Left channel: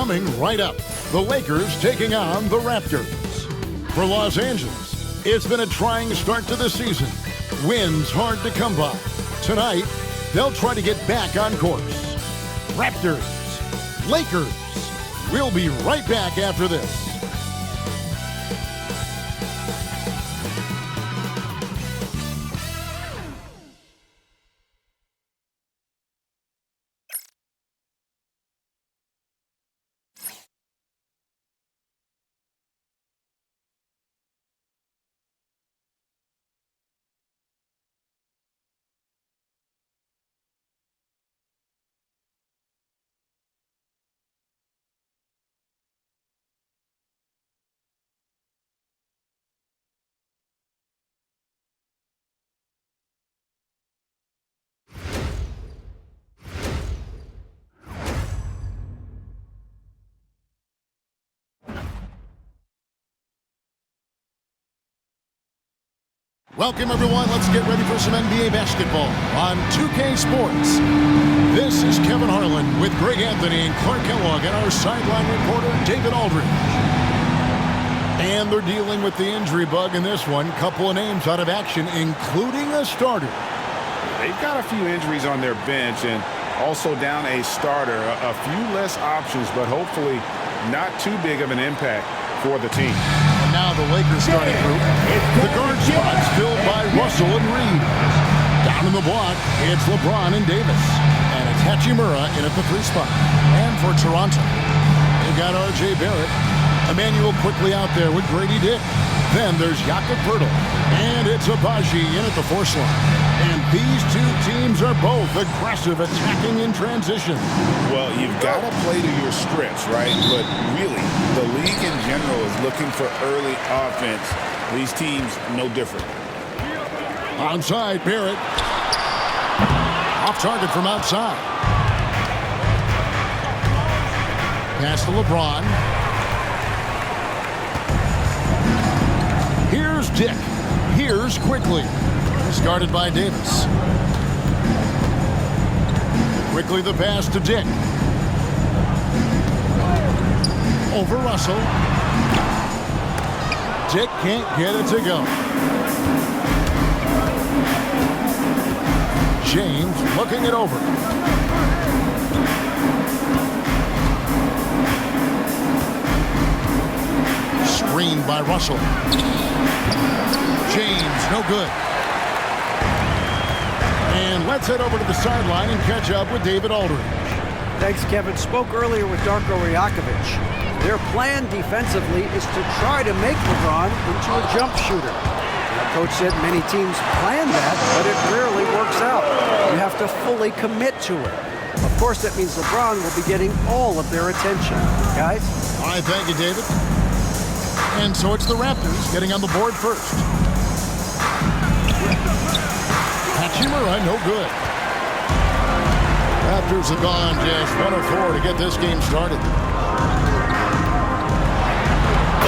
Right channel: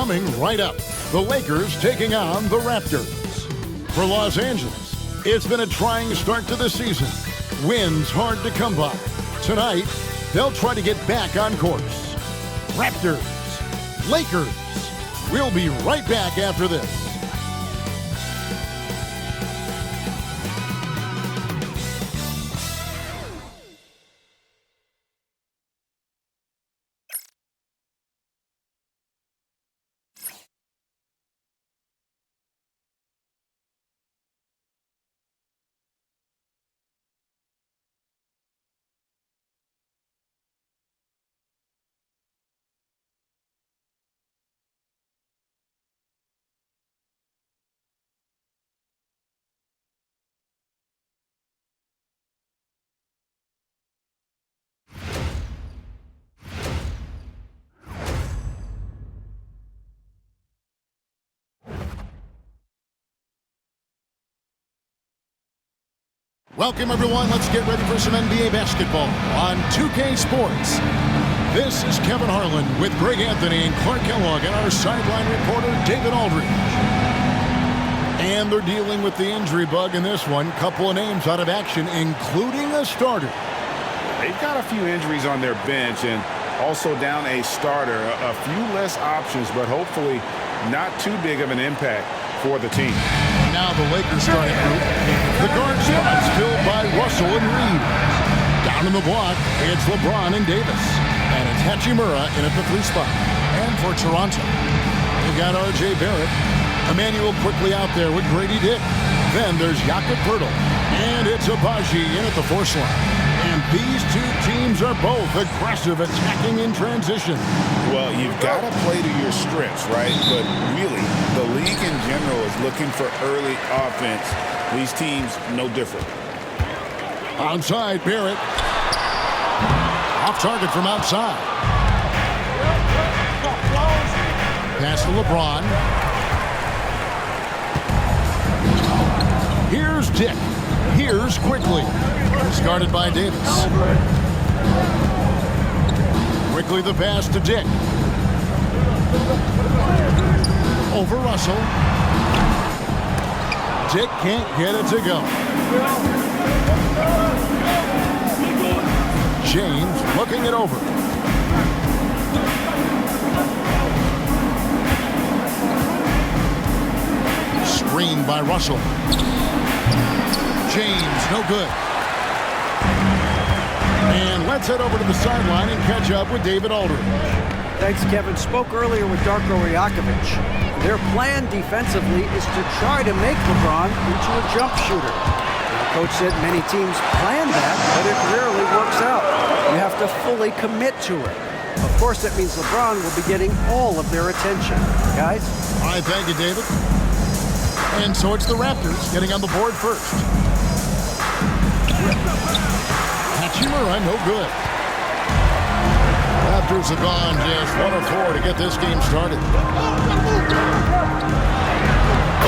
Coming right up, the Lakers taking on the Raptors. For Los Angeles, it's been a trying start to the season. Wins hard to come by. Tonight, they'll try to get back on course. Raptors, Lakers. We'll be right back after this. Welcome, everyone. Let's get ready for some NBA basketball on 2K Sports. This is Kevin Harlan with Greg Anthony and Clark Kellogg and our sideline reporter, David Aldridge. And they're dealing with the injury bug in this one. Couple of names out of action, including a starter. They've got a few injuries on their bench and also down a starter. A few less options, but hopefully not too big of an impact for the team. And now the Lakers starting group. The guard spots filled by Russell and Reed. Down in the block, it's LeBron and Davis. And it's Hachimura in at the 3 spot. And for Toronto, they've got R.J. Barrett. Emmanuel quickly out there with Grady Dick. Then there's Jakob Poeltl. And it's Abaji in at the 4 slot. And these two teams are both aggressive, attacking in transition. Well, you've got to play to your strengths, right? But really, the league in general is looking for early offense. These teams, no different. Onside, Barrett. Off target from outside. Pass to LeBron. Here's Dick. Here's quickly. Guarded by Davis. Quickly the pass to Dick. Over Russell. Dick can't get it to go. James looking it over. Screened by Russell. James, no good. And let's head over to the sideline and catch up with David Aldridge. Thanks, Kevin. Spoke earlier with Darko Rajakovic. Their plan defensively is to try to make LeBron into a jump shooter. Now, Coach said many teams plan that, but it rarely works out. You have to fully commit to it. Of course, that means LeBron will be getting all of their attention. Guys? All right, thank you, David. And so it's the Raptors getting on the board first. Hachimura, no good. Raptors have gone just 1 of 4 to get this game started.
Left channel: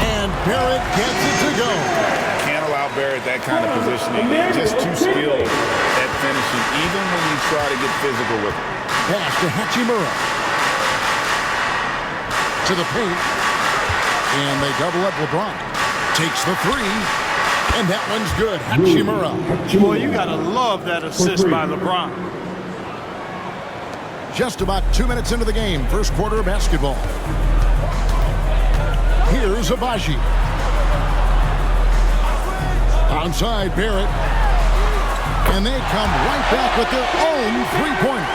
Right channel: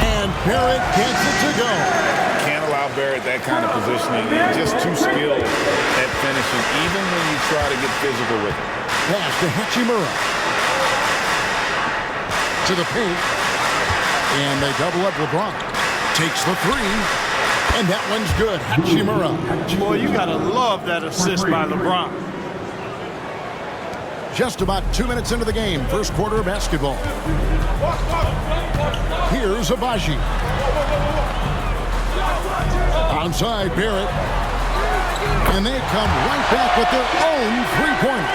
And Barrett gets it to go. Can't allow Barrett that kind of positioning. He's just too skilled at finishing, even when you try to get physical with it. Pass to Hachimura. To the paint. And they double up LeBron. Takes the 3. And that one's good. Hachimura. Boy, you got to love that assist by LeBron. Just about 2 minutes into the game. First quarter of basketball. Here's Abaji. Onside, Barrett. And they come right back with their own 3-pointer.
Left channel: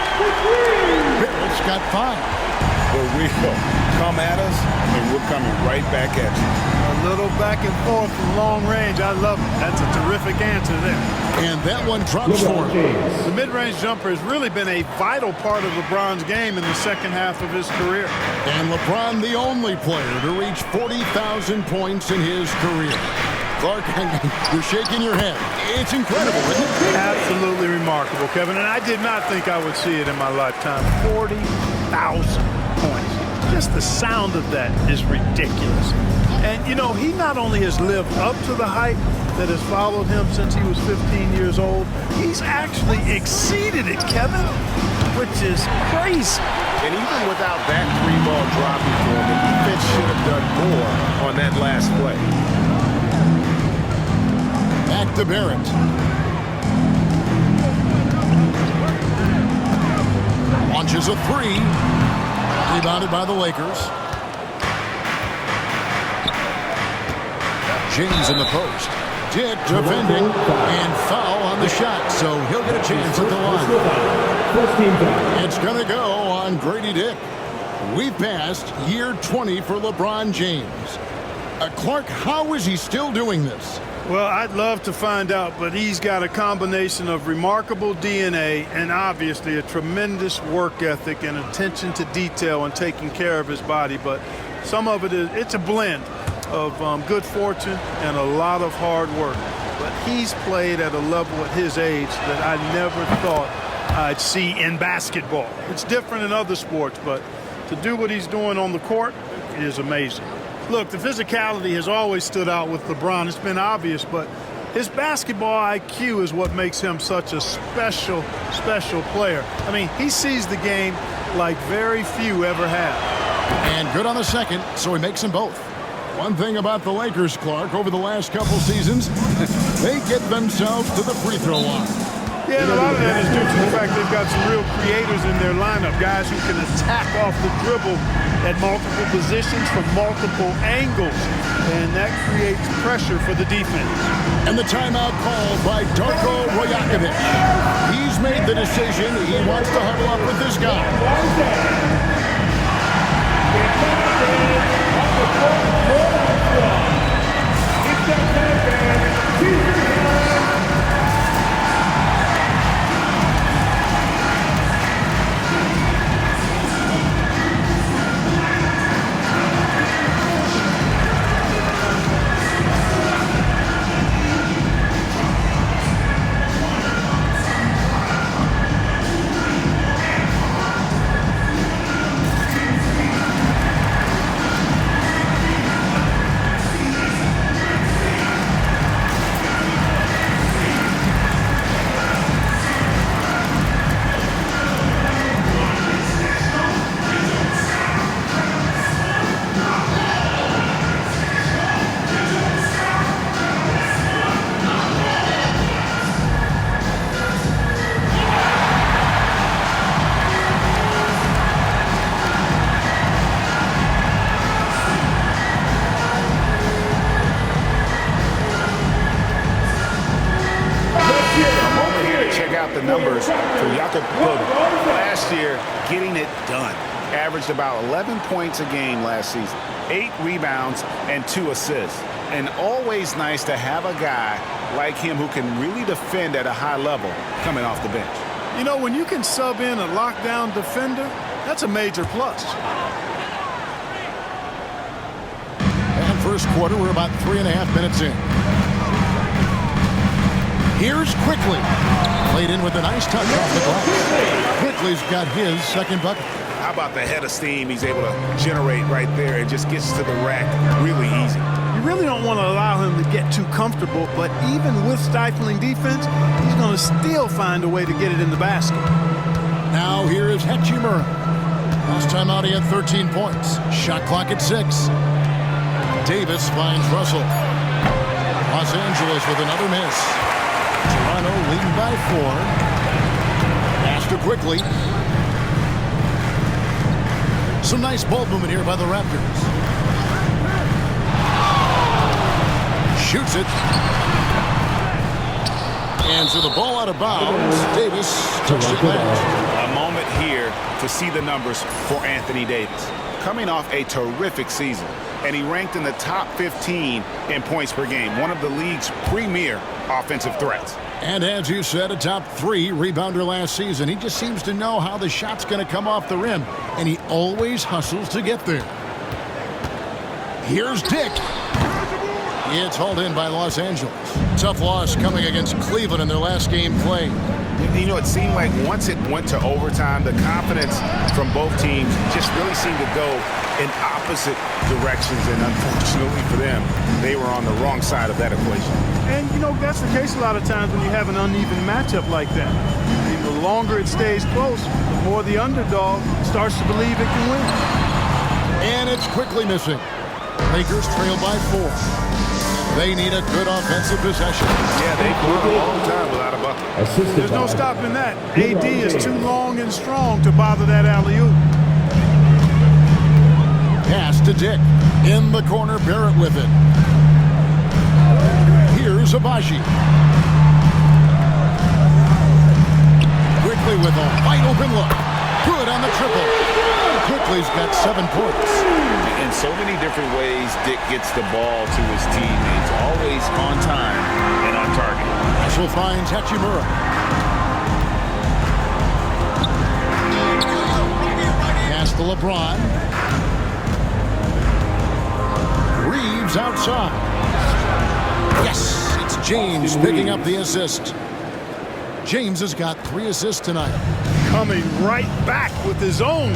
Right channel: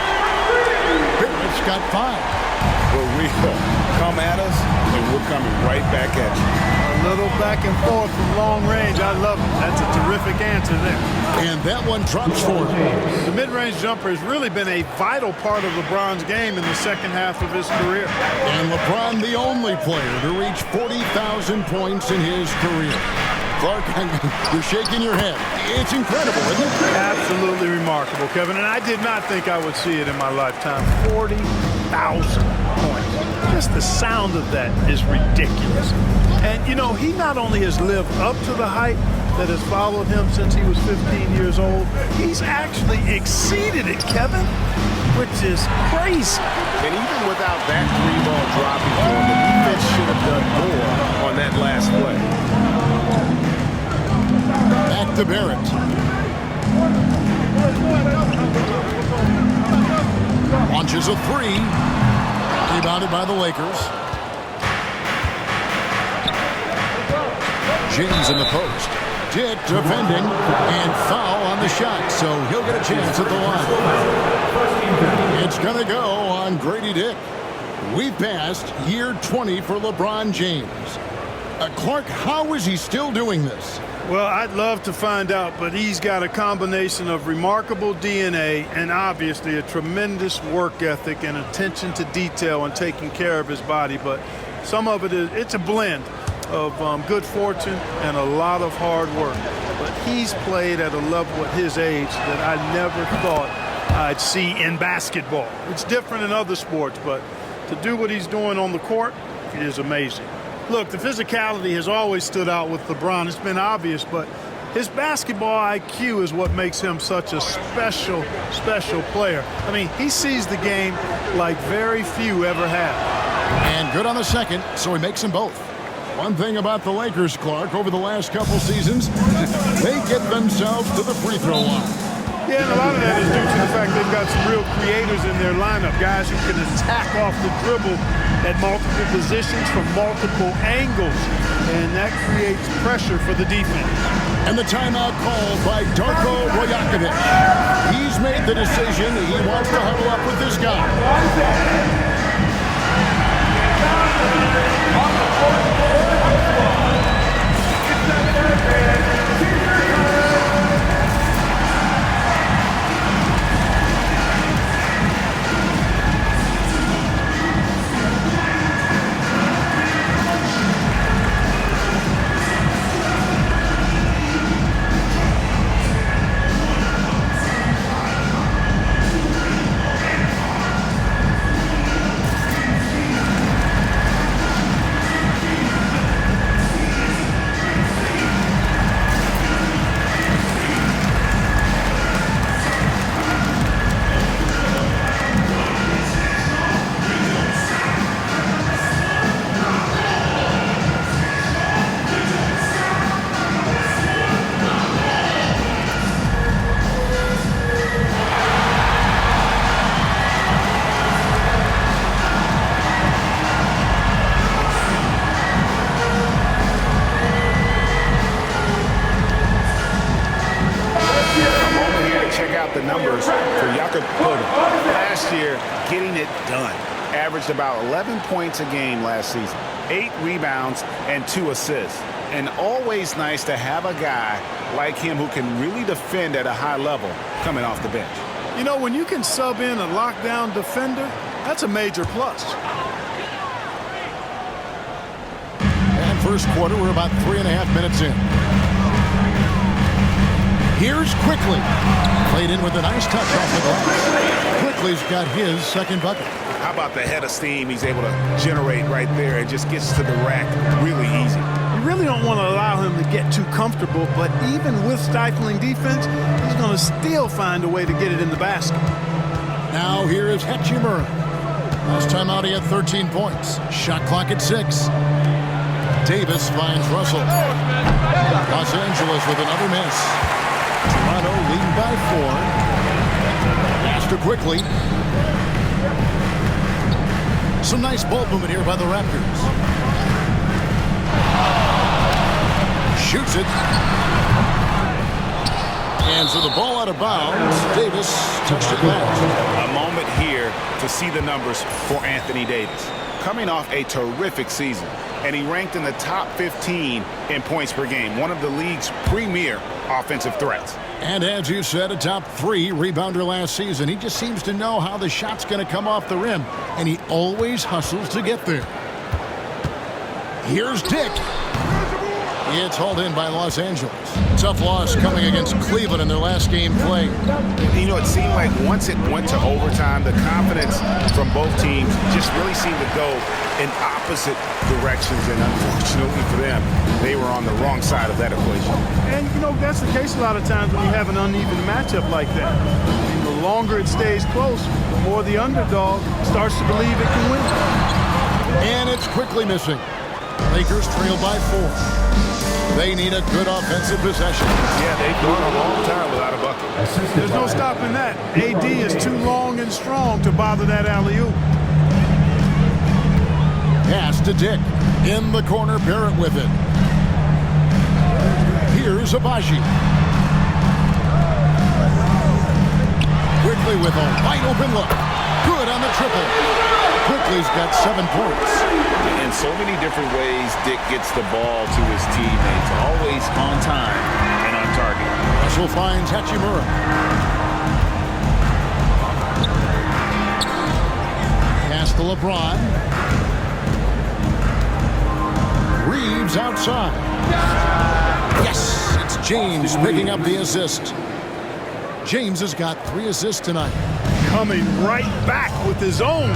Barrett's got 5. For real. Come at us, and we're coming right back at you. A little back and forth from long range. I love it. That's a terrific answer there. And that one drops for him. The mid-range jumper has really been a vital part of LeBron's game in the second half of his career. And LeBron, the only player to reach 40,000 points in his career. Clark, you're shaking your head. It's incredible, isn't it? Absolutely remarkable, Kevin. And I did not think I would see it in my lifetime. 40,000 points. Just the sound of that is ridiculous. And, you know, he not only has lived up to the hype that has followed him since he was 15 years old, he's actually exceeded it, Kevin, which is crazy. And even without that 3-ball dropping for him, the defense should have done more on that last play. Back to Barrett. Launches a 3. Rebounded by the Lakers. James in the post. Dick defending and foul on the shot, so he'll get a chance at the line. It's going to go on Grady Dick. We've passed year 20 for LeBron James. Clark, how is he still doing this? Well, I'd love to find out, but he's got a combination of remarkable DNA and obviously a tremendous work ethic and attention to detail and taking care of his body. But some of it's a blend of good fortune and a lot of hard work. But he's played at a level at his age that I never thought I'd see in basketball. It's different in other sports, but to do what he's doing on the court is amazing. Look, the physicality has always stood out with LeBron. It's been obvious, but his basketball IQ is what makes him such a special, special player. I mean, he sees the game like very few ever have. And good on the second, so he makes them both. One thing about the Lakers, Clark, over the last couple seasons, they get themselves to the free throw line. Yeah, and a lot of that is due to the fact they've got some real creators in their lineup, guys who can attack off the dribble at multiple positions from multiple angles, and that creates pressure for the defense. And the timeout called by Darko Rajakovic. He's made the decision. He wants to huddle up with this guy. Check out the numbers for Jakob Poeltl. Last year, getting it done. Averaged about 11 points a game last season, 8 rebounds, and 2 assists. And always nice to have a guy like him who can really defend at a high level coming off the bench. You know, when you can sub in a lockdown defender, that's a major plus. And first quarter, we're about 3.5 minutes in. Here's Quickly. Played in with a nice touch off the glass. Quickly's got his second bucket. How about the head of steam he's able to generate right there and just gets to the rack really easy. You really don't want to allow him to get too comfortable, but even with stifling defense, he's going to still find a way to get it in the basket. Now here is Hachimura. Last time out he had 13 points. Shot clock at 6. Davis finds Russell. Los Angeles with another miss. Toronto leading by 4. Pass to Quickly. Some nice ball movement here by the Raptors. Shoots it. And so the ball out of bounds. Davis touched it last. A moment here to see the numbers for Anthony Davis. Coming off a terrific season, and he ranked in the top 15 in points per game, one of the league's premier offensive threats. And as you said, a top 3 rebounder last season. He just seems to know how the shot's going to come off the rim, and he always hustles to get there. Here's Dick. It's hauled in by Los Angeles. Tough loss coming against Cleveland in their last game played. You know, it seemed like once it went to overtime, the confidence from both teams just really seemed to go in opposite directions, and unfortunately for them, they were on the wrong side of that equation. And, you know, that's the case a lot of times when you have an uneven matchup like that. I mean, the longer it stays close, the more the underdog starts to believe it can win. And it's quickly missing. Lakers trail by 4. They need a good offensive possession. Yeah, they've gone a long time without a bucket. There's no stopping that. AD is too long and strong to bother that alley-oop. Pass to Dick. In the corner, Barrett with it. Here's Abaji. Quickly with a wide open look. Good on the triple. Quickly's got 7 points. In so many different ways, Dick gets the ball to his teammates. Always on time and on target. Russell finds Hachimura. Pass to LeBron. Reeves outside. Yes, it's James picking up the assist. James has got 3 assists tonight. Coming right back with his own.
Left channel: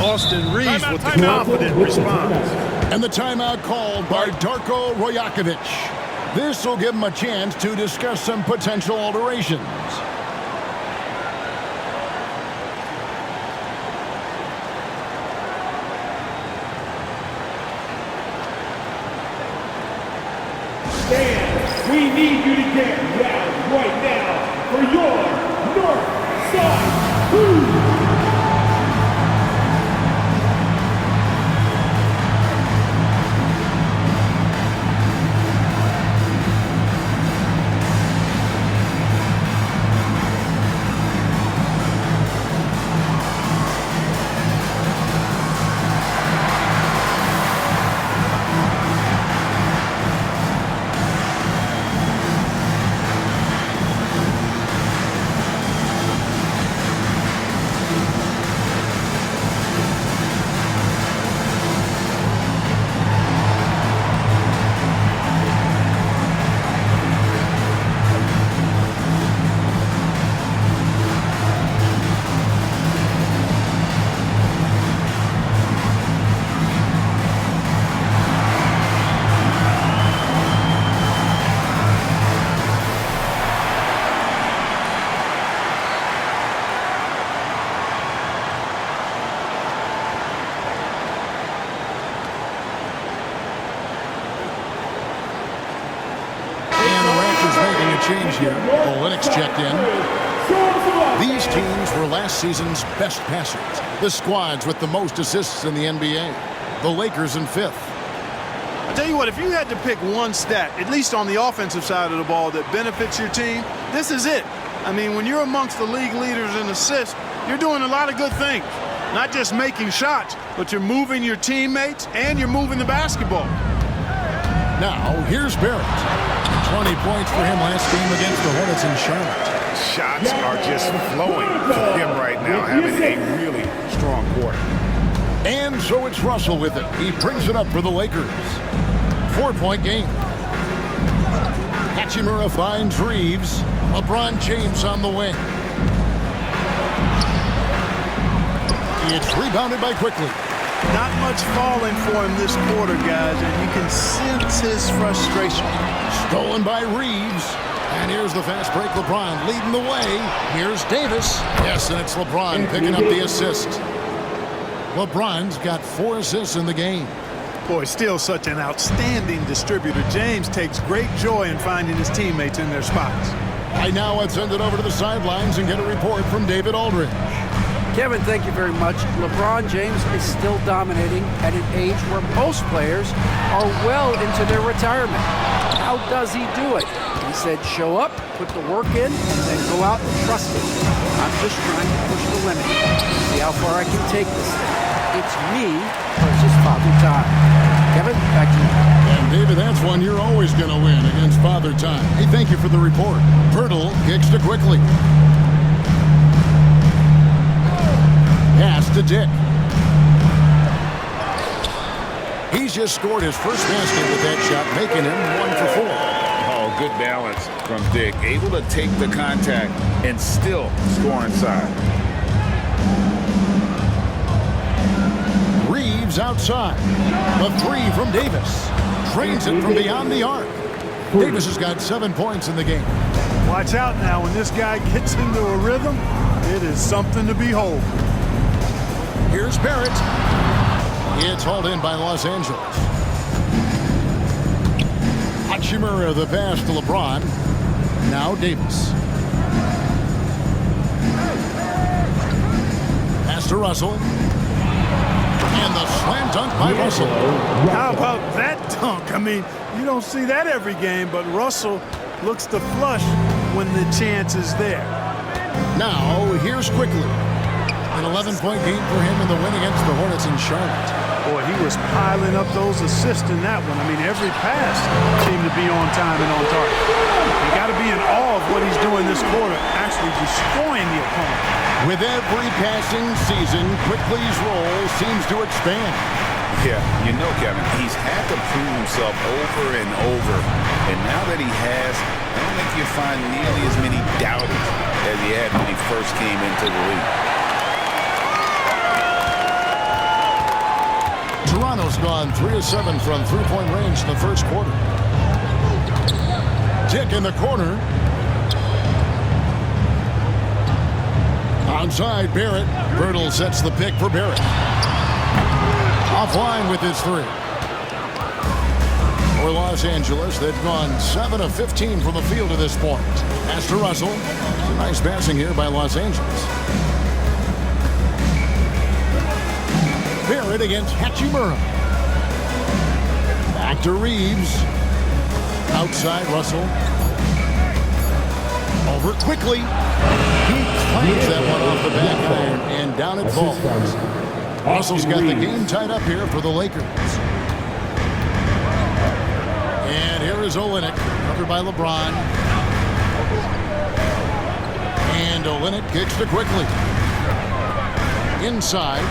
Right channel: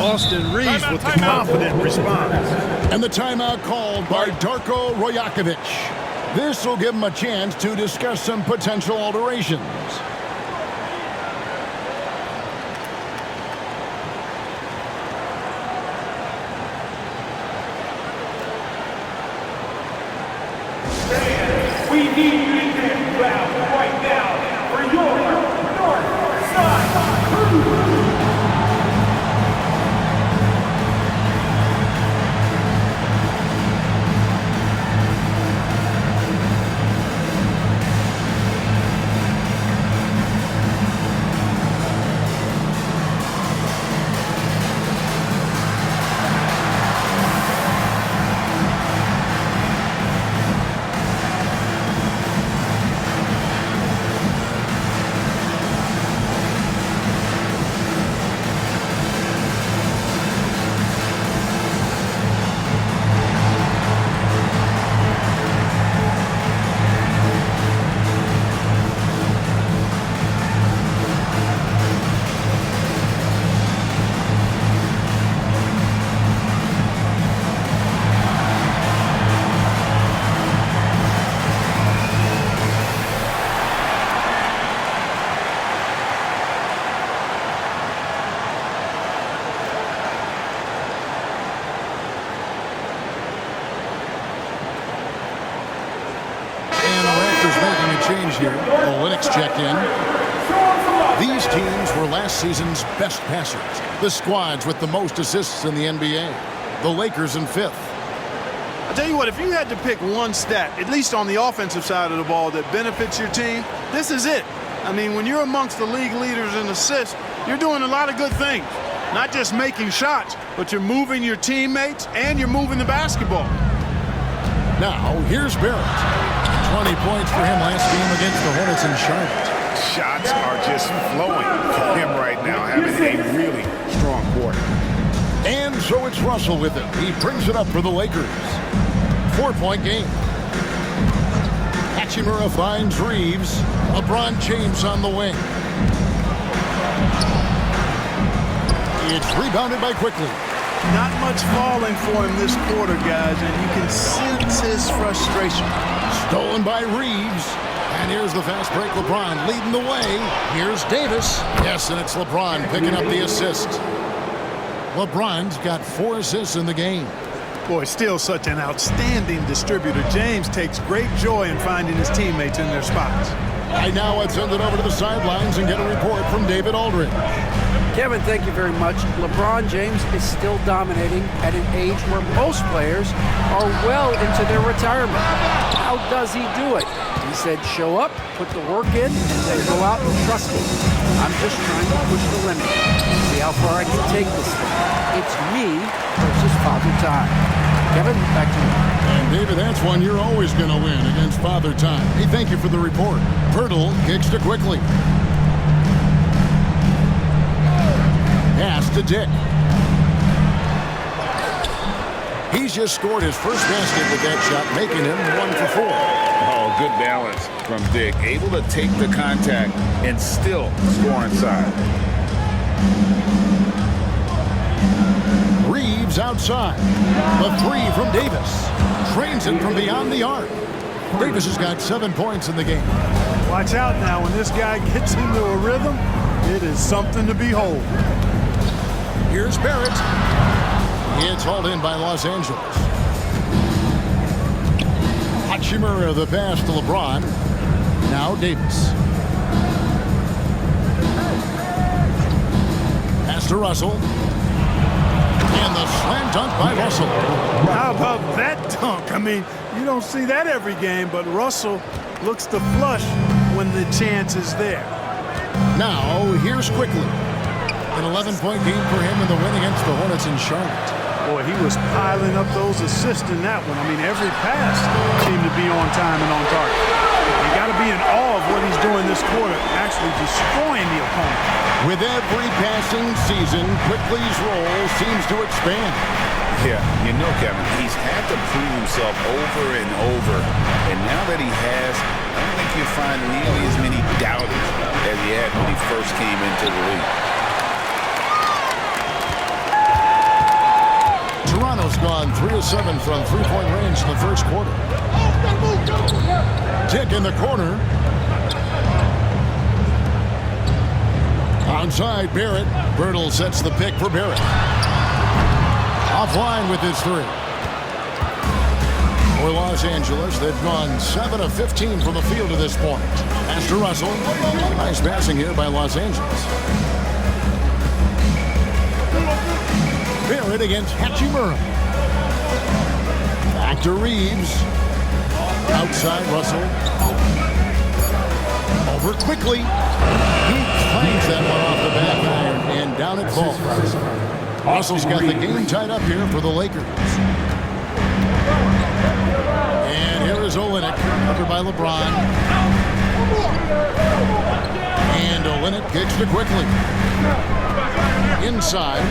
Austin Reeves with the confident response. And the timeout called by Darko Rajakovic. This will give him a chance to discuss some potential alterations. We need you to get loud right now for your North Side Crew. Making a change here. Olynyk checked in. These teams were last season's best passers. The squads with the most assists in the NBA. The Lakers in 5th. I tell you what, if you had to pick one stat, at least on the offensive side of the ball, that benefits your team, this is it. I mean, when you're amongst the league leaders in assists, you're doing a lot of good things. Not just making shots, but you're moving your teammates and you're moving the basketball. Now, here's Barrett. 20 points for him last game against the Hornets in Charlotte. Shots are just flowing for him right now, having a really strong quarter. And so it's Russell with it. He brings it up for the Lakers. 4-point game. Hachimura finds Reeves. LeBron James on the wing. It's rebounded by Quickly. Not much falling for him this quarter, guys, and you can sense his frustration. Stolen by Reeves. And here's the fast break. LeBron leading the way. Here's Davis. Yes, and it's LeBron picking up the assist. LeBron's got 4 assists in the game. Boy, still such an outstanding distributor. James takes great joy in finding his teammates in their spots. Right now, let's send it over to the sidelines and get a report from David Aldridge. Kevin, thank you very much. LeBron James is still dominating at an age where most players are well into their retirement. How does he do it? He said, show up, put the work in, and then go out and trust it. I'm just trying to push the limit, see how far I can take this thing. It's me versus Father Time. Kevin, back to you. And David, that's one you're always going to win against Father Time. Hey, thank you for the report. Pirtle kicks to Quickly. Pass to Dick. He's just scored his first basket with that shot, making him 1 for 4. Oh, good balance from Dick. Able to take the contact and still score inside. Reeves outside. The 3 from Davis. Trains it from beyond the arc. Davis has got 7 points in the game. Watch out now. When this guy gets into a rhythm, It is something to behold. Here's Barrett. It's hauled in by Los Angeles. Hachimura the pass to LeBron. Now Davis. Pass to Russell. And the slam dunk by Russell. How about that dunk? I mean, you don't see that every game, but Russell looks to flush when the chance is there. Now, here's Quickly. An 11-point game for him in the win against the Hornets in Charlotte. Boy, he was piling up those assists in that one. I mean, every pass seemed to be on time and on target. You got to be in awe of what he's doing this quarter, actually destroying the opponent. With every passing season, Quickly's role seems to expand. Yeah, you know, Kevin, he's had to prove himself over and over. And now that he has, I don't think you'll find nearly as many doubters as he had when he first came into the league. Toronto's gone 3 of 7 from three-point range in the first quarter. Tick in the corner. Outside Barrett. Bertle sets the pick for Barrett. Offline with his three. For Los Angeles, they've gone 7 of 15 from the field to this point. Pass to Russell. Nice passing here by Los Angeles. Barrett against Hachimura. Back to Reeves. Outside Russell. Over Quickly. He claims that one off the back iron, and down it falls. Russell's got the game tied up here for the Lakers. And here is Olynyk, covered by LeBron. And Olynyk kicks to Quickly. Inside.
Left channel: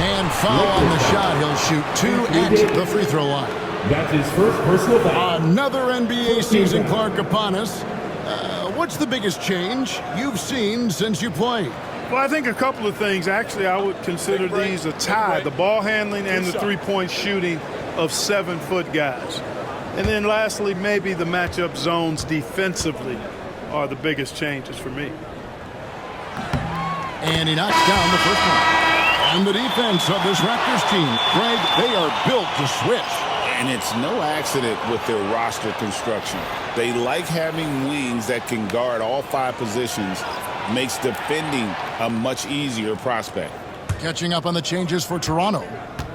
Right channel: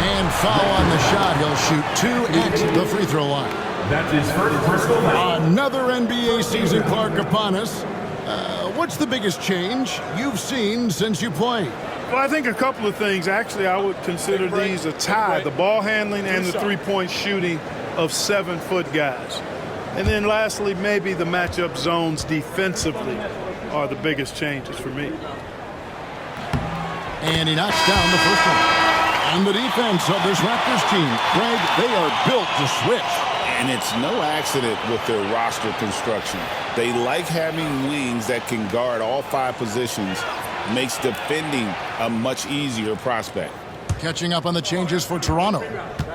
And foul on the shot. He'll shoot 2 at the free throw line. That's his first personal foul. Another NBA season, Clark, upon us. What's the biggest change you've seen since you played? Well, I think a couple of things. Actually, I would consider these a tie. The ball handling and the three-point shooting of 7-foot guys. And then lastly, maybe the matchup zones defensively are the biggest changes for me. And he knocks down the first one. And the defense of this Raptors team, Greg, they are built to switch. And it's no accident with their roster construction. They like having wings that can guard all 5 positions. Makes defending a much easier prospect. Catching up on the changes for Toronto.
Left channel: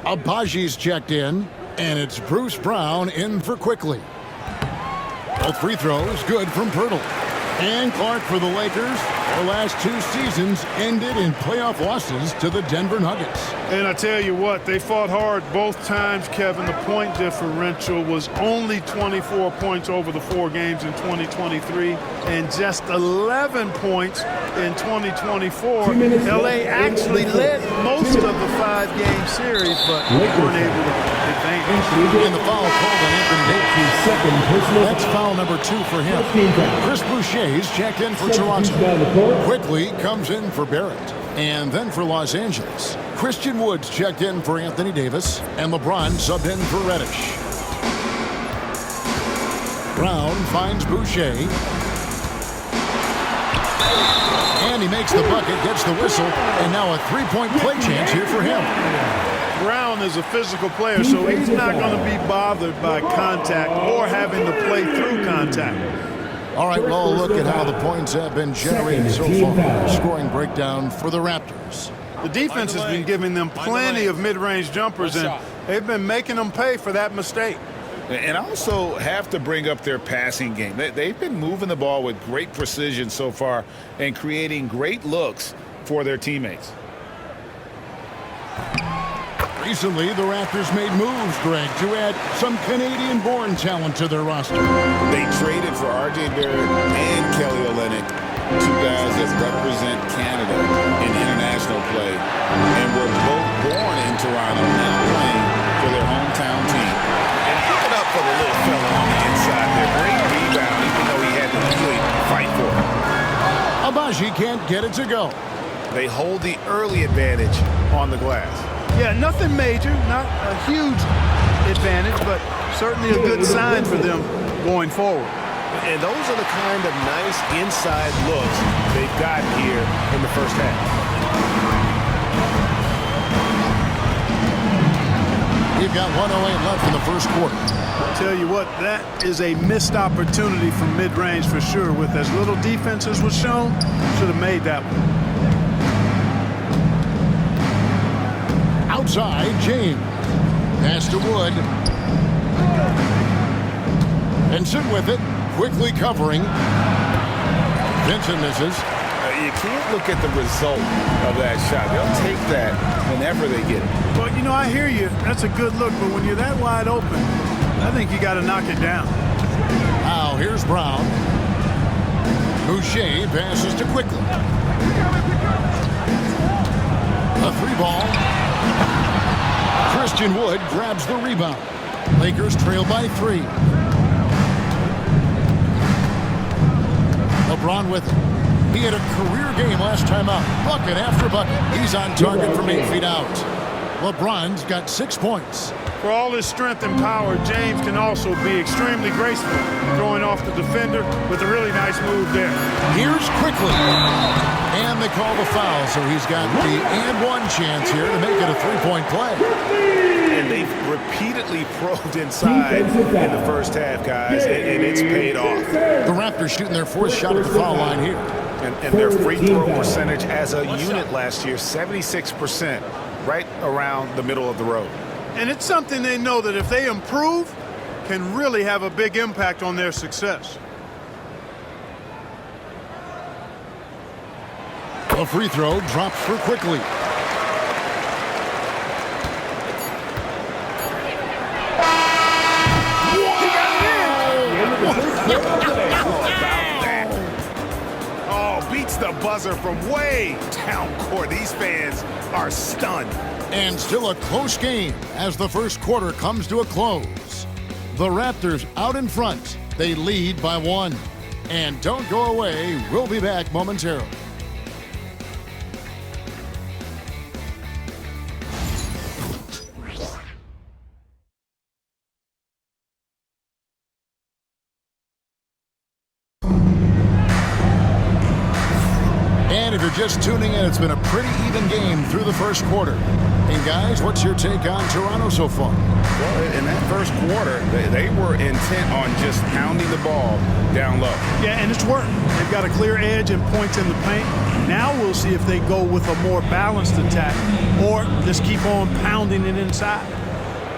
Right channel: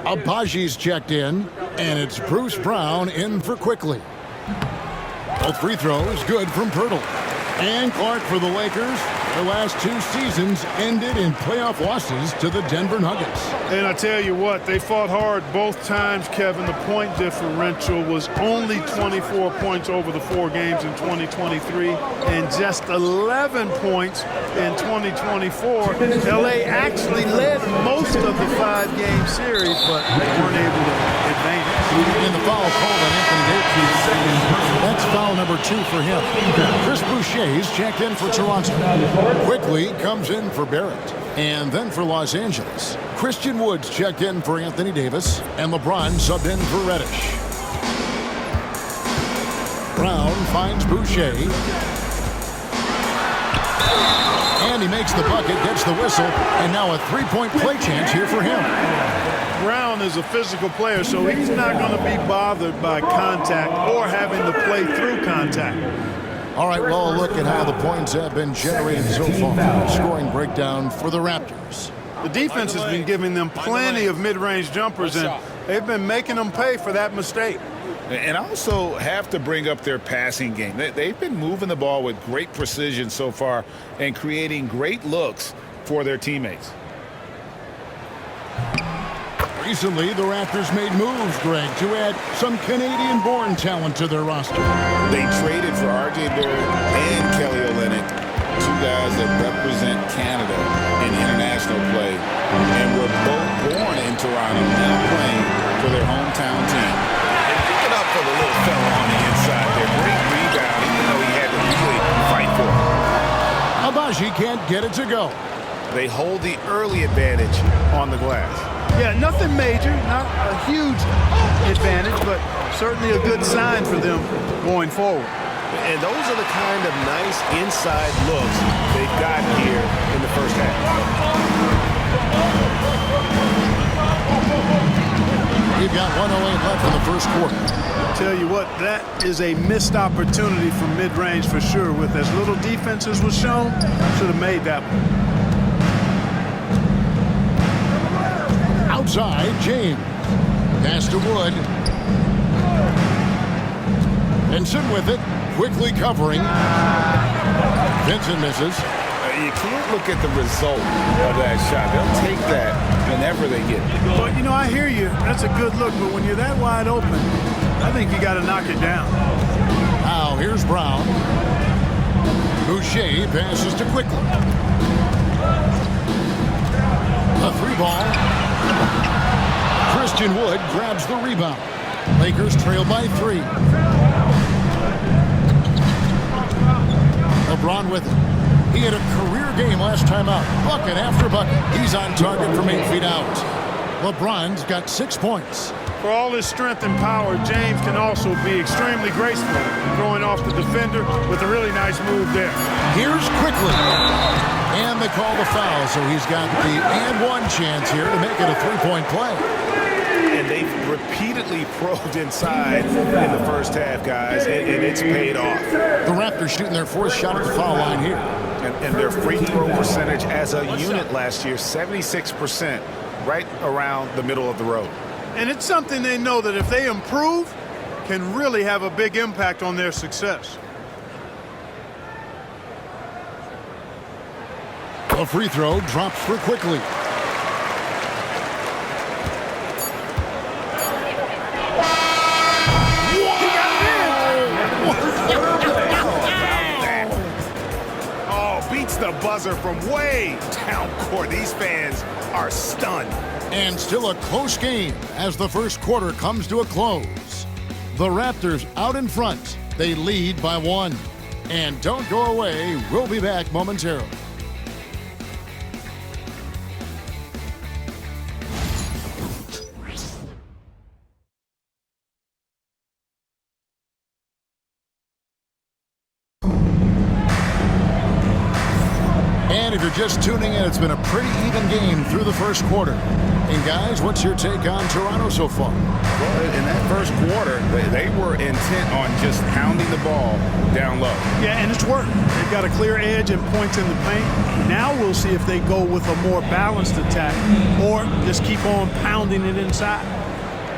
Abaji's checked in, and it's Bruce Brown in for Quickly. Both free throws good from Bertle. And Clark for the Lakers. Their last 2 seasons ended in playoff losses to the Denver Nuggets. And I tell you what, they fought hard both times, Kevin. The point differential was only 24 points over the 4 games in 2023 and just 11 points in 2024. LA actually led most of the 5-game series, but weren't able to advance. And the foul called on Anthony Davis. That's foul number 2 for him. Chris Boucher's checked in for Toronto. Quickly comes in for Barrett. And then for Los Angeles, Christian Woods checked in for Anthony Davis, and LeBron subbed in for Reddish. Brown finds Boucher. And he makes the bucket, gets the whistle, and now a 3-point play chance here for him. Brown is a physical player, so he's not going to be bothered by contact or having to play through contact. All right, well, a look at how the points have been generated so far. Scoring breakdown for the Raptors. The defense has been giving them plenty of mid-range jumpers, and they've been making them pay for that mistake. And also have to bring up their passing game. They've been moving the ball with great precision so far and creating great looks for their teammates. Recently, the Raptors made moves, Greg, to add some Canadian-born talent to their roster. They traded for R.J. Barrett and Kelly Olynyk, 2 guys that represent Canada in international play, and were both born in Toronto, now playing for their hometown team. And give it up for the little fella on the inside there. Great rebound, even though he had to really fight for it. Abaji can't get it to go. They hold the early advantage on the glass. Yeah, nothing major, not a huge advantage, but certainly a good sign for them going forward. And those are the kind of nice inside looks they've gotten here in the first half. We've got 1:08 left in the first quarter. Tell you what, that is a missed opportunity from mid-range for sure. With as little defense as was shown, should have made that one. Outside, James. Pass to Wood. Vincent with it. Quickly covering. Vincent misses. You can't look at the result of that shot. They'll take that whenever they get it. But, you know, I hear you. That's a good look. But when you're that wide open, I think you got to knock it down. Now here's Brown. Boucher passes to Quickly. A 3-ball. Christian Wood grabs the rebound. Lakers trail by 3. LeBron with it. He had a career game last time out. Bucket after bucket. He's on target from 8 feet out. LeBron's got 6 points. For all his strength and power, James can also be extremely graceful, throwing off the defender with a really nice move there. Here's Quickly. And they call the foul, so he's got the and one chance here to make it a 3-point play. And they've repeatedly probed inside in the first half, guys, and it's paid off. The Raptors shooting their 4th shot at the foul line here. And their free throw percentage as a unit last year, 76%, right around the middle of the road. And it's something they know that if they improve, can really have a big impact on their success. A free throw drops for Quickly. Beats the buzzer from way down court. These fans are stunned. And still a close game as the first quarter comes to a close. The Raptors out in front. They lead by 1. And don't go away. We'll be back momentarily. And if you're just tuning in, it's been a pretty even game through the first quarter. And guys, what's your take on Toronto so far? Well, in that first quarter, they were intent on just pounding the ball down low. Yeah, and it's worked. They've got a clear edge and points in the paint. Now we'll see if they go with a more balanced attack or just keep on pounding it inside.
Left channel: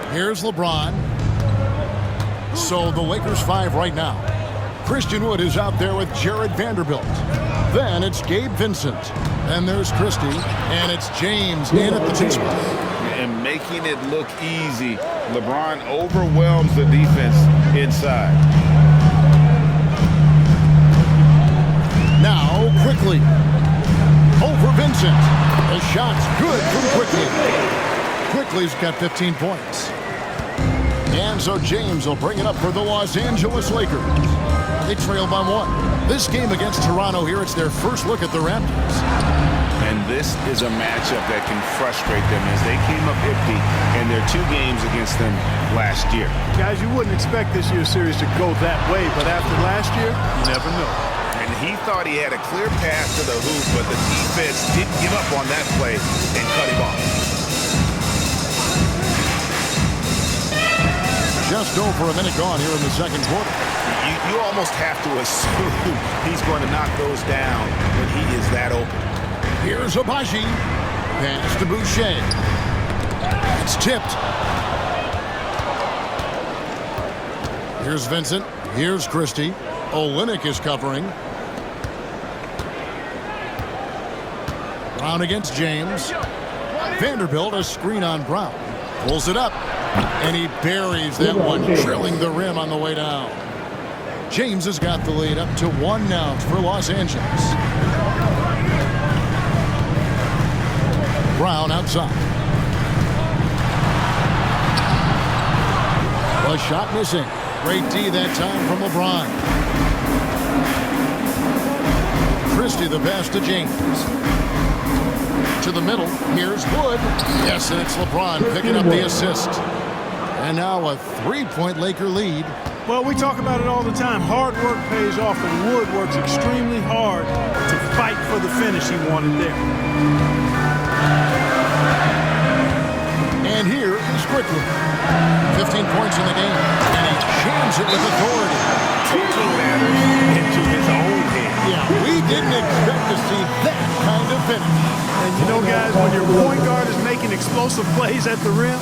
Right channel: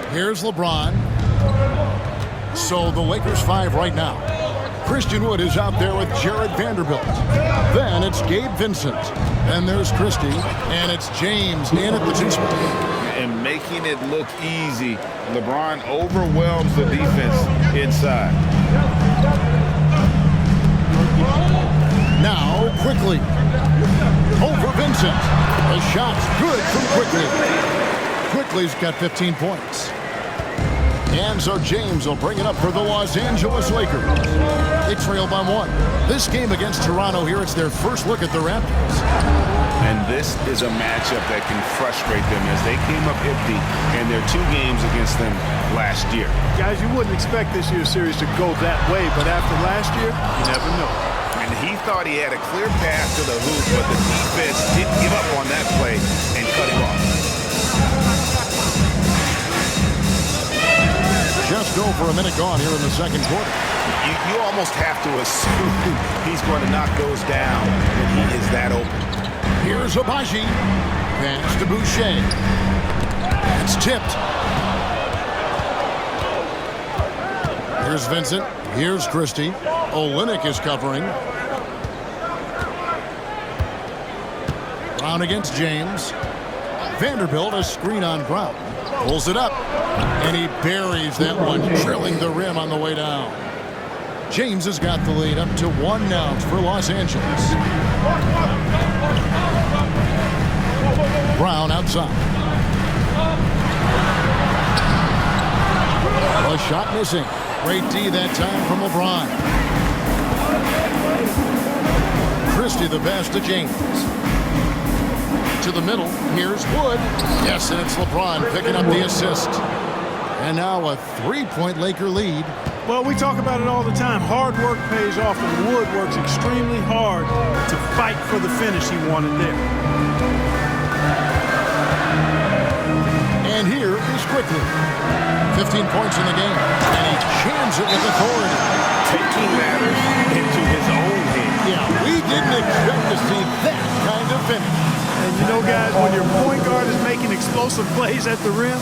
Here's LeBron. So the Lakers 5 right now. Christian Wood is out there with Jared Vanderbilt. Then it's Gabe Vincent. Then there's Christie. And it's James in at the 2 spot. And making it look easy. LeBron overwhelms the defense inside. Now Quickly. Over Vincent. The shot's good from Quickly. Quickly's got 15 points. And so James will bring it up for the Los Angeles Lakers. They trail by 1. This game against Toronto here, it's their first look at the Raptors. And this is a matchup that can frustrate them as they came up empty in their 2 games against them last year. Guys, you wouldn't expect this year's series to go that way, but after last year, you never know. And he thought he had a clear path to the hoop, but the defense didn't give up on that play and cut him off. Just over a minute gone here in the second quarter. You almost have to assume he's going to knock those down when he is that open. Here's Abaji. Pass to Boucher. It's tipped. Here's Vincent. Here's Christie. Olynyk is covering. Brown against James. Vanderbilt, a screen on Brown. Pulls it up. And he buries that one, drilling the rim on the way down. James has got the lead up to 1 now for Los Angeles. Brown outside. A shot missing. Great D that time from LeBron. Christie the pass to James. To the middle. Here's Wood. Yes, and it's LeBron picking up the assist. And now a 3-point Laker lead. Well, we talk about it all the time. Hard work pays off, and Wood works extremely hard to fight for the finish he wanted there. And here is Quickly. 15 points in the game, and he jams it with authority. Taking matters into his own hands. Yeah, we didn't expect to see that kind of finish. And you know, guys, when your point guard is making explosive plays at the rim,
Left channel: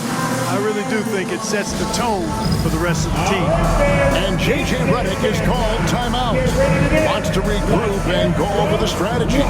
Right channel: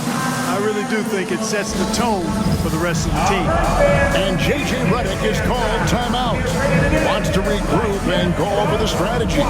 I really do think it sets the tone for the rest of the team. And J.J. Redick is called timeout. Wants to regroup and go over the strategy.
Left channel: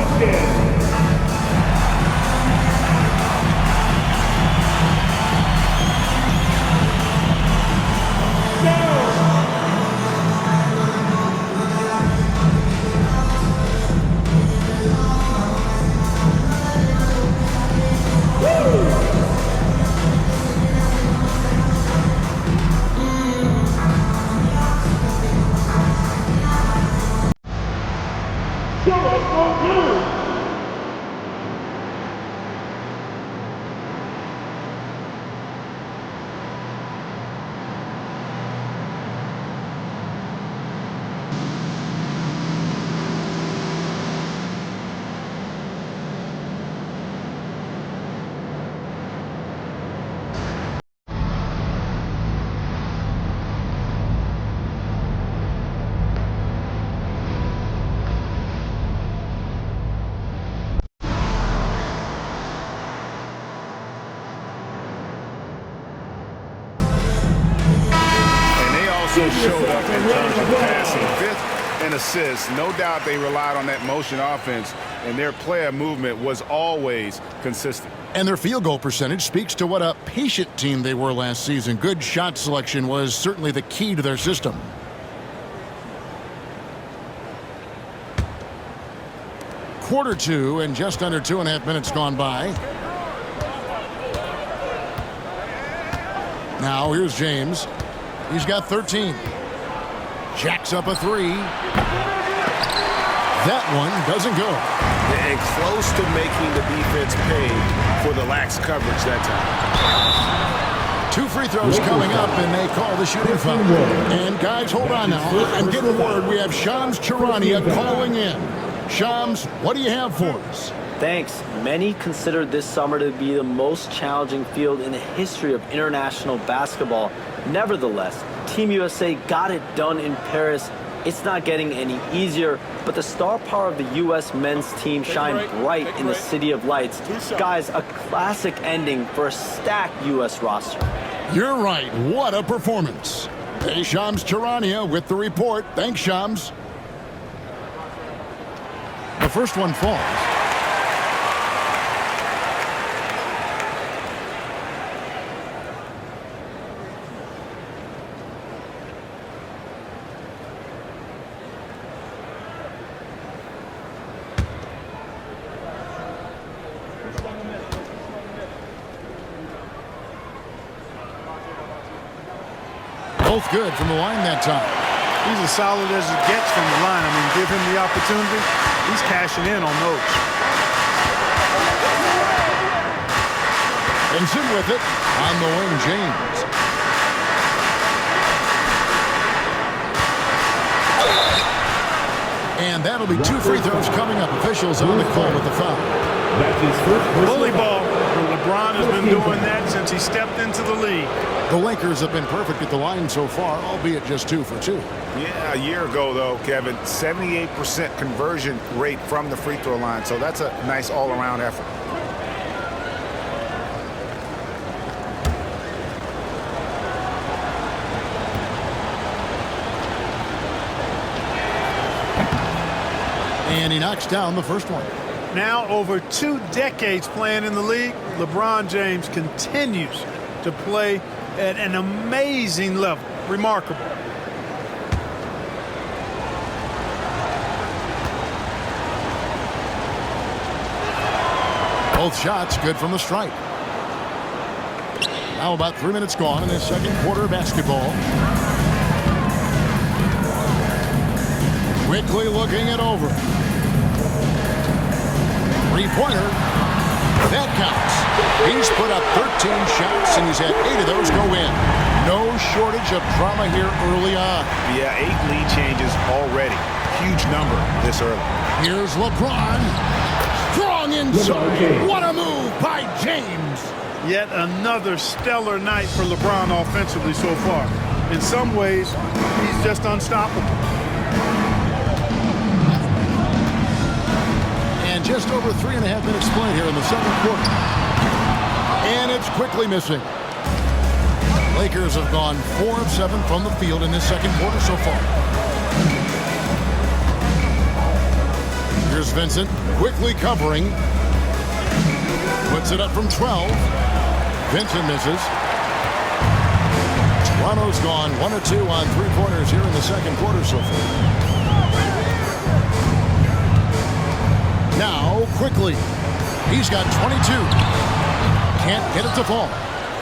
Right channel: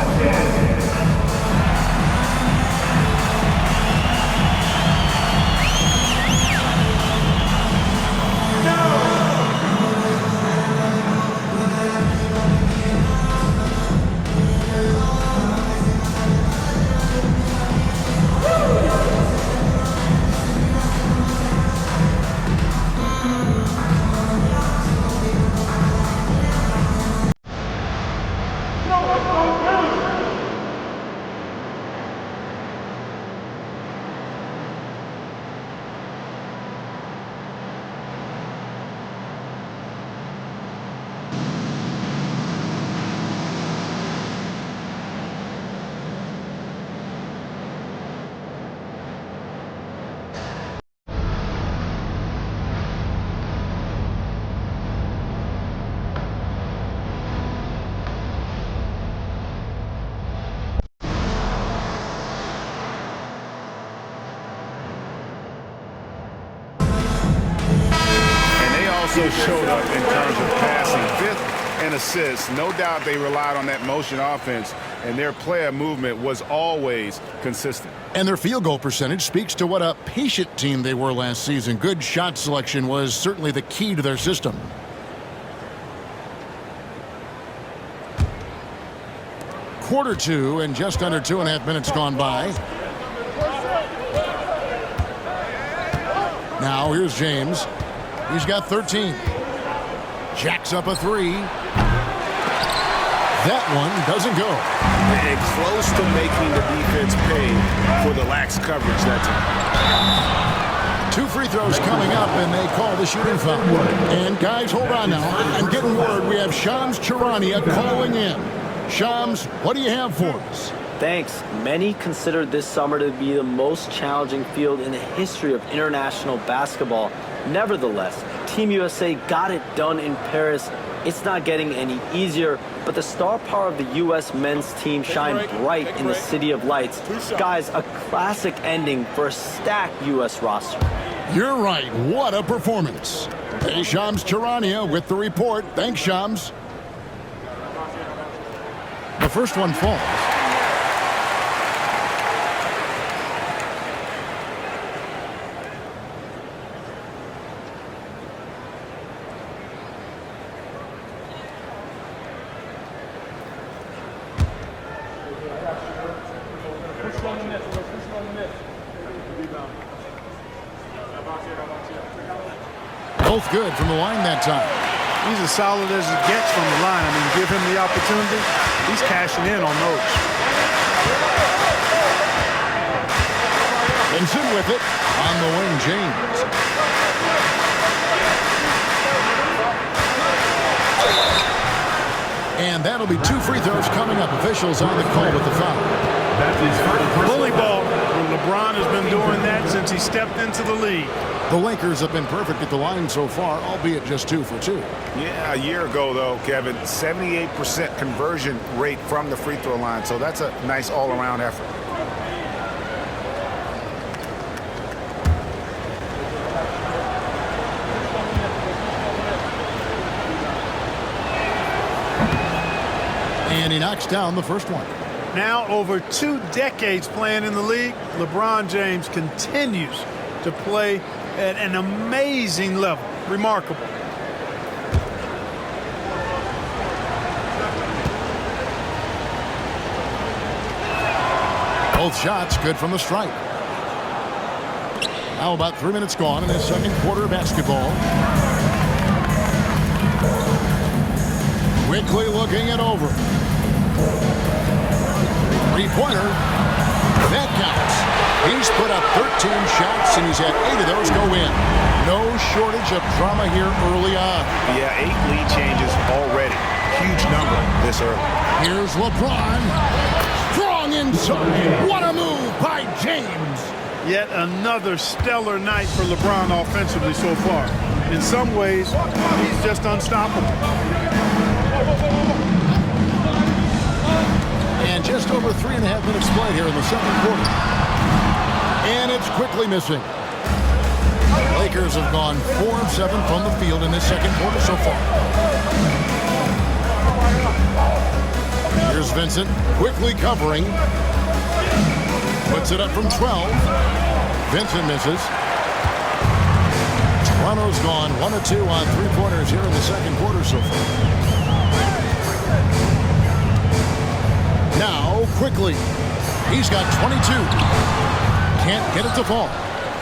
Also showed up in terms of passing. 5th and assists. No doubt they relied on that motion offense, and their player movement was always consistent. And their field goal percentage speaks to what a patient team they were last season. Good shot selection was certainly the key to their system. Quarter 2 and just under 2.5 minutes gone by. Now here's James. He's got 13. Jacks up a 3. That one doesn't go. And close to making the defense pay for the lax coverage that time. 2 free throws coming up, and they call the shooting foul. And guys, hold on now. I'm getting word we have Shams Charania calling in. Shams, what do you have for us? Thanks. Many consider this summer to be the most challenging field in the history of international basketball. Nevertheless, Team USA got it done in Paris. It's not getting any easier, but the star power of the U.S. men's team shined bright in the City of Lights. Guys, a classic ending for a stacked U.S. roster. You're right. What a performance. Hey, Shams Charania with the report. Thanks, Shams. The first one falls. Both good from the line that time. He's as solid as it gets from the line. I mean, give him the opportunity. He's cashing in on those. Benson with it on the wing, James. And that'll be 2 free throws coming up. Officials on the call with the foul. That's his first Bully ball. LeBron has been doing that since he stepped into the league. The Lakers have been perfect at the line so far, albeit just 2 for 2. Yeah, a year ago, though, Kevin, 78% conversion rate from the free throw line. So that's a nice all-around effort. And he knocks down the first one. Now, over 2 decades playing in the league, LeBron James continues to play at an amazing level. Remarkable. Both shots good from the stripe. Now about 3 minutes gone in the second quarter of basketball. Quickly looking it over. Three-pointer. That counts. He's put up 13 shots, and he's had 8 of those go in. No shortage of drama here early on. Yeah, 8 lead changes already. Huge number this early. Here's LeBron. Strong inside. What a move by James. Yet another stellar night for LeBron offensively so far. In some ways, he's just unstoppable. And just over 3.5 minutes played here in the second quarter. And it's quickly missing. Lakers have gone 4 of 7 from the field in this second quarter so far. Here's Vincent, quickly covering. Puts it up from 12. Vincent misses. Toronto's gone 1 of 2 on three-pointers here in the second quarter so far. Now, quickly. He's got 22. Can't get it to fall.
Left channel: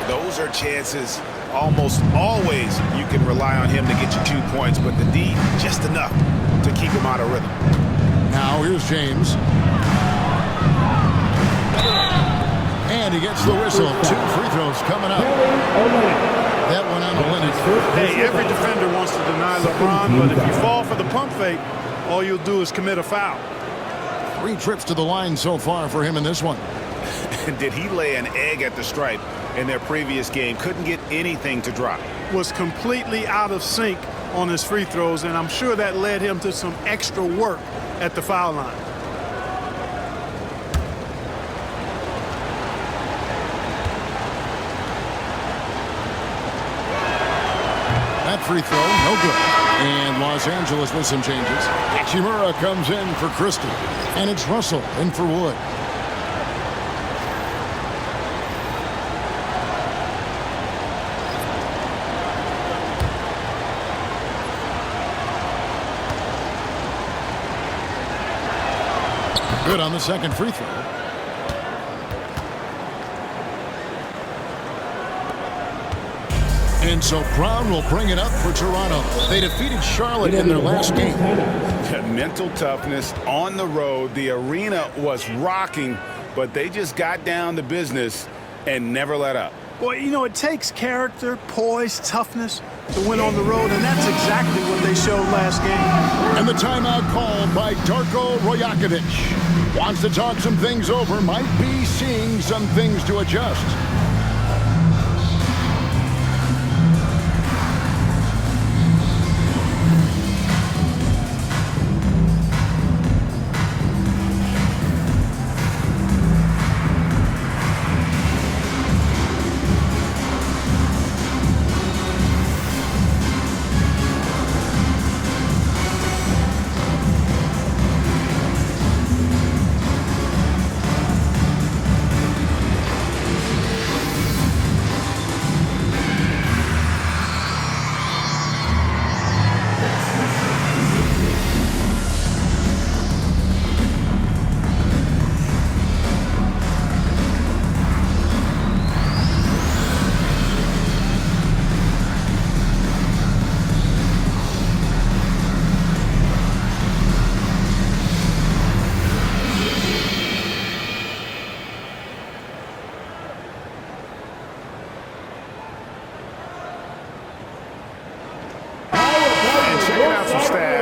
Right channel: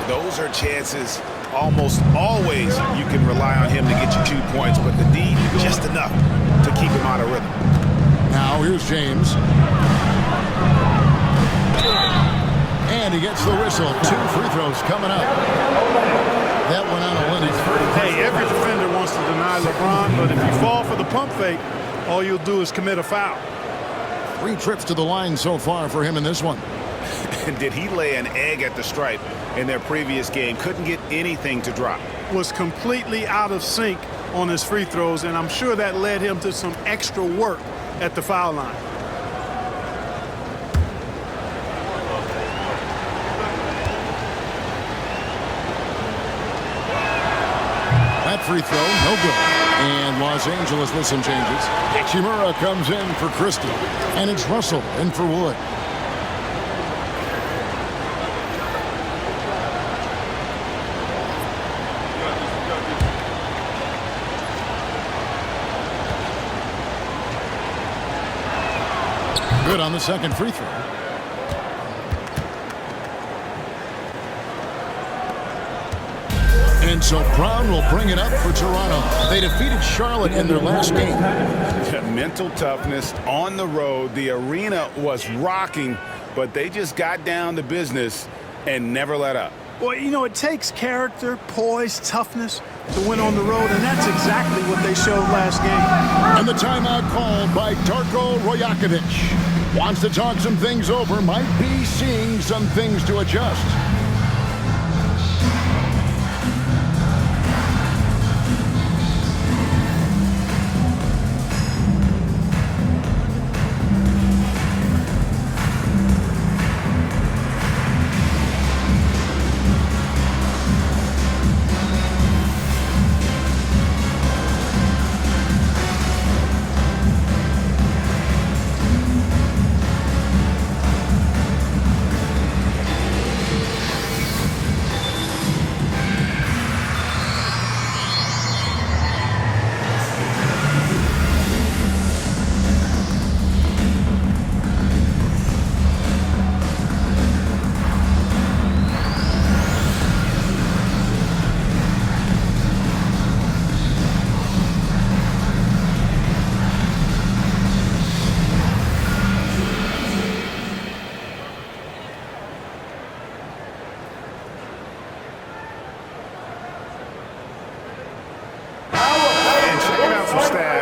Those are chances. Almost always you can rely on him to get you 2 points, but the D just enough to keep him out of rhythm. Now here's James. And he gets the whistle. 2 free throws coming up. That went on Olynyk. Hey, every defender wants to deny LeBron, but if you fall for the pump fake, all you'll do is commit a foul. 3 trips to the line so far for him in this one. And did he lay an egg at the stripe in their previous game? Couldn't get anything to drop. Was completely out of sync on his free throws, and I'm sure that led him to some extra work at the foul line. That free throw, no good. And Los Angeles with some changes. Hachimura comes in for Christie. And it's Russell in for Wood. Good on the second free throw. And so Brown will bring it up for Toronto. They defeated Charlotte in their last game. Mental toughness on the road. The arena was rocking, but they just got down to business and never let up. Well, you know, it takes character, poise, toughness to win on the road, and that's exactly what they showed last game. And the timeout called by Darko Rajakovic. Wants to talk some things over, might be seeing some things to adjust.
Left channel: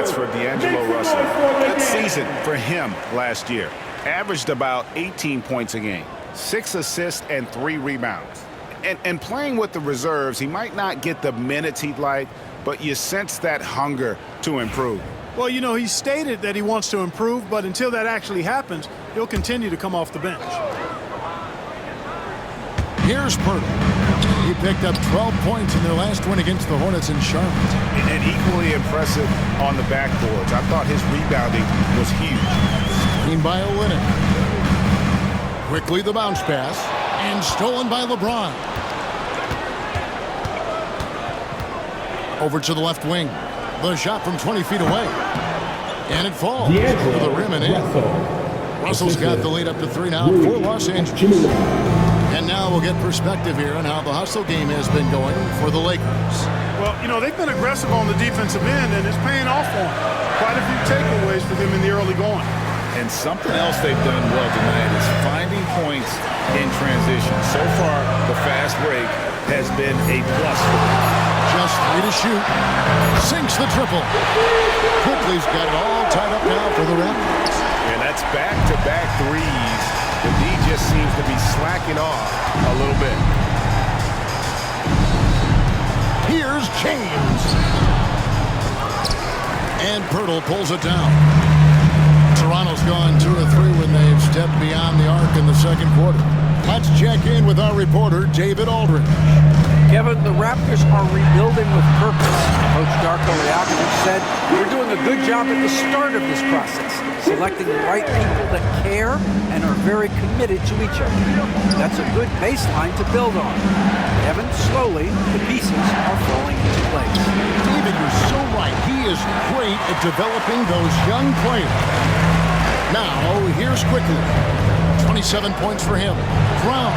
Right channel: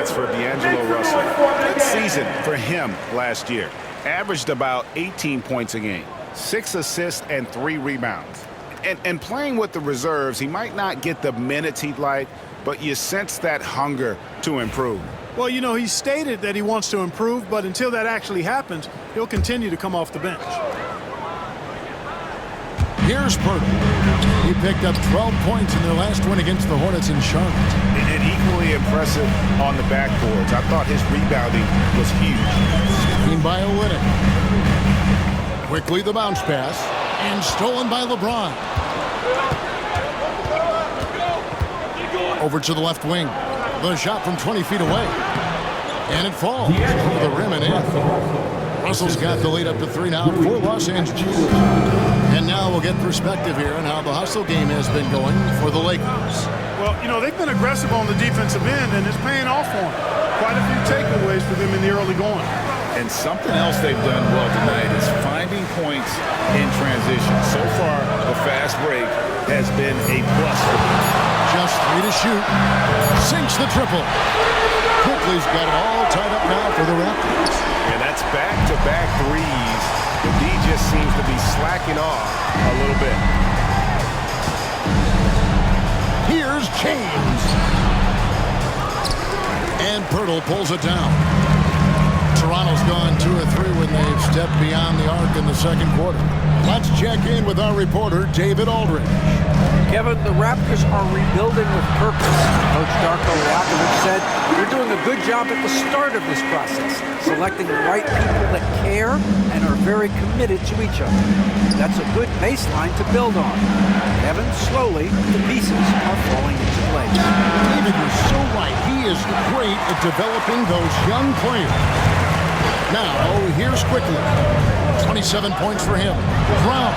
For D'Angelo Russell. Good season for him last year. Averaged about 18 points a game, 6 assists and 3 rebounds. And playing with the reserves, he might not get the minutes he'd like, but you sense that hunger to improve. Well, you know, he stated that he wants to improve, but until that actually happens, he'll continue to come off the bench. Here's Pirtle. He picked up 12 points in their last win against the Hornets in Charlotte. And equally impressive on the backboards. I thought his rebounding was huge. Screened by Olynyk. Quickly the bounce pass. And stolen by LeBron. Over to the left wing. The shot from 20 feet away. And it falls over the rim and in. Russell's got the lead up to 3 now for Los Angeles. And now we'll get perspective here on how the hustle game has been going for the Lakers. Well, you know, they've been aggressive on the defensive end, and it's paying off for them. Quite a few takeaways for them in the early going. And something else they've done well tonight is finding points in transition. So far, the fast break has been a plus for them. Just 3 to shoot. Sinks the triple. Quickly's got it all tied up now for the Raptors. And that's back-to-back threes, but D just seems to be slacking off a little bit. Here's James. And Pirtle pulls it down. Toronto's gone 2 of 3 when they've stepped beyond the arc in the second quarter. Let's check in with our reporter, David Aldridge. Kevin, the Raptors are rebuilding with purpose. Coach Darko Rajakovic said they're doing a good job at the start of this process, selecting the right people that care and are very committed to each other. That's a good baseline to build on. Kevin, slowly, the pieces are falling into place. David, you're so right. He is great at developing those young players. Now, here's Quickly. 27 points for him. Brown,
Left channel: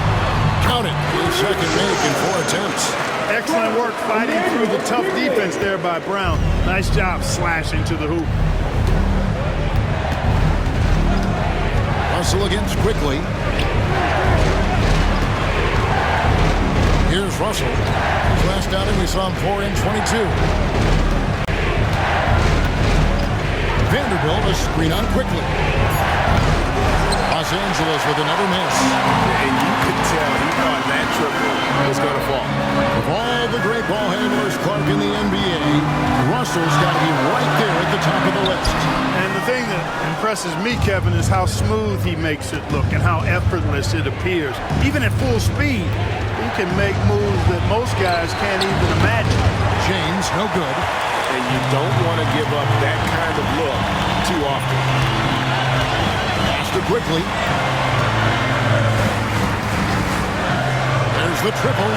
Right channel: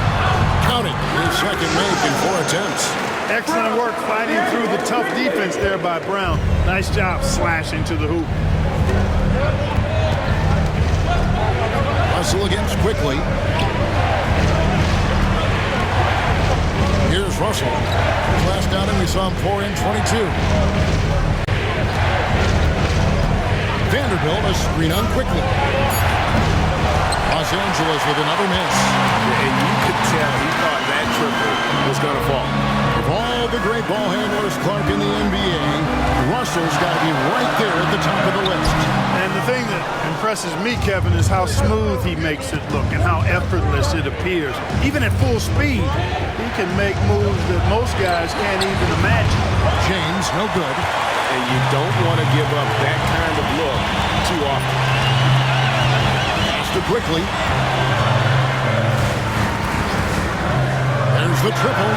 count it, his second make in 4 attempts. Excellent work fighting through the tough defense there by Brown. Nice job slashing to the hoop. Russell against Quickly. Here's Russell. His last outing, we saw him pour in 22. Vanderbilt, a screen on Quickly. Los Angeles with another miss. And you could tell he thought that triple was going to fall. Of all the great ball handlers, Clark, in the NBA, Russell's got to be right there at the top of the list. And the thing that impresses me, Kevin, is how smooth he makes it look and how effortless it appears. Even at full speed, he can make moves that most guys can't even imagine. James, no good. And you don't want to give up that kind of look too often. Quickly. There's the triple.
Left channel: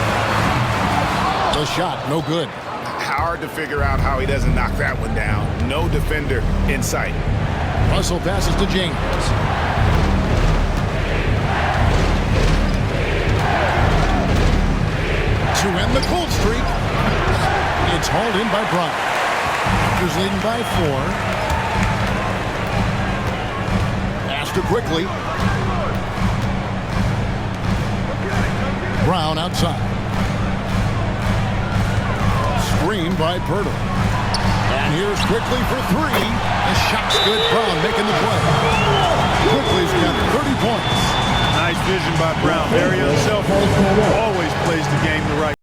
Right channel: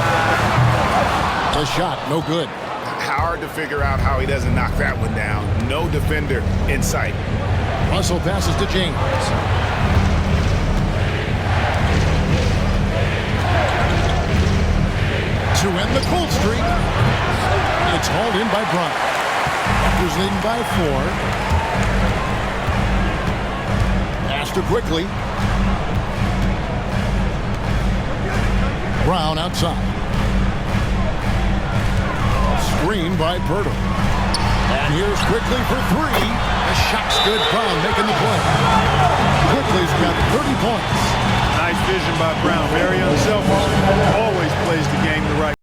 The shot, no good. Hard to figure out how he doesn't knock that one down. No defender in sight. Russell passes to James. To end the cold streak. It's hauled in by Bryant. Raptors leading by 4. To Quickly. Brown outside. Screen by Pirtle. And here's Quickly for 3. The shot's good. Brown making the play. Quickly's got 30 points. Nice vision by Brown. Very unselfish. Always plays the game the right way.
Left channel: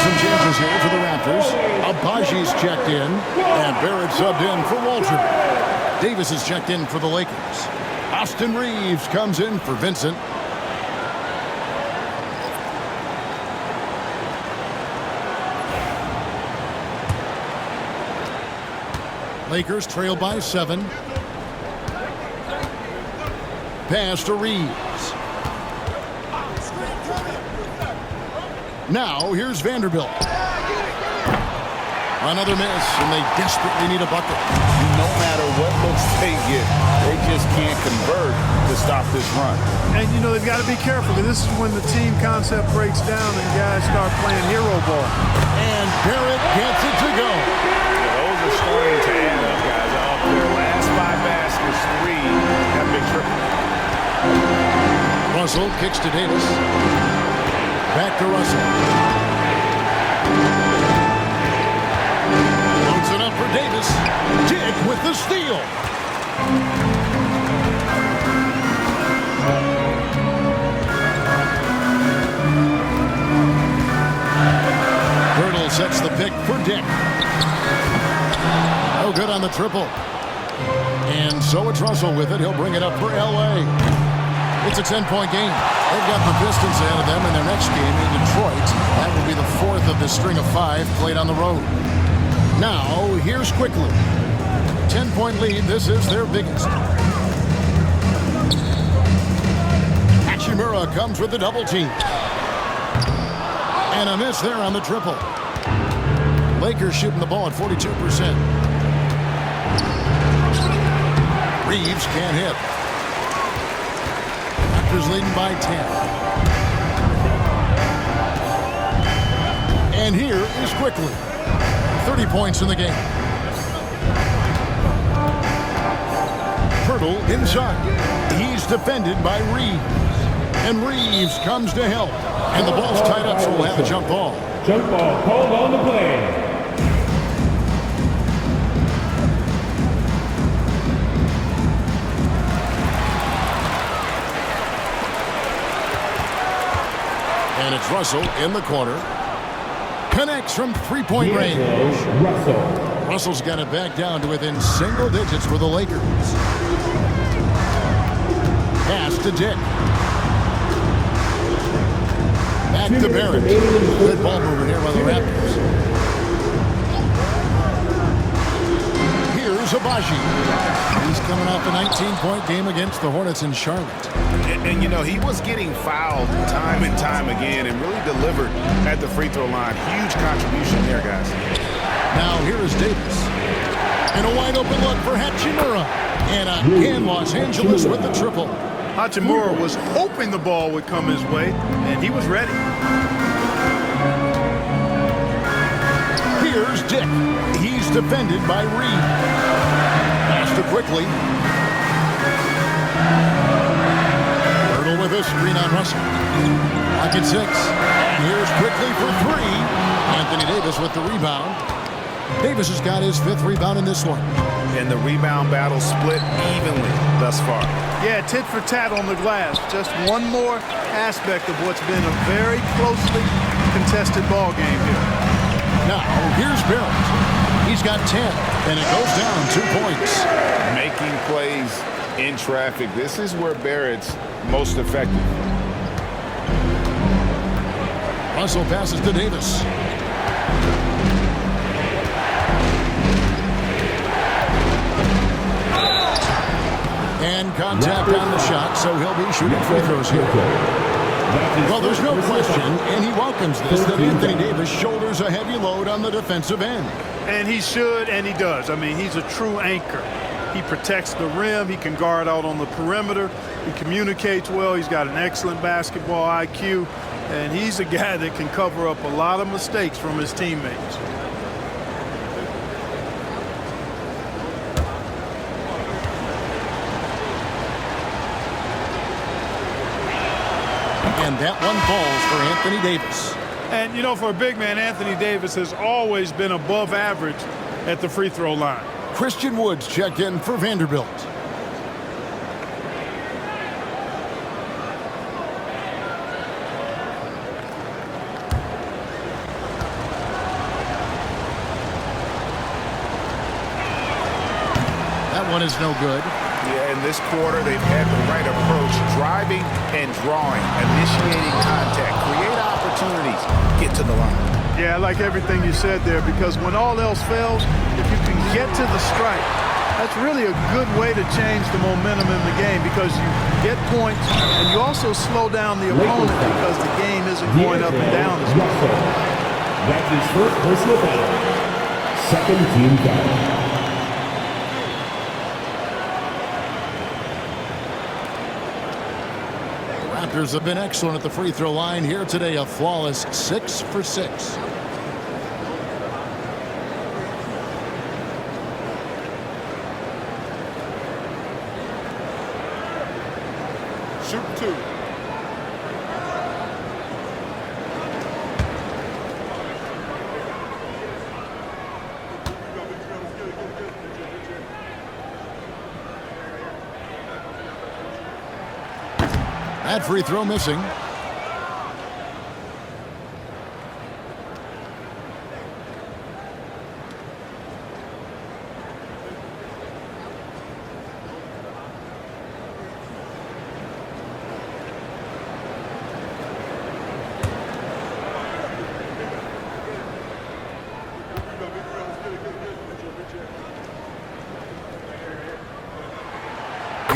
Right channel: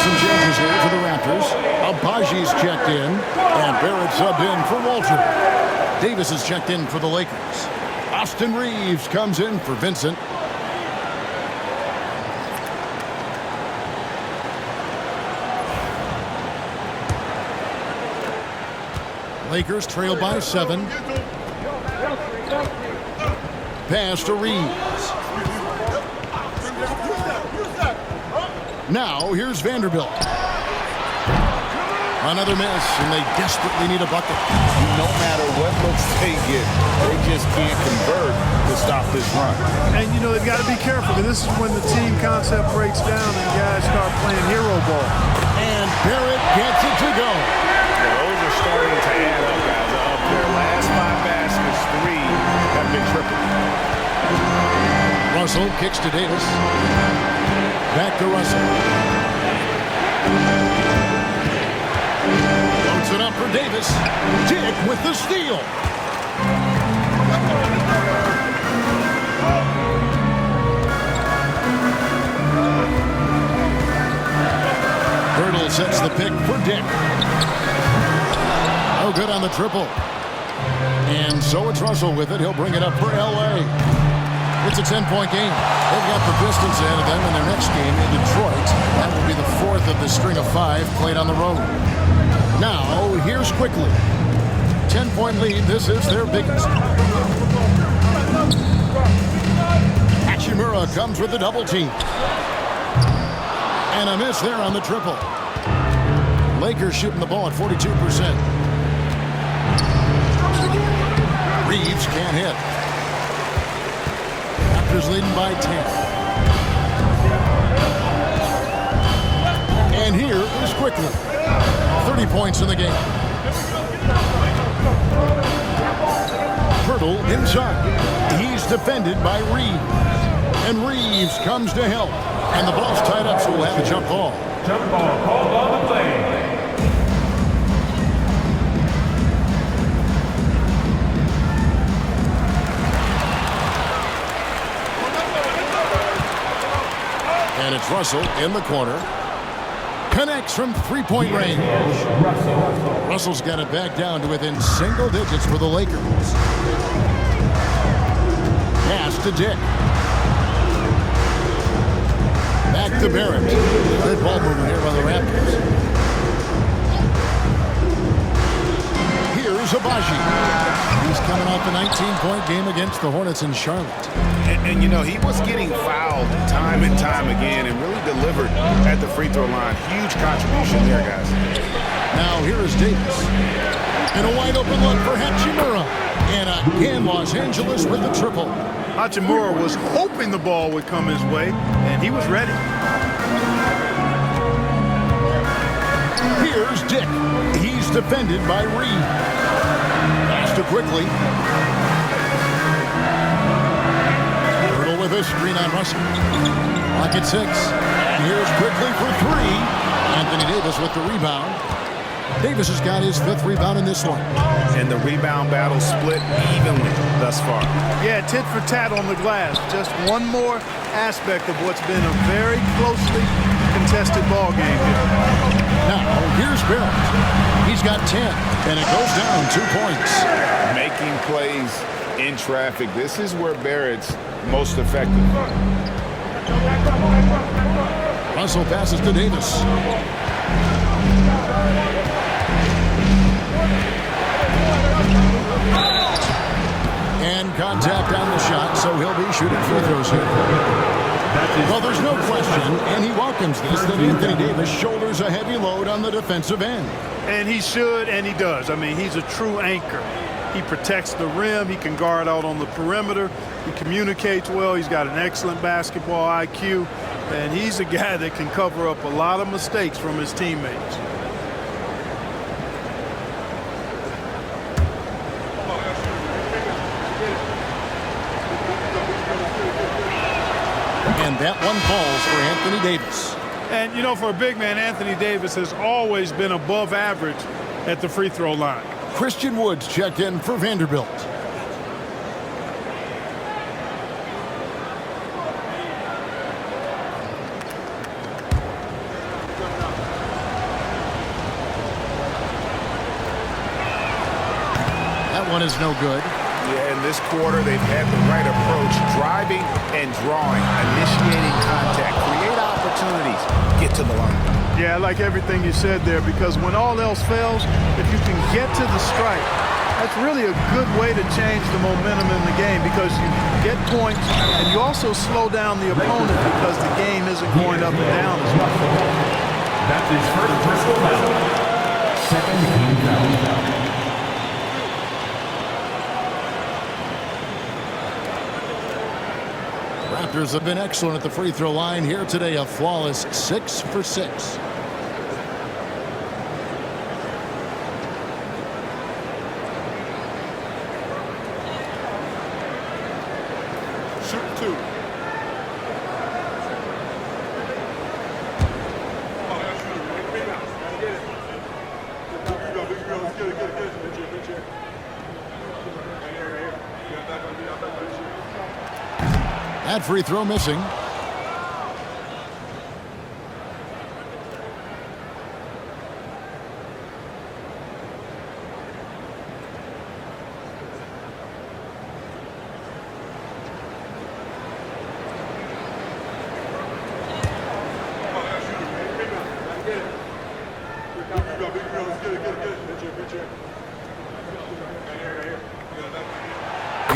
Some changes here for the Raptors. Abaji's checked in, and Barrett subbed in for Walter. Davis is checked in for the Lakers. Austin Reeves comes in for Vincent. Lakers trail by 7. Pass to Reeves. Now, here's Vanderbilt. Another miss, and they desperately need a bucket. No matter what looks they get, they just can't convert to stop this run. And, you know, they've got to be careful, because this is when the team concept breaks down and guys start playing hero ball. And Barrett gets it to go. Yeah, those are starting to add up, guys. Of their last 5 baskets, 3 have been triples. Russell kicks to Davis. Back to Russell. Loads it up for Davis. Dick with the steal. Hurdle sets the pick for Dick. Oh, good on the triple. And so it's Russell with it. He'll bring it up for L.A. It's a 10-point game. They've got the Pistons ahead of them in their next game in Detroit. That will be the 4th of the string of 5 played on the road. Now, here's quickly. 10-point lead. This is their biggest. Hachimura comes with the double team. And a miss there on the triple. Lakers shooting the ball at 42%. Reeves can't hit. Raptors leading by 10. And here is quickly. 30 points in the game. Hurdle inside. He's defended by Reeves. And Reeves comes to help. And the ball's tied up, so we'll have a jump ball. Jump ball called on the play. And it's Russell in the corner. Connects from three-point range. Russell's got it back down to within single digits for the Lakers. Pass to Dick. Back to Barrett. Good ball movement here by the Raptors. Here's Abaji. He's coming off a 19-point game against the Hornets in Charlotte. And, you know, he was getting fouled time and time again and really delivered at the free throw line. Huge contribution there, guys. Now here is Davis. And a wide open look for Hachimura. And again, Los Angeles with the triple. Hachimura was hoping the ball would come his way, and he was ready. Here's Dick. He's defended by Reed. Pass to quickly. Hurdle with a screen on Russell. Lock at 6. And here's quickly for 3. Anthony Davis with the rebound. Davis has got his 5th rebound in this one. And the rebound battle split evenly thus far. Yeah, tit for tat on the glass. Just one more aspect of what's been a very closely contested ball game here. Now, here's Barrett. He's got 10, and it goes down 2 points. Making plays in traffic. This is where Barrett's most effective. Russell passes to Davis. And contact on the shot, so he'll be shooting free throws here. Well, there's no question, and he welcomes this, that Anthony Davis shoulders a heavy load on the defensive end. And he should, and he does. I mean, he's a true anchor. He protects the rim. He can guard out on the perimeter. He communicates well. He's got an excellent basketball IQ. And he's a guy that can cover up a lot of mistakes from his teammates. And that one falls for Anthony Davis. And, you know, for a big man, Anthony Davis has always been above average at the free throw line. Christian Woods checked in for Vanderbilt. That one is no good. Yeah, in this quarter, they've had the right approach, driving and drawing, initiating contact, create opportunities, get to the line. Yeah, I like everything you said there, because when all else fails, if you can get to the stripe, that's really a good way to change the momentum in the game, because you get points and you also slow down the opponent because the game isn't going up and down as much. That's his first personal foul. Second team foul. Raptors have been excellent at the free throw line here today, a flawless 6 for 6. 2. That free throw missing.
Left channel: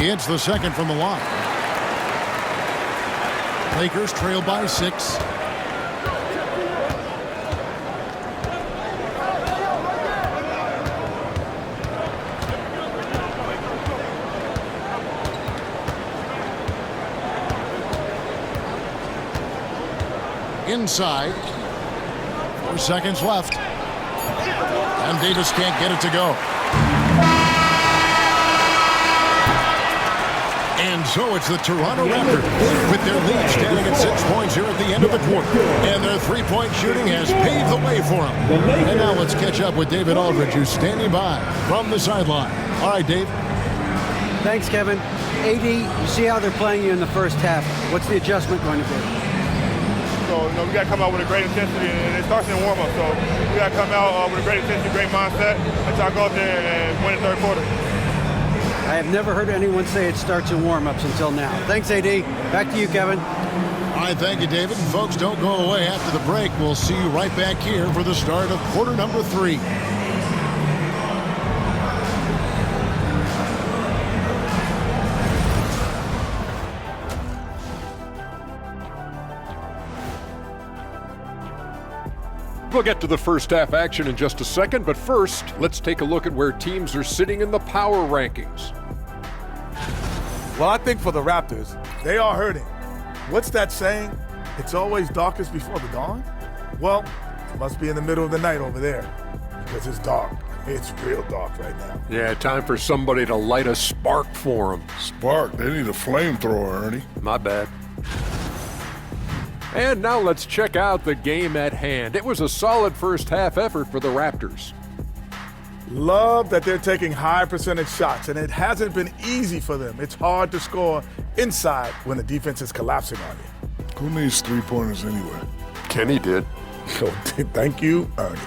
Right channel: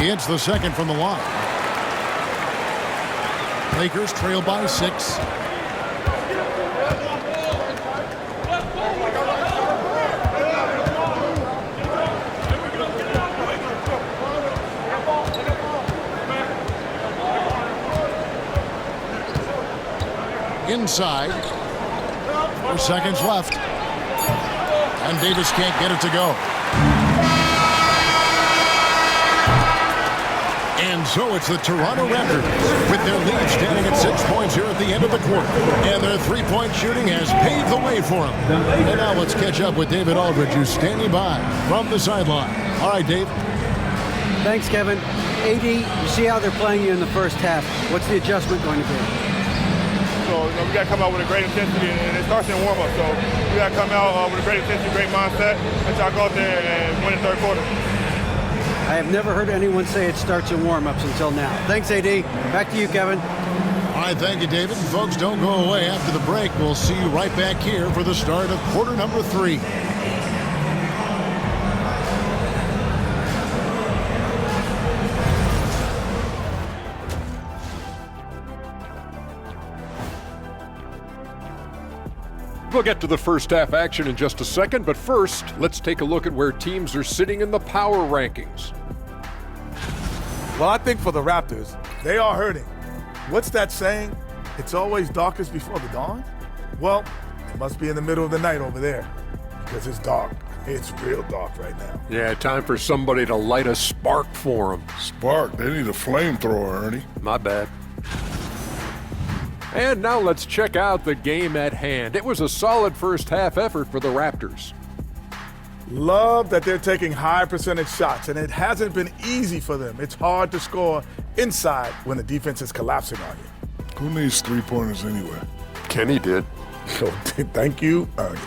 He hits the second from the line. Lakers trail by 6. Inside. 4 seconds left. And Davis can't get it to go. And so it's the Toronto Raptors with their lead standing at 6 points here at the end of the quarter. And their three-point shooting has paved the way for them. And now let's catch up with David Aldridge, who's standing by from the sideline. All right, Dave. Thanks, Kevin. AD, you see how they're playing you in the first half. What's the adjustment going to be? So, we got to come out with a great intensity, and it starts in warm-up. So we got to come out with a great intensity, great mindset, and try to go out there and win the third quarter. I have never heard anyone say it starts in warm-ups until now. Thanks, AD. Back to you, Kevin. All right, thank you, David. And folks, don't go away. After the break, we'll see you right back here for the start of quarter number 3. We'll get to the first half action in just a second, but first, let's take a look at where teams are sitting in the power rankings. Well, I think for the Raptors, they are hurting. What's that saying? It's always darkest before the dawn? Well, it must be in the middle of the night over there, because it's dark. It's real dark right now. Yeah, time for somebody to light a spark for them. Spark? They need a flamethrower, Ernie. My bad. And now let's check out the game at hand. It was a solid first half effort for the Raptors. Love that they're taking high percentage shots, and it hasn't been easy for them. It's hard to score inside when the defense is collapsing on you. Who needs three-pointers anyway? Kenny did. So thank you, Ernie.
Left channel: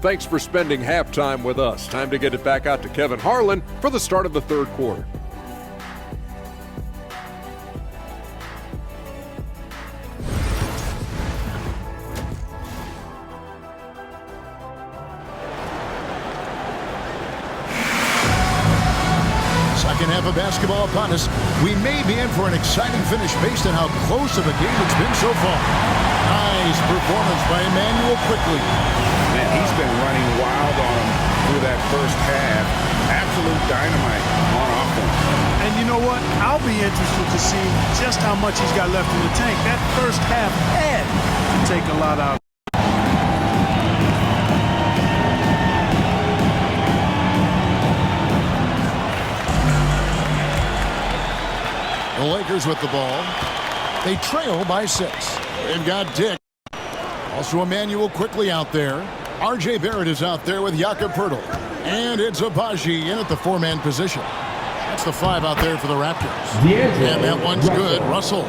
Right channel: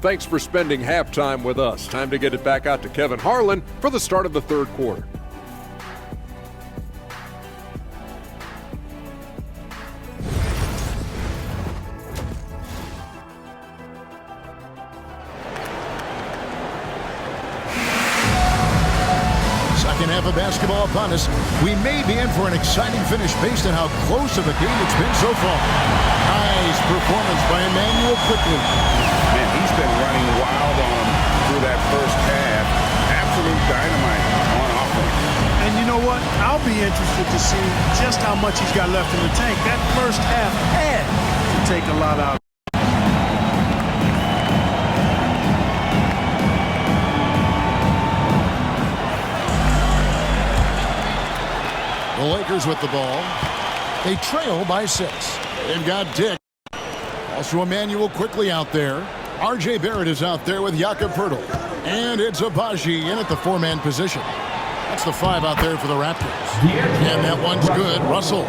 Thanks for spending halftime with us. Time to get it back out to Kevin Harlan for the start of the third quarter. Second half of basketball upon us. We may be in for an exciting finish based on how close of a game it's been so far. Nice performance by Emmanuel quickly. Man, he's been running wild on him through that first half. Absolute dynamite on offense. And you know what? I'll be interested to see just how much he's got left in the tank. That first half had to take a lot out. The Lakers with the ball. They trail by 6. They've got Dick. Also Emmanuel quickly out there. R.J. Barrett is out there with Jakob Poeltl. And it's Abaji in at the 4-man position. That's the 5 out there for the Raptors. And that one's good. Russell.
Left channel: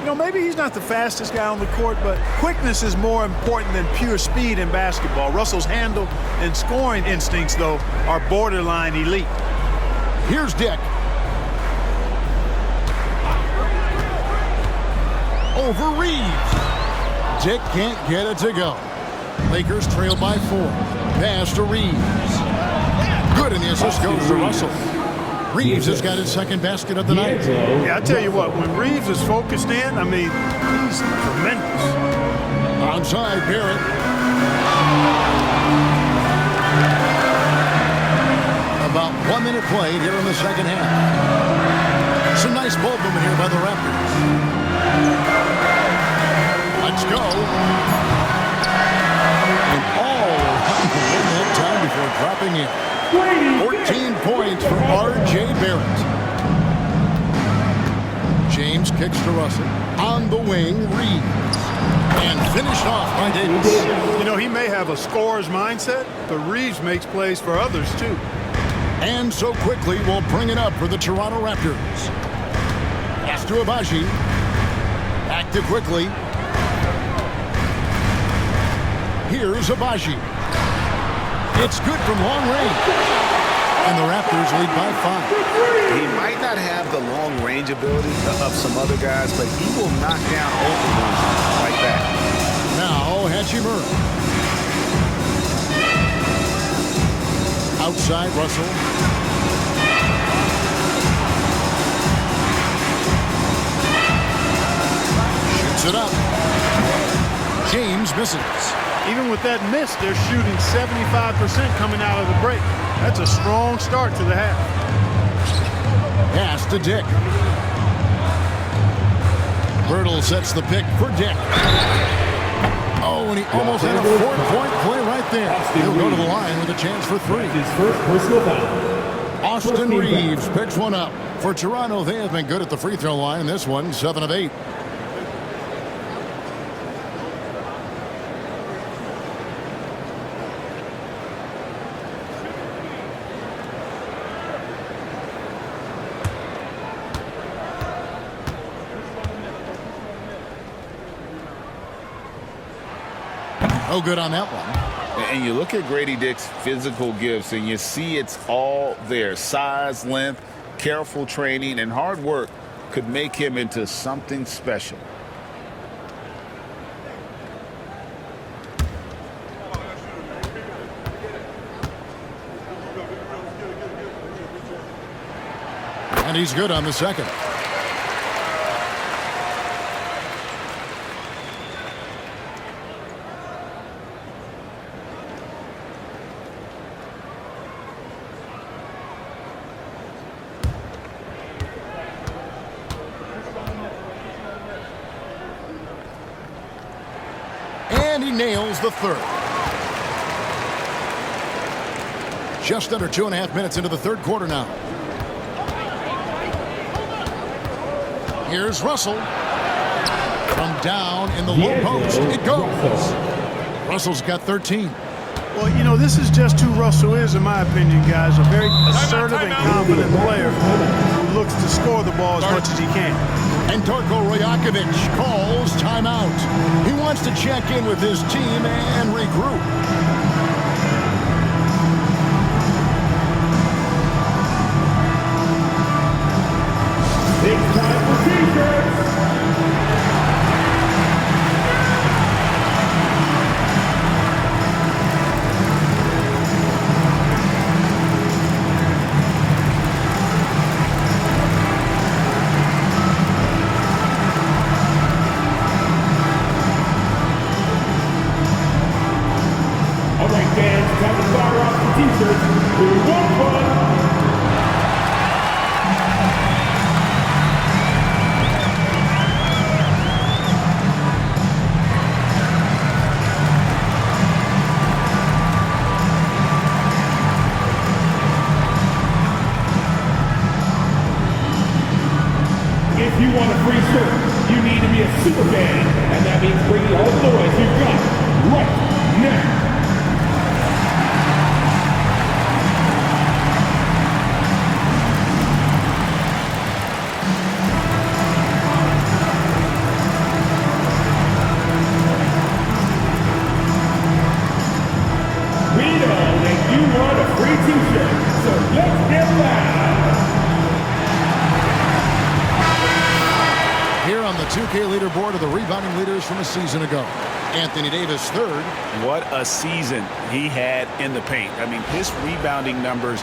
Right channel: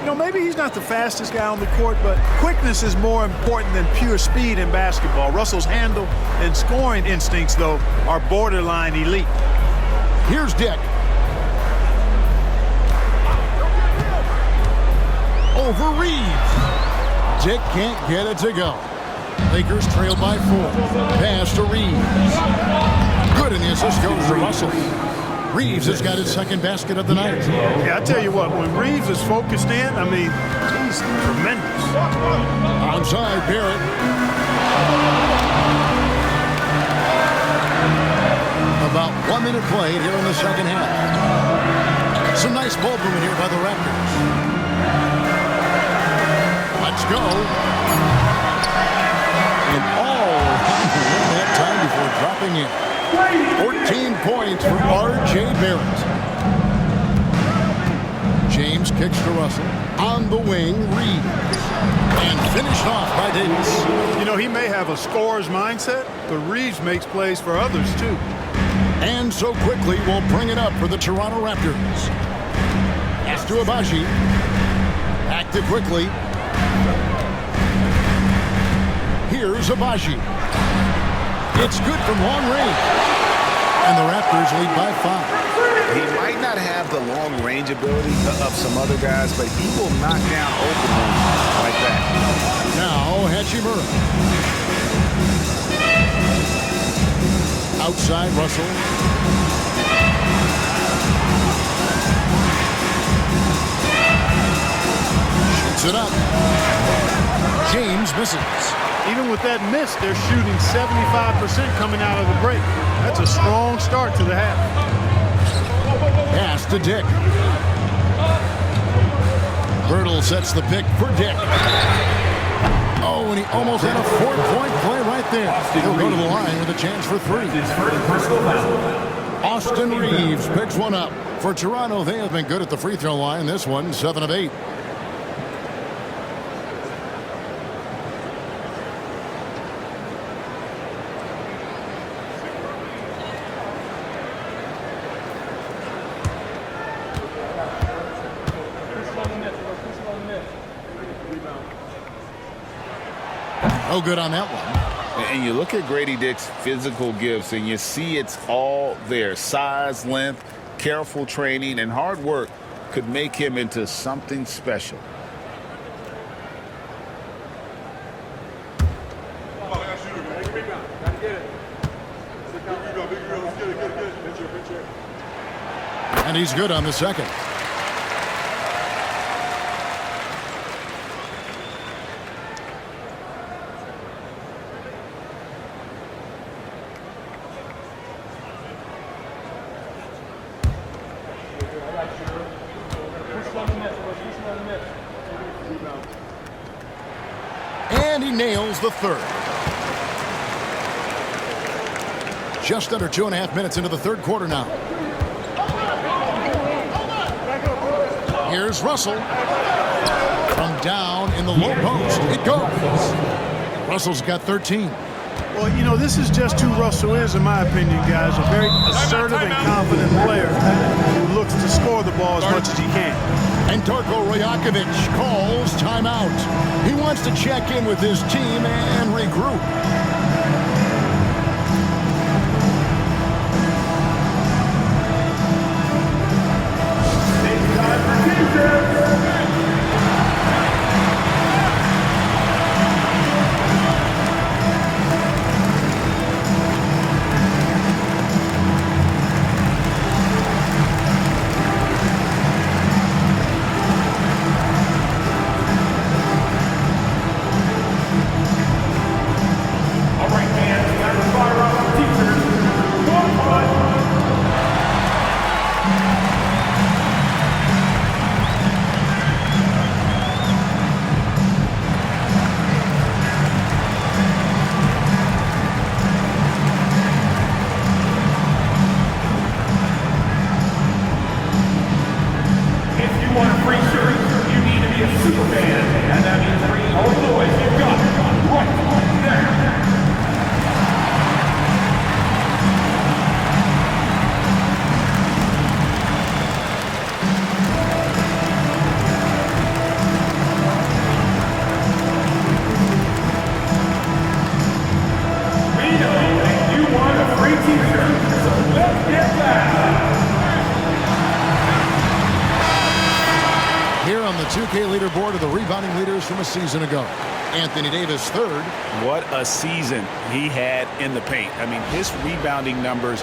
You know, maybe he's not the fastest guy on the court, but quickness is more important than pure speed in basketball. Russell's handle and scoring instincts, though, are borderline elite. Here's Dick. Over Reeves. Dick can't get it to go. Lakers trail by 4. Pass to Reeves. Good, and the assist goes to Russell. Reeves has got his second basket of the night. Yeah, I tell you what, when Reeves is focused in, I mean, he's tremendous. Onside, Barrett. About 1 minute played here in the second half. Some nice ball movement here by the Raptors. Let's go. And all around the rim that time before dropping in. 14 points for R.J. Barrett. James kicks to Russell. On the wing, Reed. And finished off by Davis. You know, he may have a scorer's mindset, but Reeves makes plays for others, too. And so quickly, we'll bring it up for the Toronto Raptors. Pass to Abaji. Back to quickly. Here's Abaji. It's good from long range. And the Raptors lead by 5. He might not have the long-range ability of some other guys, but he will knock down open ones like that. Now, Hachimura. Outside, Russell. Shoots it up. James misses. Even with that miss, they're shooting 75% coming out of the break. That's a strong start to the half. Pass to Dick. Birtle sets the pick for Dick. Oh, and he almost had a 4-point play right there. He'll go to the line with a chance for 3. His first personal foul. Austin Reeves picks one up. For Toronto, they have been good at the free throw line. This one, 7 of 8. No good on that one. And you look at Grady Dick's physical gifts, and you see it's all there. Size, length, careful training, and hard work could make him into something special. And he's good on the second. And he nails the third. Just under 2.5 minutes into the third quarter now. Here's Russell. From down in the low post. It goes. Russell's got 13. Well, you know, this is just who Russell is, in my opinion, guys. A very assertive and confident player who looks to score the ball as much as he can. And Darko Rajakovic calls timeout. He wants to check in with his team and regroup. It's time for T-shirts. If you want a free shirt, you need to be a super fan, and that means bringing home the boys you've got right now. We know that you want a free t-shirt, so let's get loud. Here on the 2K leaderboard are the rebounding leaders from a season ago. Anthony Davis, third. What a season he had in the paint. I mean, his rebounding numbers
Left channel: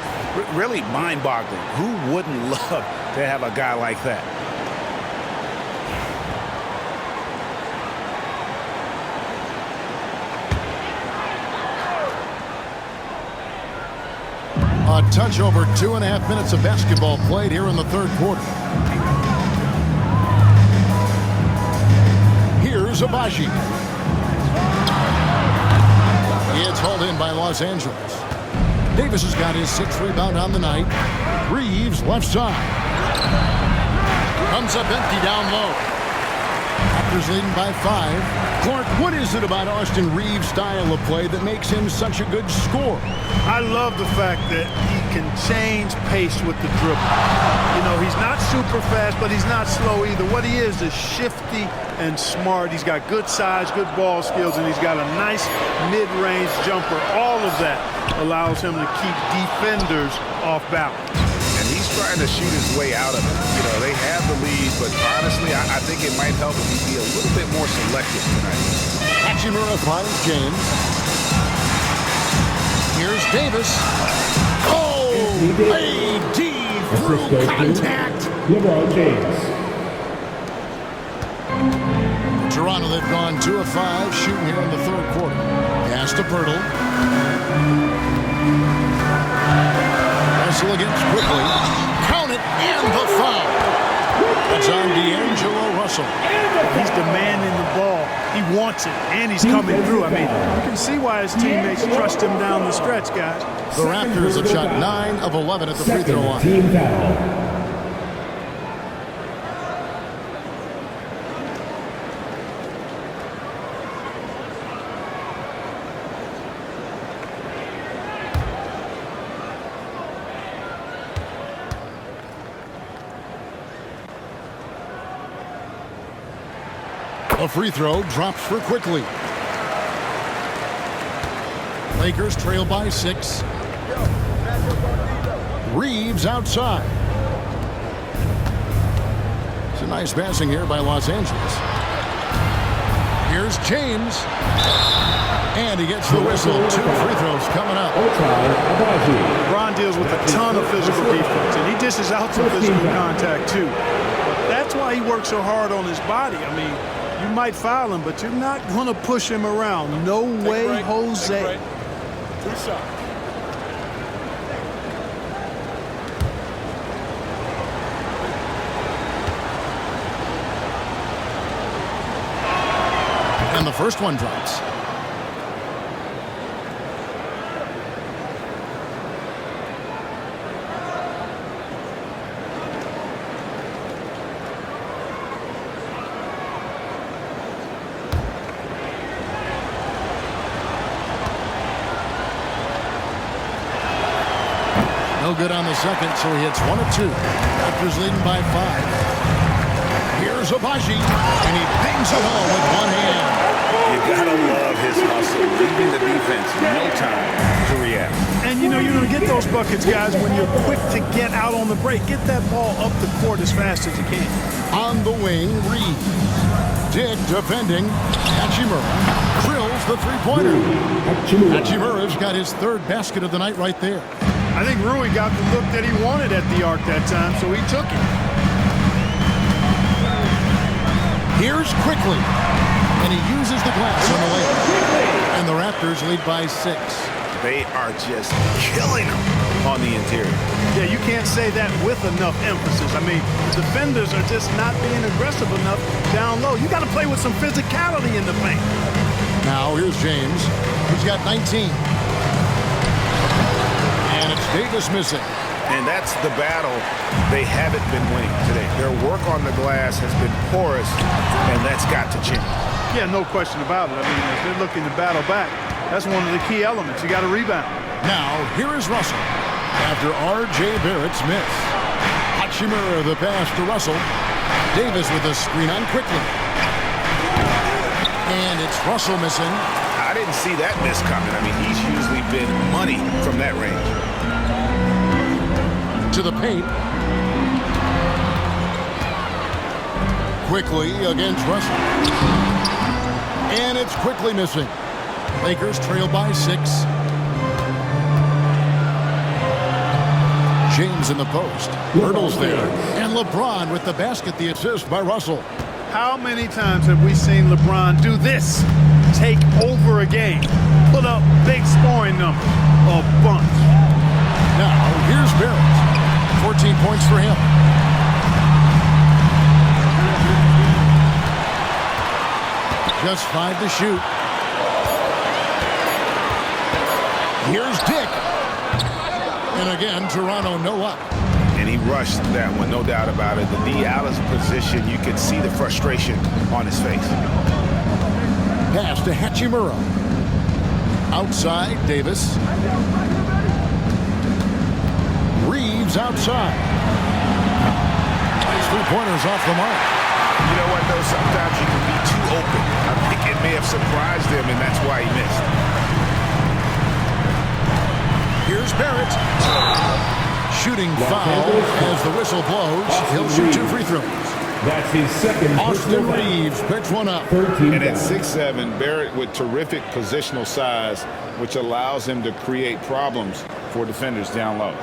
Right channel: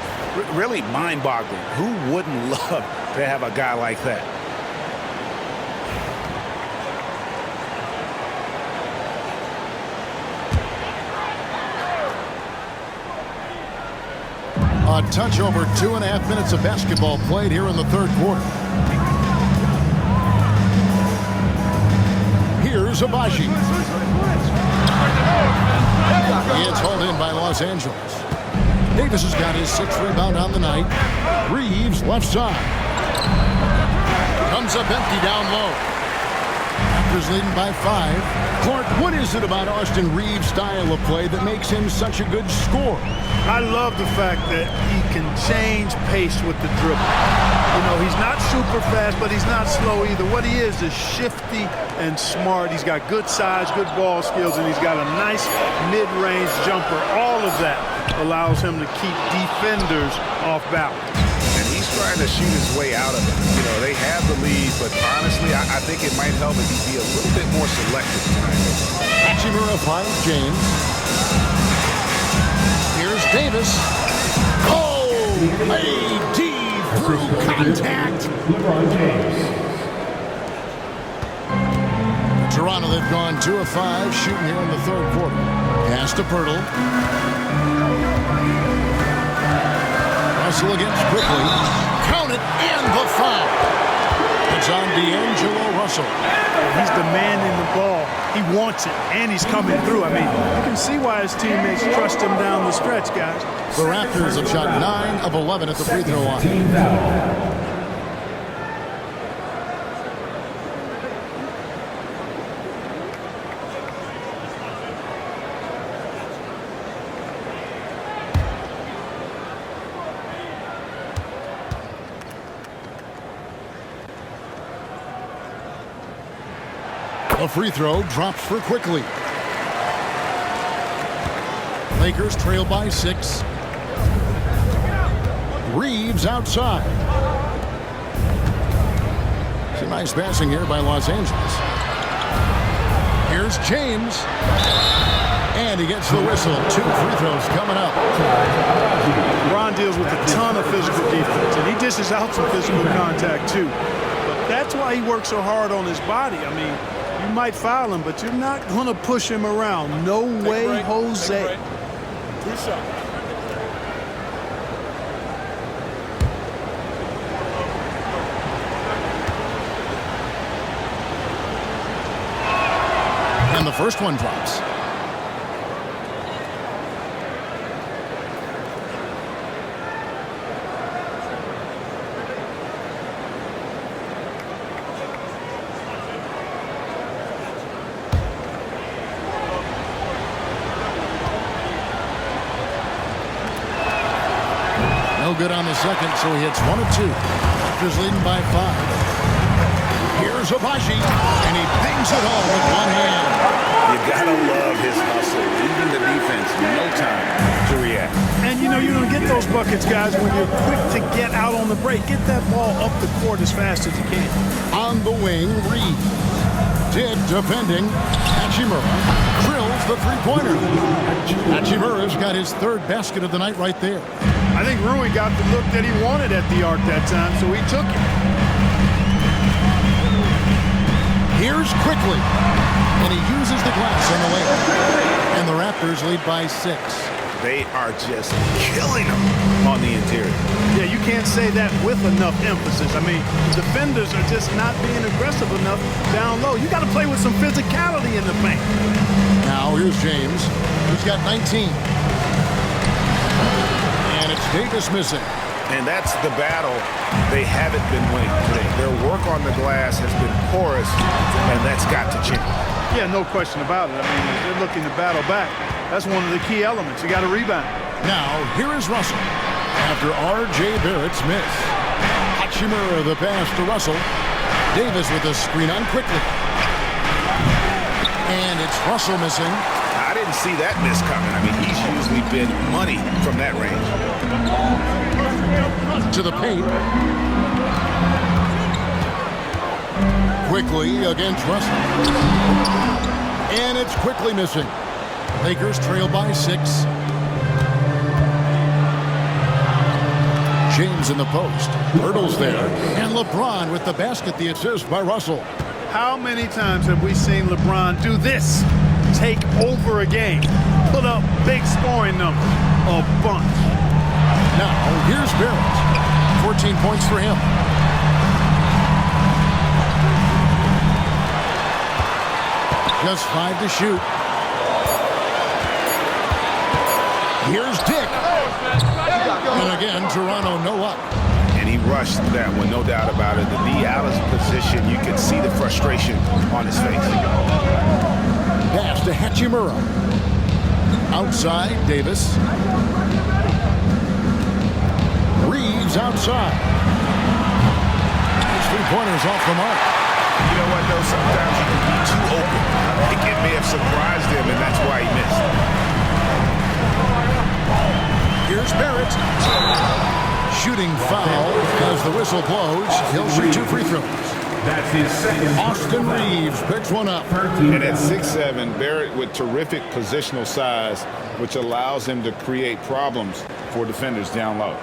really mind-boggling. Who wouldn't love to have a guy like that? A touch over 2.5 minutes of basketball played here in the third quarter. Here's Abaji. It's hauled in by Los Angeles. Davis has got his 6th rebound on the night. Reeves left side. Comes up empty down low. Raptors leading by 5. Clark, what is it about Austin Reeves' style of play that makes him such a good scorer? I love the fact that he can change pace with the dribble. You know, he's not super fast, but he's not slow either. What he is shifty and smart. He's got good size, good ball skills, and he's got a nice mid-range jumper. All of that allows him to keep defenders off balance. And he's trying to shoot his way out of it. You know, they have the lead, but honestly, I think it might help if he'd be a little bit more selective tonight. Hachimura finds James. Here's Davis. Oh, AD through contact. LeBron James. Toronto, they've gone 2 of 5 shooting here in the 3rd quarter. Pass to Pirtle. Russell against quickly. Count it, and the foul. That's on D'Angelo Russell. He's demanding the ball. He wants it, and he's coming through. I mean, you can see why his teammates trust him down the stretch, guys. The Raptors have shot 9 of 11 at the free throw line. Team foul. A free throw drops for quickly. Lakers trail by 6. Reeves outside. It's a nice passing here by Los Angeles. Here's James. And he gets the whistle. 2 free throws coming up. LeBron deals with a ton of physical defense, and he dishes out some physical contact too. But that's why he works so hard on his body. I mean, you might foul him, but you're not going to push him around. No way, Jose. 2 shots. And the first one drops. No good on the second, so he hits 1 of 2. Raptors leading by 5. Here's Abaji, and he bangs it home with one hand. You gotta love his hustle, leaving the defense no time to react. And you know you're going to get those buckets, guys, when you're quick to get out on the break. Get that ball up the court as fast as you can. On the wing, Reeves. Dick defending. Hachimura drills the three-pointer. Hachimura's got his 3rd basket of the night right there. I think Rui got the look that he wanted at the arc that time, so he took it. Here's quickly, and he uses the glass on the layup. And the Raptors lead by 6. They are just killing them on the interior. Yeah, you can't say that with enough emphasis. I mean, the defenders are just not being aggressive enough down low. You got to play with some physicality in the paint. Now here's James, who's got 19. And it's Davis missing. And that's the battle they haven't been winning today. Their work on the glass has been porous, and that's got to change. Yeah, no question about it. I mean, as they're looking to battle back, that's one of the key elements. You got to rebound. Now, here is Russell after R.J. Barrett's miss. Hachimura the pass to Russell. Davis with a screen on quickly. And it's Russell missing. I didn't see that miss coming. I mean, he's usually been money from that range. To the paint. Quickly against Russell. And it's quickly missing. Lakers trail by 6. James in the post. Hurdles there. And LeBron with the basket, the assist by Russell. How many times have we seen LeBron do this? Take over a game. Put up big scoring numbers. A bunch. Now, here's Barrett. 14 points for him. Just 5 to shoot. Here's Dick. again, Toronto no up. And he rushed that one, no doubt about it. The D out of position, you could see the frustration on his face. Pass to Hachimura. Outside, Davis. Reeves outside. His three-pointer's off the mark. You know what, though? Sometimes you can be too open. I think it may have surprised him, and that's why he missed. Here's Barrett. Shooting foul as the whistle blows. He'll shoot 2 free throws. That's his second. Austin Reeves picks one up. And at 6'7", Barrett with terrific positional size, which allows him to create problems for defenders down low.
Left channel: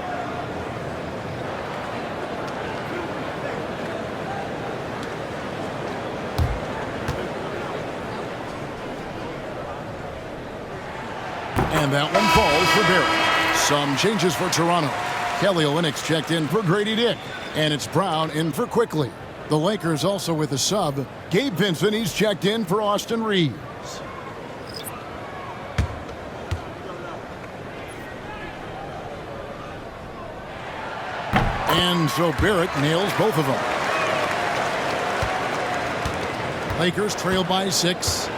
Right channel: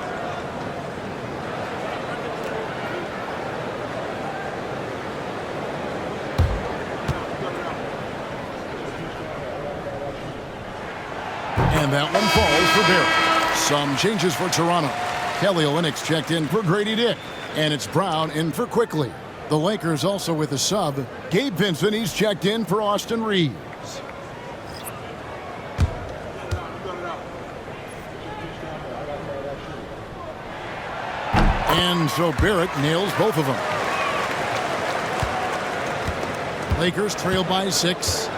And that one falls for Barrett. Some changes for Toronto. Kelly Olynyk's checked in for Grady Dick. And it's Brown in for Quickly. The Lakers also with a sub. Gabe Vincent, he's checked in for Austin Reeves. And so Barrett nails both of them. Lakers trail by 6.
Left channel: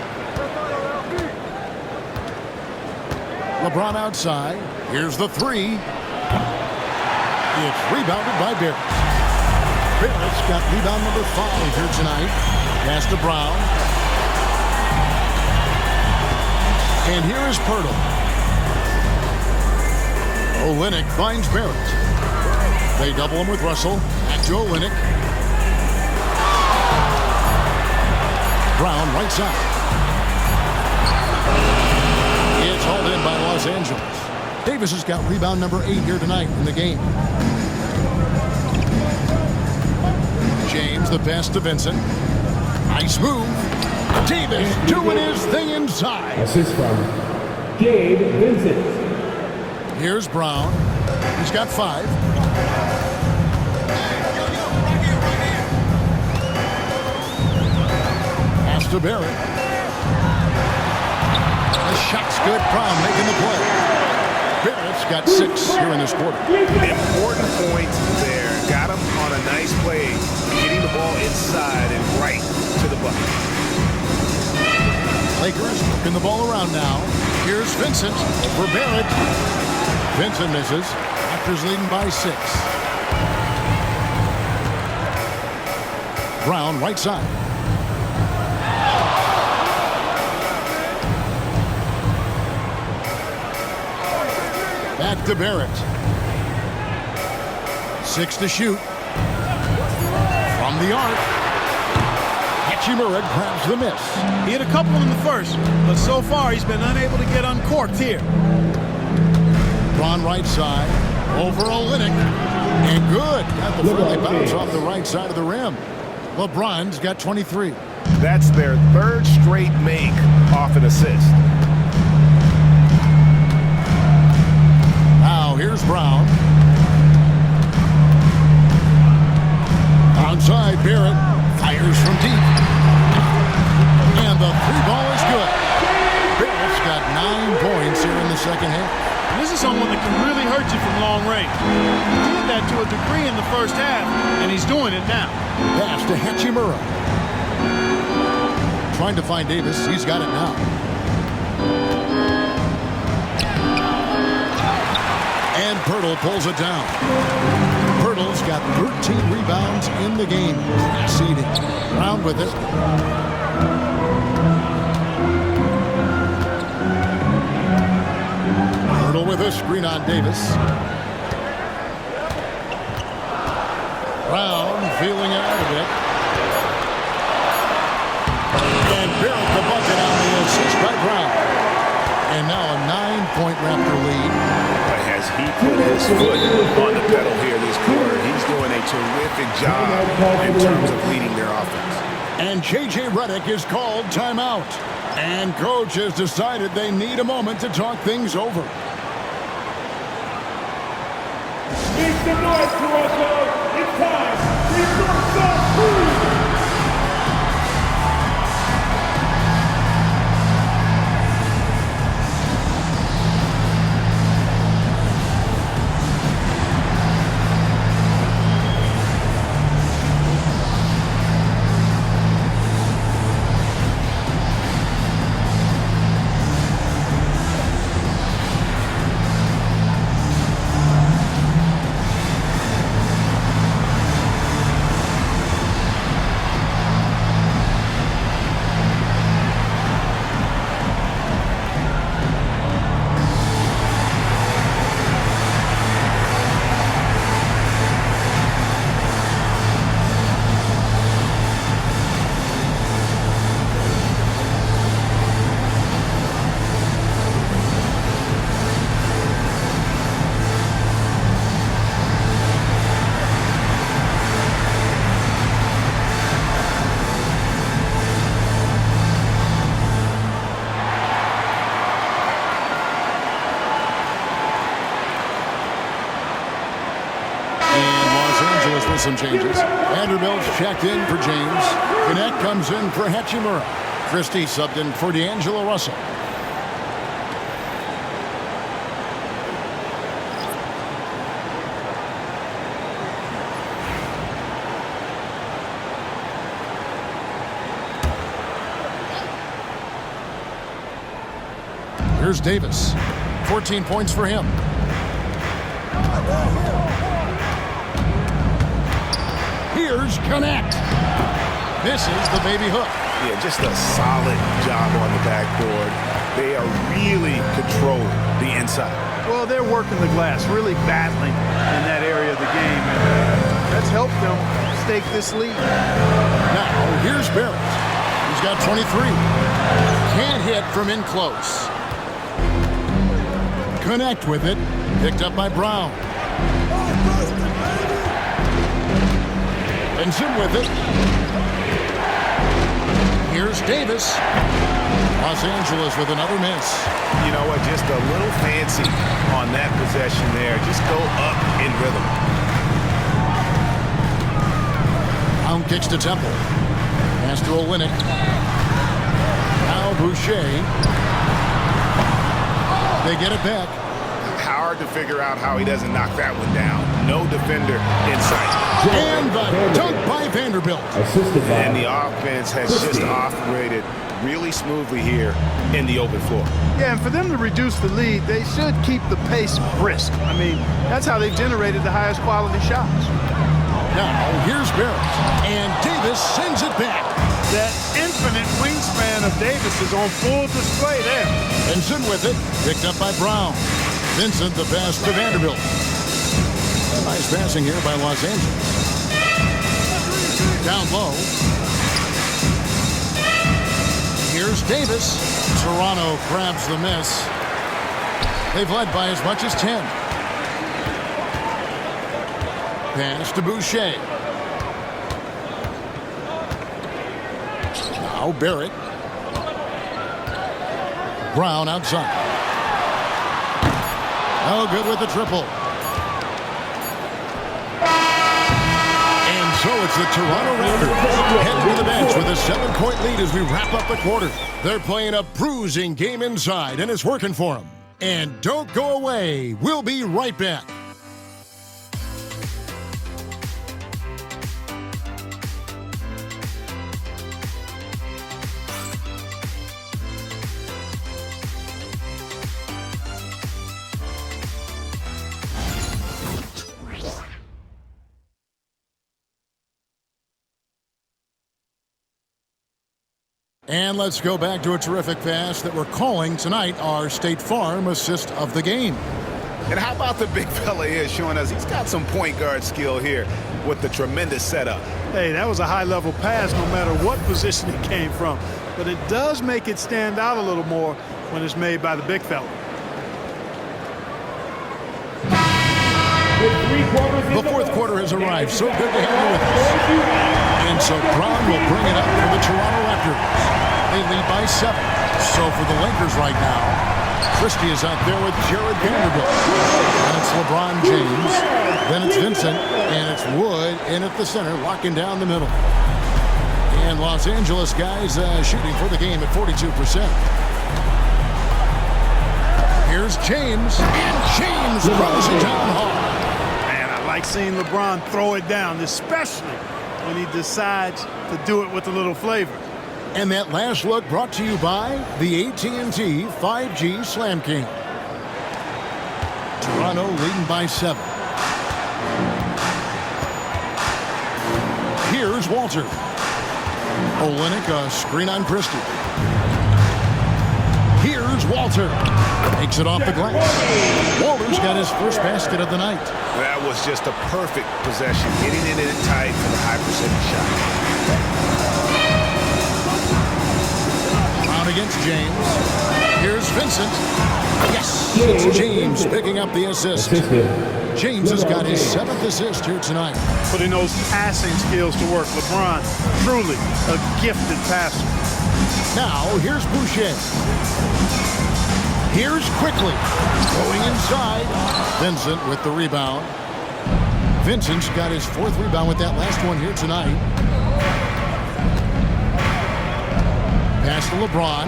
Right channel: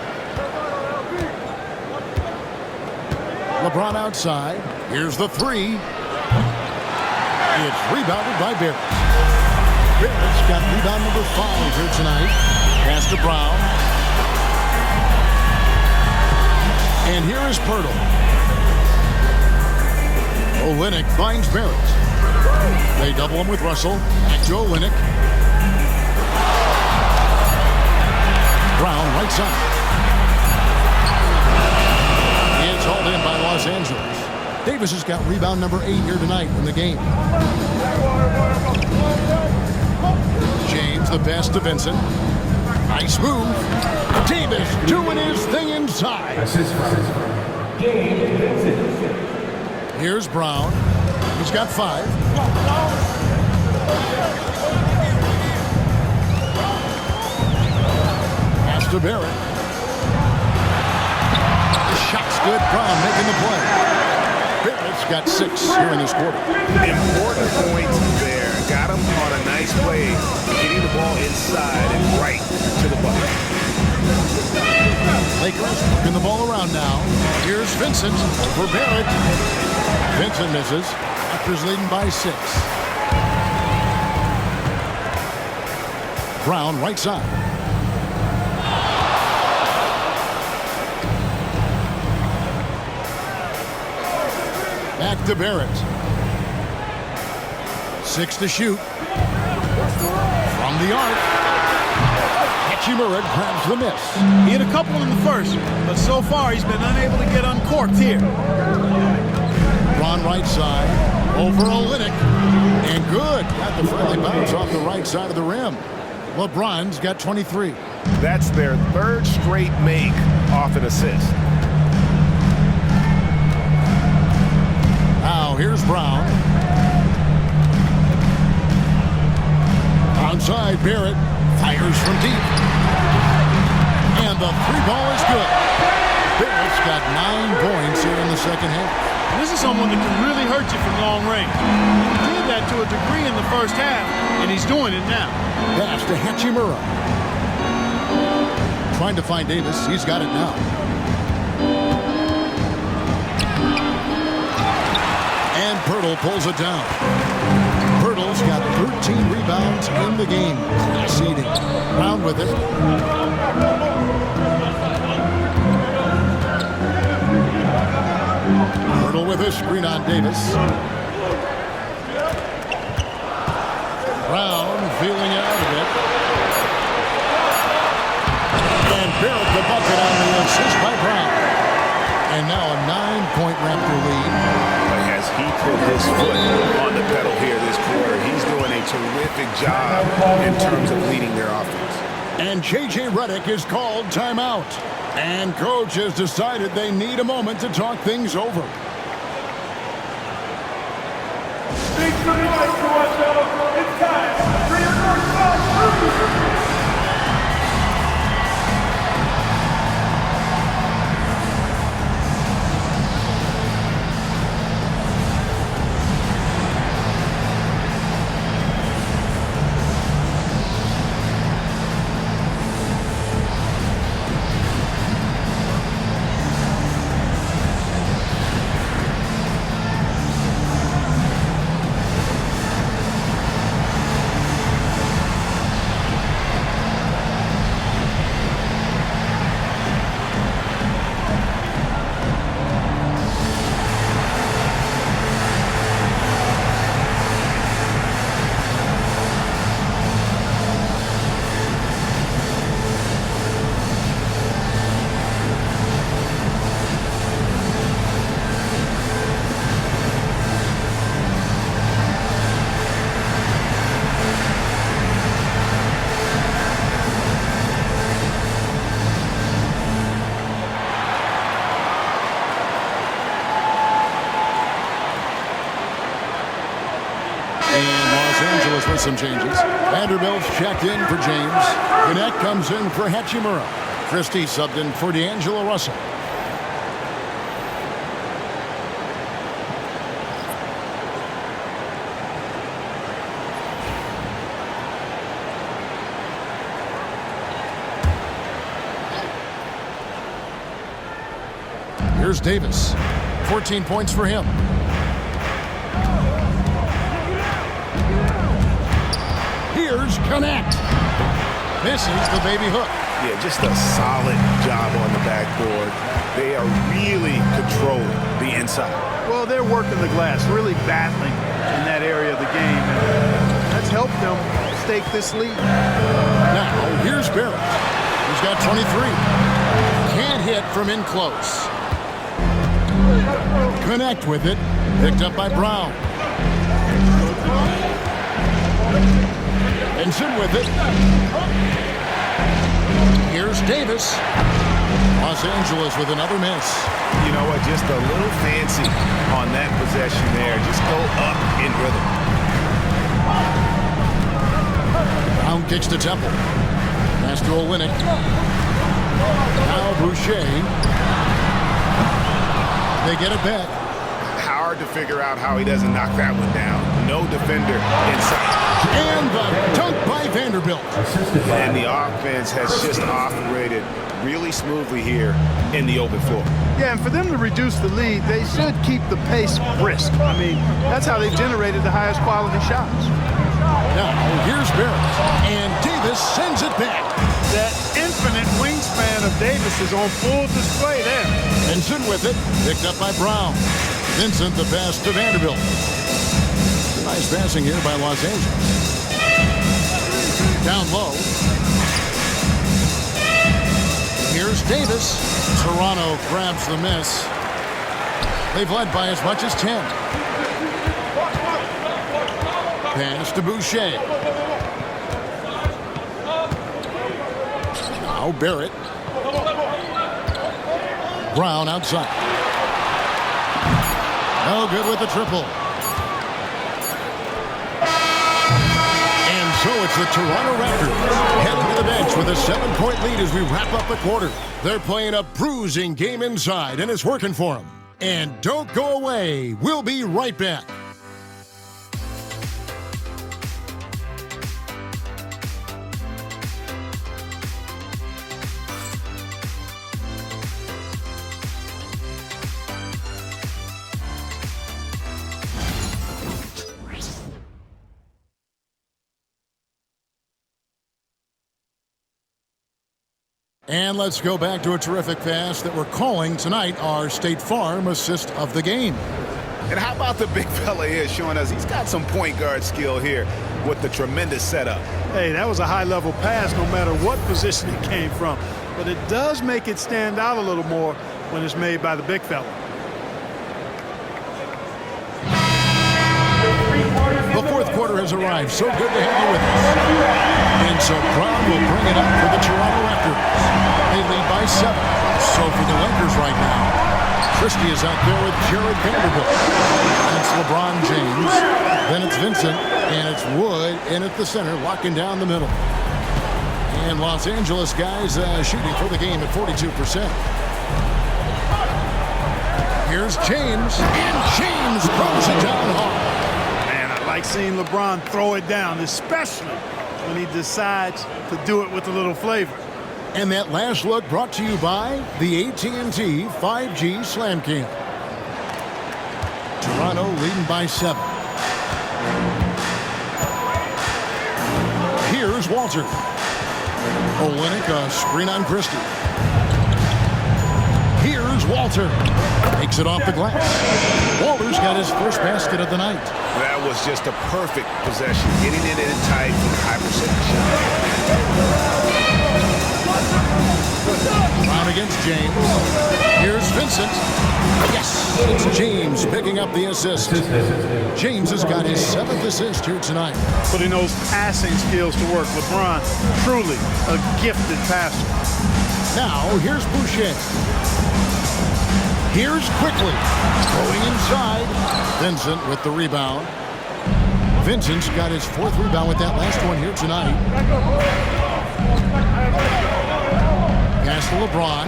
LeBron outside. Here's the 3. It's rebounded by Barrett. Barrett's got rebound number 5 here tonight. Pass to Brown. And here is Pirtle. Olynyk finds Barrett. They double him with Russell. Back to Olynyk. Brown right side. It's hauled in by Los Angeles. Davis has got rebound number 8 here tonight in the game. James, the pass to Vincent. Nice move. Davis doing his thing inside. Assist from Gabe Vincent. Here's Brown. He's got 5. Pass to Barrett. The shot's good. Brown making the play. Barrett's got 6 here in this quarter. Important point there. Got him on a nice play, getting the ball inside and right to the bucket. Lakers working the ball around now. Here's Vincent over Barrett. Vincent misses. Raptors leading by 6. Brown right side. Back to Barrett. 6 to shoot. From the arc. Hachimura grabs the miss. He had a couple in the first, but so far he's been unable to get uncorked here. Braun right side. Over Olynyk. And good. Got the friendly bounce off the right side of the rim. LeBron's got 23. That's their 3rd straight make off an assist. Now here's Brown. Onside, Barrett fires from deep. And the 3-ball is good. Barrett's got 9 points here in the second half. And this is someone that can really hurt you from long range. He did that to a degree in the first half, and he's doing it now. Pass to Hachimura. Trying to find Davis. He's got it now. And Pirtle pulls it down. Pirtle's got 13 rebounds in the game. Class eating. Brown with it. Pirtle with a screen on Davis. Brown feeling it out a bit. And Barrett the bucket on the assist by Brown. And now a 9-point Raptor lead. But has he put his foot on the pedal here this quarter? He's doing a terrific job in terms of leading their offense. And J.J. Redick is called timeout. And coach has decided they need a moment to talk things over. Make some noise, Toronto. It's time for your North-South Crew. Angeles with some changes. Vanderbilt's checked in for James. Connect comes in for Hachimura. Christie subbed in for D'Angelo Russell. Here's Davis. 14 points for him. Here's Connect. Misses the baby hook. Yeah, just a solid job on the backboard. They are really controlling the inside. Well, they're working the glass, really battling in that area of the game, and that's helped them stake this lead. Now, here's Barrett. He's got 23. Can't hit from in close. Connect with it. Picked up by Brown. Benson with it. Here's Davis. Los Angeles with another miss. You know what? Just a little fancy on that possession there. Just go up in rhythm. Brown kicks to Temple. Pass to Olynyk. Now Boucher. They get it back. Hard to figure out how he doesn't knock that one down. No defender in sight. And the dunk by Vanderbilt. And the offense has just operated really smoothly here in the open floor. Yeah, and for them to reduce the lead, they should keep the pace brisk. I mean, that's how they've generated the highest quality shots. Now, here's Barrett. And Davis sends it back. That infinite wingspan of Davis is on full display there. Benson with it. Picked up by Brown. Vincent the pass to Vanderbilt. Nice passing here by Los Angeles. Down low. Here's Davis. Toronto grabs the miss. They've led by as much as 10. Pass to Boucher. Now Barrett. Brown outside. No good with the triple. And so it's the Toronto Raptors heading to the bench with a 7-point lead as we wrap up the quarter. They're playing a bruising game inside, and it's working for them. And don't go away. We'll be right back. And let's go back to a terrific pass that we're calling tonight our State Farm assist of the game. And how about the big fella here showing us he's got some point guard skill here with the tremendous setup. Hey, that was a high-level pass no matter what position it came from. But it does make it stand out a little more when it's made by the big fella. The fourth quarter has arrived. So good to have you with us. And so Brown will bring it up for the Toronto Raptors. They lead by 7. So for the Lakers right now, Christie is out there with Jared Vanderbilt. And it's LeBron James. Then it's Vincent. And it's Wood in at the center, locking down the middle. And Los Angeles guys shooting for the game at 42%. Here's James. And James throws it down hard. I like seeing LeBron throw it down, especially when he decides to do it with a little flavor. And that last look brought to you by the AT&T 5G Slam Cam. Toronto leading by 7. Here's Walter. Olynyk, a screen on Christie. Here's Walter. Takes it off the glass. Walter's got his first basket of the night. That was just a perfect possession, getting it in tight for the high percentage shot. Brown against James. Here's Vincent. Yes, it's James picking up the assist. James has got his 7th assist here tonight. Putting those passing skills to work. LeBron, truly a gifted passer. Now, here's Boucher. Here's Quickly. Going inside. Vincent with the rebound. Vincent's got his 4th rebound with that last one here tonight. Pass to LeBron.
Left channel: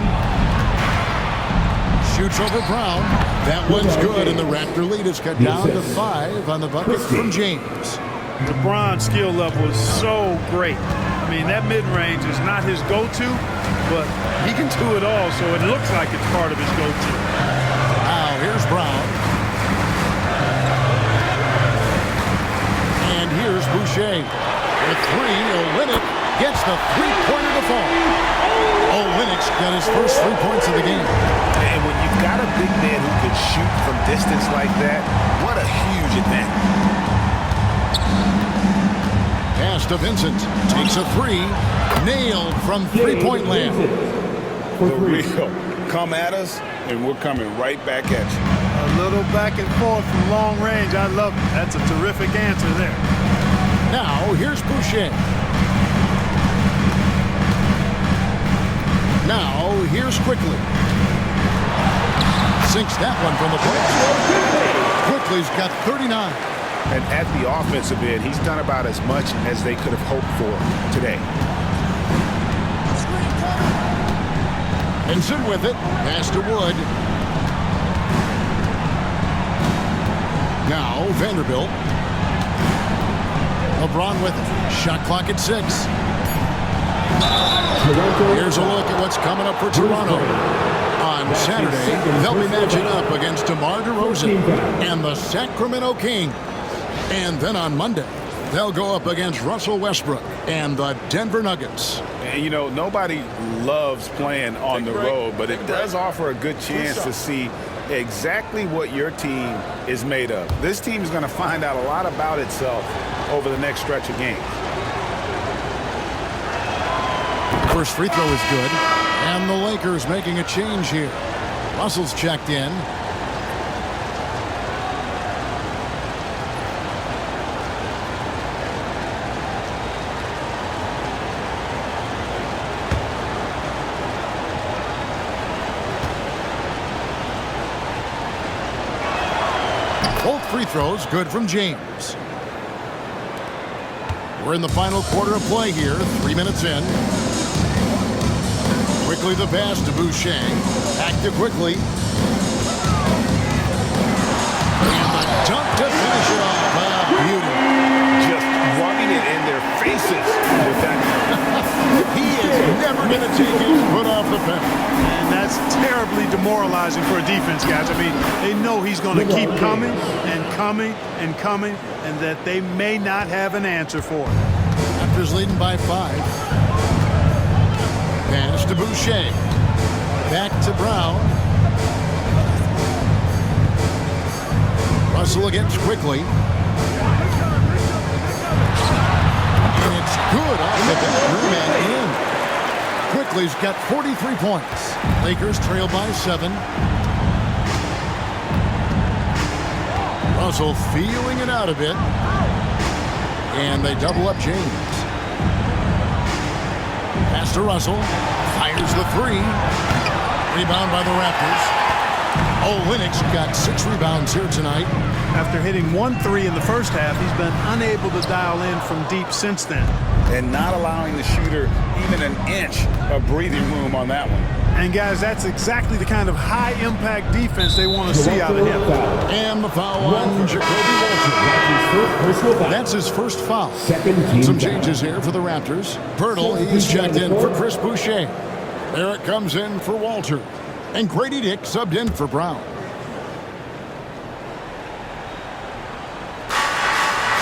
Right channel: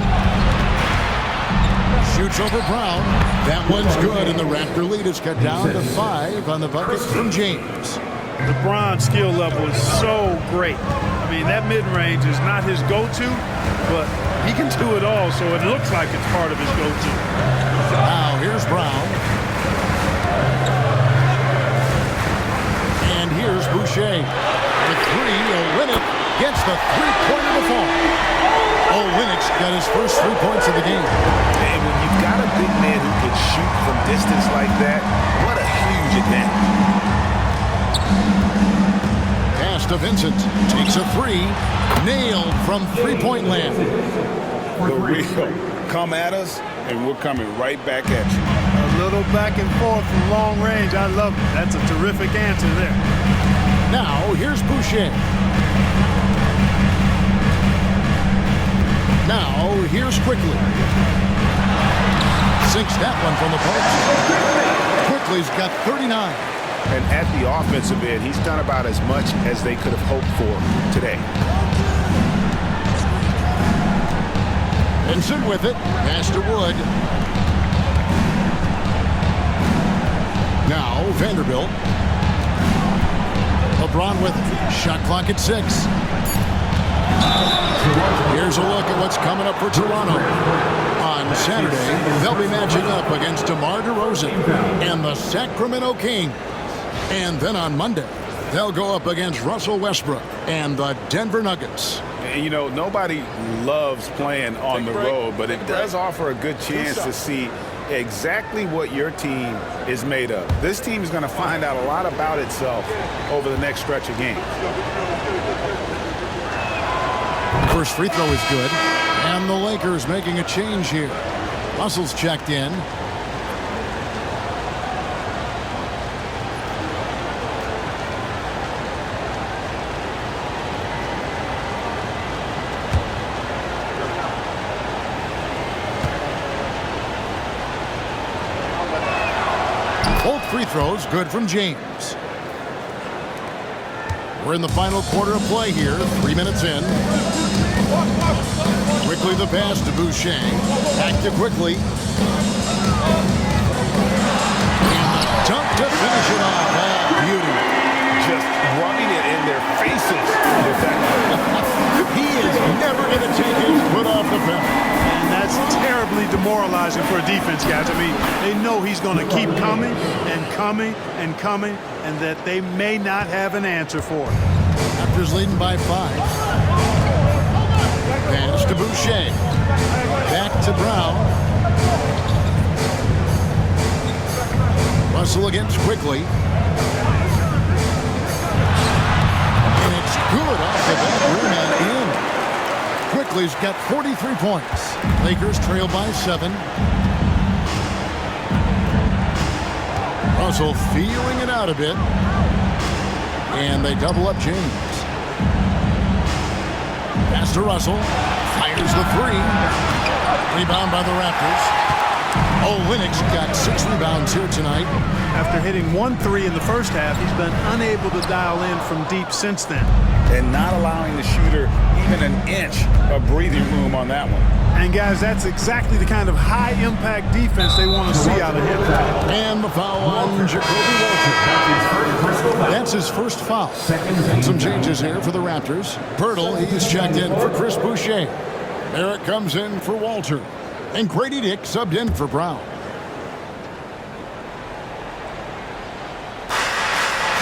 Shoots over Brown. That one's good, and the Raptor lead is cut down to 5 on the bucket from James. LeBron's skill level is so great. I mean, that mid-range is not his go-to, but he can do it all, so it looks like it's part of his go-to. Now, here's Brown. And here's Boucher. For 3, Olynyk gets the three-pointer to fall. Olynyk's got his first 3 points of the game. And when you've got a big man who can shoot from distance like that, what a huge advantage. Pass to Vincent. Takes a 3. Nailed from three-point land. The real. Come at us, and we're coming right back at you. A little back and forth from long range. I love it. That's a terrific answer there. Now, here's Boucher. Now, here's Quickly. Sinks that one from the post. Quickly's got 39. And at the offensive end, he's done about as much as they could have hoped for today. Vincent with it. Pass to Wood. Now, Vanderbilt. LeBron with it. Shot clock at 6. Here's a look at what's coming up for Toronto. On Saturday, they'll be matching up against DeMar DeRozan and the Sacramento Kings. And then on Monday, they'll go up against Russell Westbrook and the Denver Nuggets. And, you know, nobody loves playing on the road, but it does offer a good chance to see exactly what your team is made of. This team is going to find out a lot about itself over the next stretch of games. First free throw is good. And the Lakers making a change here. Russell's checked in. Both free throws good from James. We're in the final quarter of play here, 3 minutes in. Quickly the pass to Boucher. Back to Quickly. And the dunk to finish it off. Beauty. Just rubbing it in their faces with that. He is never going to take his foot off the pedal. And that's terribly demoralizing for a defense, guys. I mean, they know he's going to keep coming and coming and coming, and that they may not have an answer for it. Raptors leading by 5. Pass to Boucher. Back to Brown. Russell against Quickly. And it's good off the back rim and in. Quickly's got 43 points. Lakers trail by 7. Russell feeling it out a bit. And they double up James. Pass to Russell. Fires the 3. Rebound by the Raptors. Olynyk's got 6 rebounds here tonight. After hitting 1 3 in the first half, he's been unable to dial in from deep since then. And not allowing the shooter even an inch of breathing room on that one. And guys, that's exactly the kind of high-impact defense they want to see out of him. And the foul on Jacoby Walter. That's his first foul. And some changes here for the Raptors. Pirtle, he's checked in for Chris Boucher. Barrett comes in for Walter. And Grady Dick subbed in for Brown.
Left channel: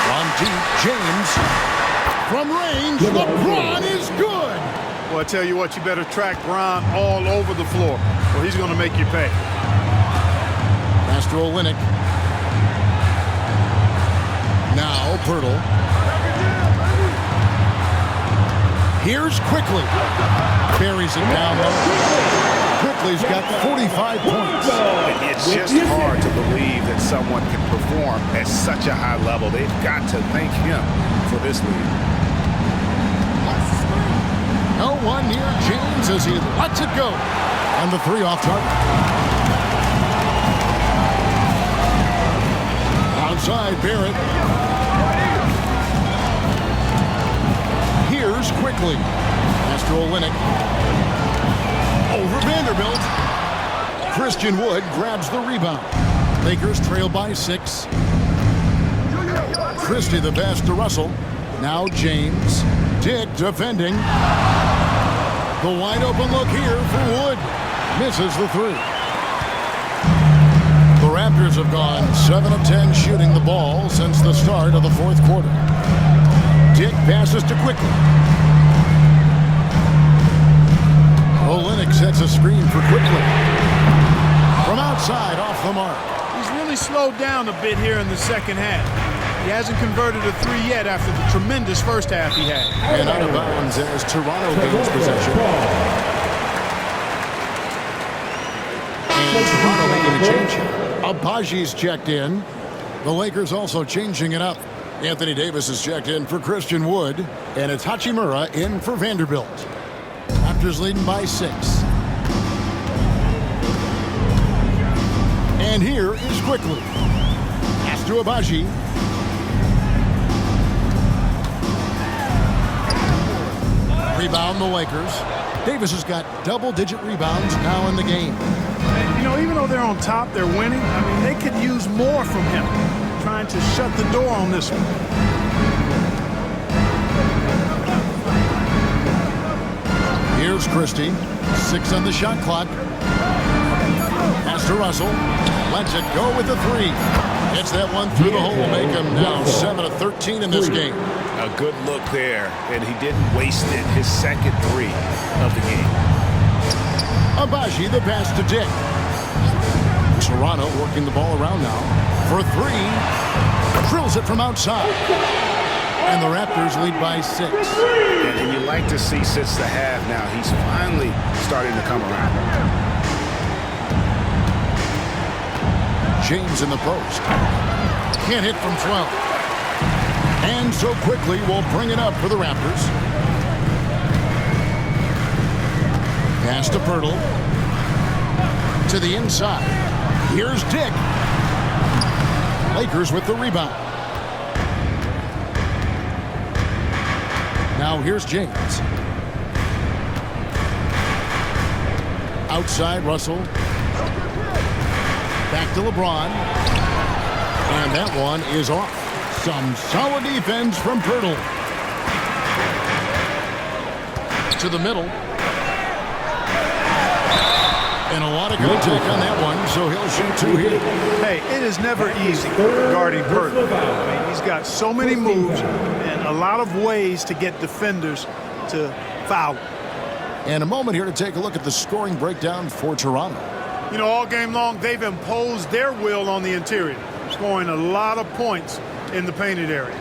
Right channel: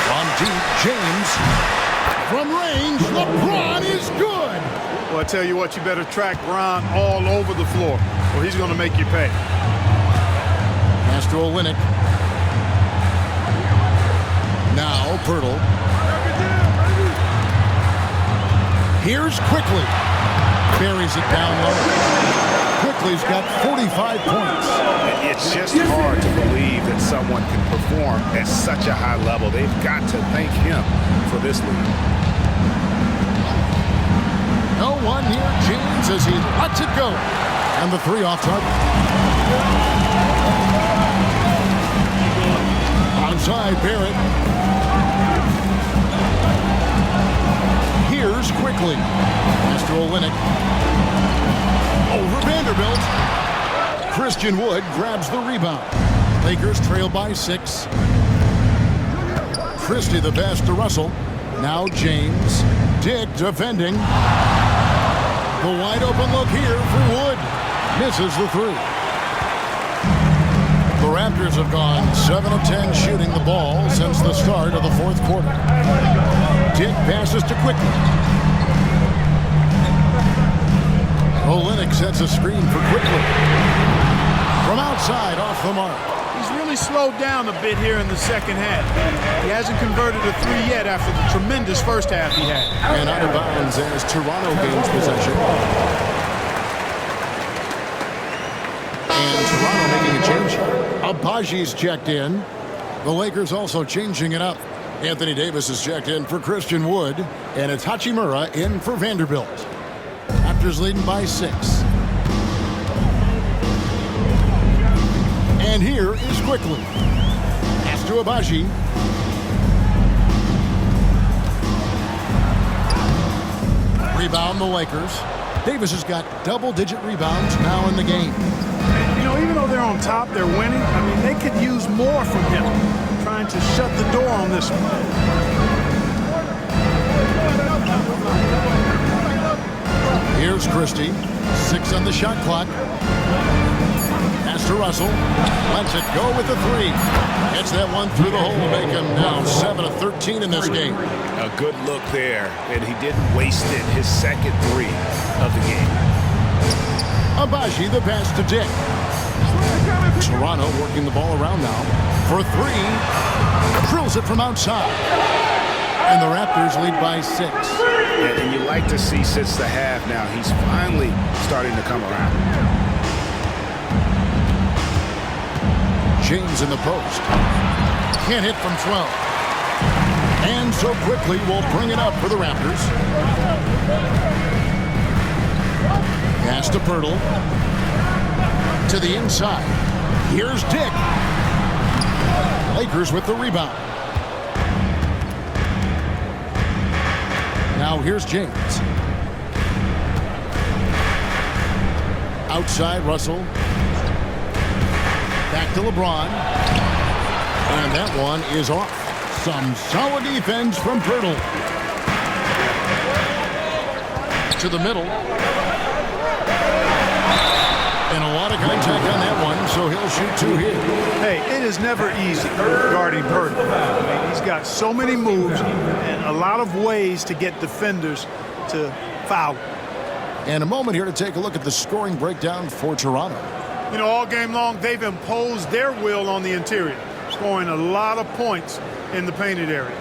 From deep, James. From range, LeBron is good. Well, I tell you what, you better track Brown all over the floor, or he's going to make you pay. Pass to Olynyk. Now Pirtle. Here's Quickly. Buries it down low. Quickly's got 45 points. It's just hard to believe that someone can perform at such a high level. They've got to thank him for this lead. No one near James as he lets it go. And the 3 off target. Onside Barrett. Here's quickly. Pass to Olynyk. Over Vanderbilt. Christian Wood grabs the rebound. Lakers trail by 6. Christie the pass to Russell. Now James. Dick defending. The wide open look here for Wood. Misses the 3. The Raptors have gone 7 of 10 shooting the ball since the start of the 4th quarter. Dick passes to Quickly. Olynyk sets a screen for Quickly. From outside, off the mark. He's really slowed down a bit here in the second half. He hasn't converted a 3 yet after the tremendous first half he had. And out of bounds as Toronto gains possession. And Toronto making a change here. Abaji's checked in. The Lakers also changing it up. Anthony Davis is checked in for Christian Wood. And it's Hachimura in for Vanderbilt. Raptors leading by 6. And here is Quickly. Pass to Abaji. Rebound the Lakers. Davis has got double-digit rebounds now in the game. And, even though they're on top, they're winning. I mean, they could use more from him. Trying to shut the door on this one. Here's Christie. 6 on the shot clock. Pass to Russell. Lets it go with the 3. Hits that one through the hole. Make him now 7 of 13 in this game. A good look there, and he didn't waste it. His second 3 of the game. Abaji the pass to Dick. Toronto working the ball around now for 3. Drills it from outside. And the Raptors lead by 6. And you like to see since the half now, he's finally starting to come around. James in the post. Can't hit from 12. And so Quickly will bring it up for the Raptors. Pass to Pirtle. To the inside. Here's Dick. Lakers with the rebound. Now here's James. Outside Russell. Back to LeBron. And that one is off. Some solid defense from Pirtle. To the middle. And a lot of contact on that one, so he'll shoot 2 here. Hey, it is never easy guarding Pirtle. I mean, he's got so many moves and a lot of ways to get defenders to foul. And a moment here to take a look at the scoring breakdown for Toronto. All game long, they've imposed their will on the interior, scoring a lot of points in the painted area.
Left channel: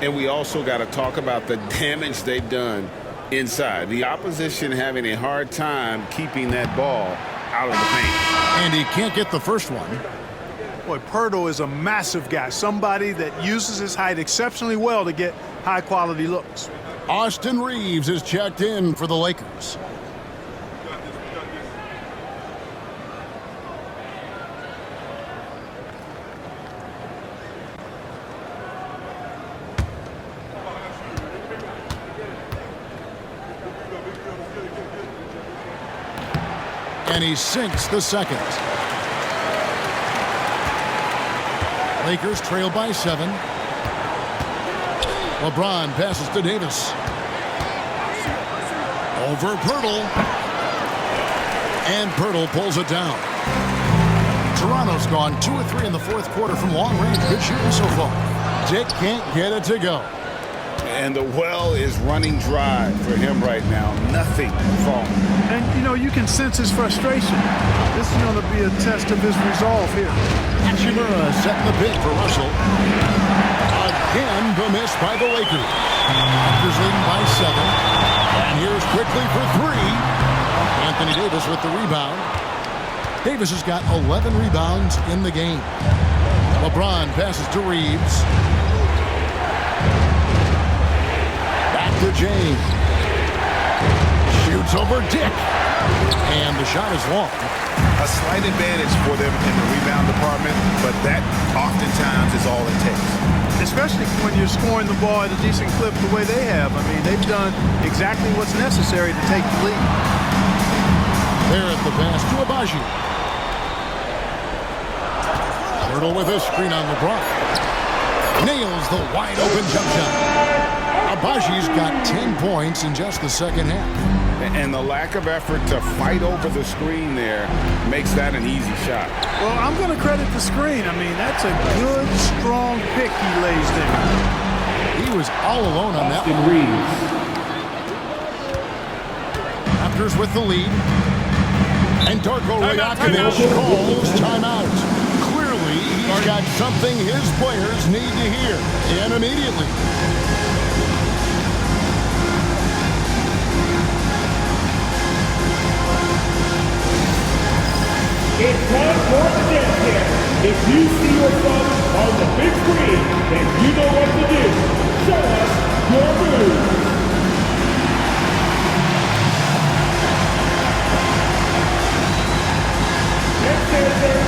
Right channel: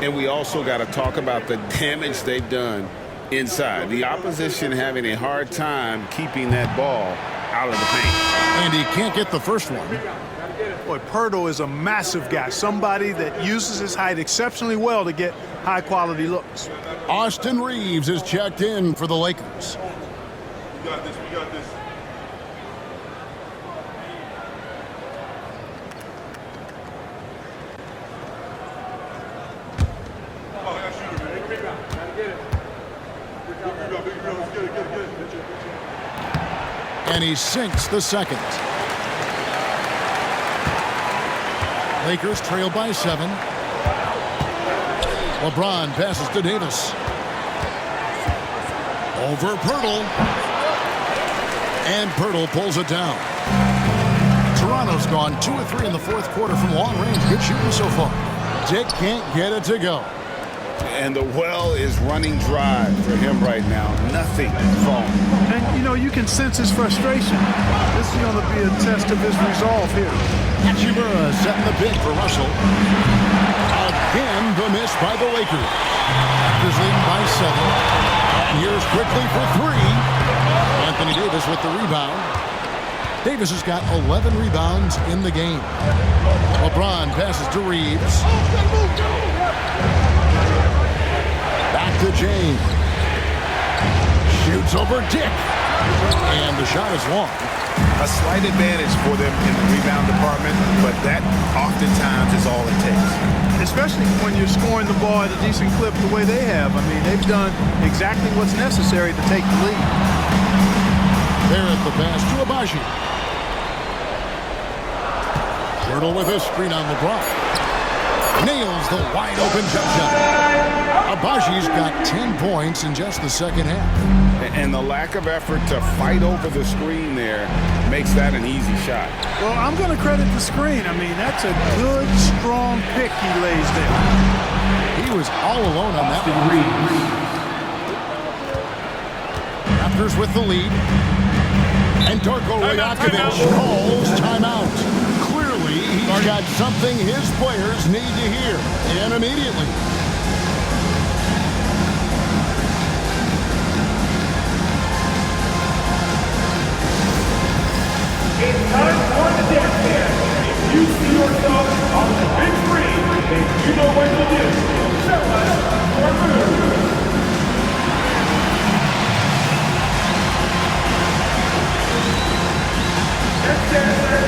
And we also got to talk about the damage they've done inside. The opposition having a hard time keeping that ball out of the paint. And he can't get the first one. Boy, Pirtle is a massive guy, somebody that uses his height exceptionally well to get high-quality looks. Austin Reeves is checked in for the Lakers. We got this. And he sinks the second. Lakers trail by 7. LeBron passes to Davis. Over Pirtle. And Pirtle pulls it down. Toronto's gone 2 of 3 in the 4th quarter from long range. Good shooting so far. Dick can't get it to go. And the well is running dry for him right now. Nothing falling. And, you can sense his frustration. This is going to be a test of his resolve here. Hachimura setting the pick for Russell. Again, the miss by the Lakers. Raptors leading by 7. And here's Quickly for 3. Anthony Davis with the rebound. Davis has got 11 rebounds in the game. LeBron passes to Reeves. Back to James. Shoots over Dick. And the shot is long. A slight advantage for them in the rebound department, but that oftentimes is all it takes. Especially when you're scoring the ball at a decent clip the way they have. I mean, they've done exactly what's necessary to take the lead. There at the pass to Agbaji. Hurdle with a screen on LeBron. Nails the wide open jump shot. Agbaji's got 10 points in just the second half. And the lack of effort to fight over the screen there makes that an easy shot. Well, I'm going to credit the screen. I mean, that's a good, strong pick he lays there. He was all alone on that one. Raptors with the lead. And Darko Rajakovic calls timeout. Clearly, he's got something his players need to hear, and immediately. It's time for the dance dance. If you see yourself on the big screen, then you know what to do. Show us your moves. Next dancer.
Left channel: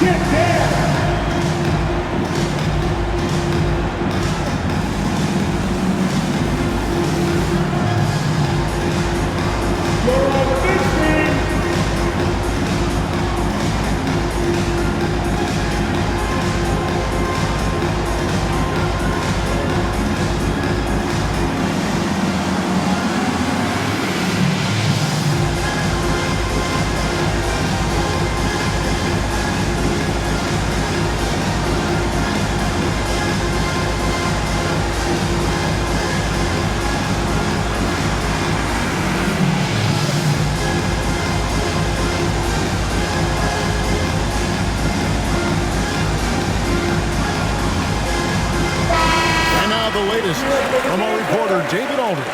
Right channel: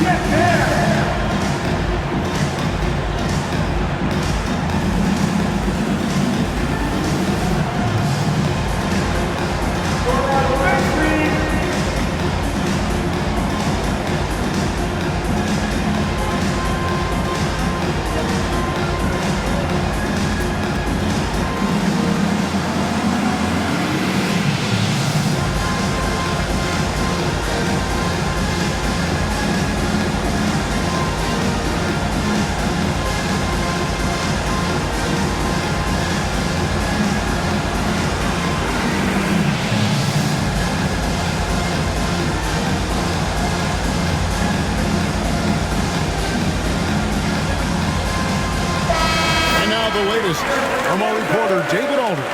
Get there! You're on the big screen! The latest from our reporter, David Aldridge.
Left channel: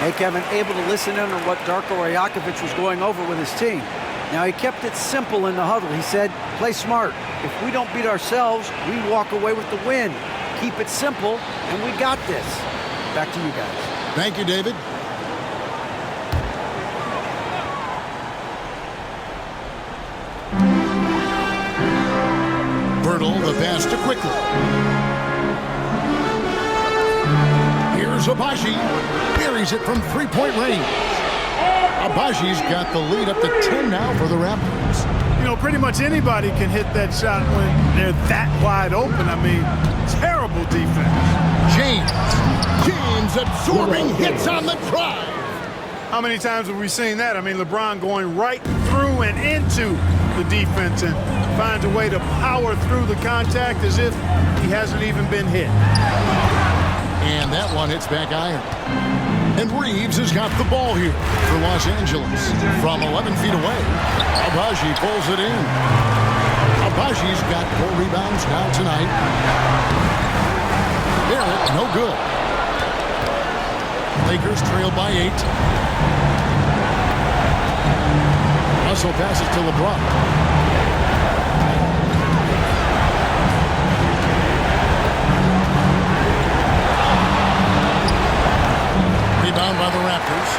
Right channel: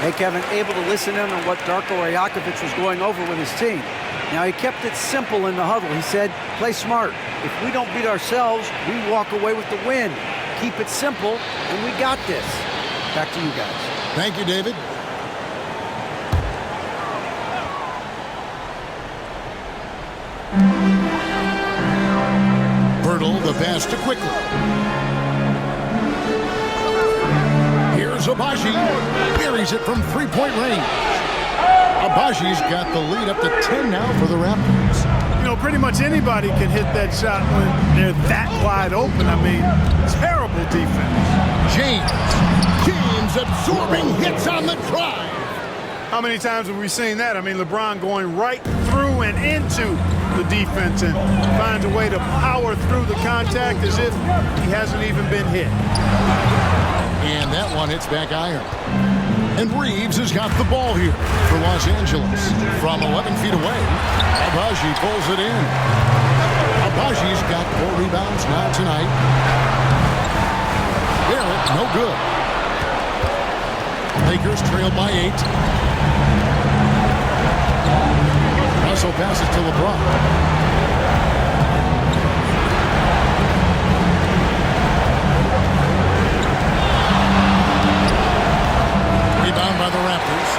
Hey, Kevin, able to listen in on what Darko Rajakovic was going over with his team. Now, he kept it simple in the huddle. He said, play smart. If we don't beat ourselves, we walk away with the win. Keep it simple, and we got this. Back to you guys. Thank you, David. Bertle, the pass to Quickly. Here's Agbaji. Buries it from three-point range. Agbaji's got the lead up to 10 now for the Raptors. You know, pretty much anybody can hit that shot when they're that wide open. I mean, terrible defense. James absorbing hits on the drive. How many times have we seen that? I mean, LeBron going right through and into the defense and finds a way to power through the contact as if he hasn't even been hit. And that one hits back iron. And Reeves has got the ball here for Los Angeles. From 11 feet away, Agbaji pulls it in. Agbaji's got 4 rebounds now tonight. Barrett, no good. Lakers trail by 8. Russell passes to LeBron. Rebound by the Raptors.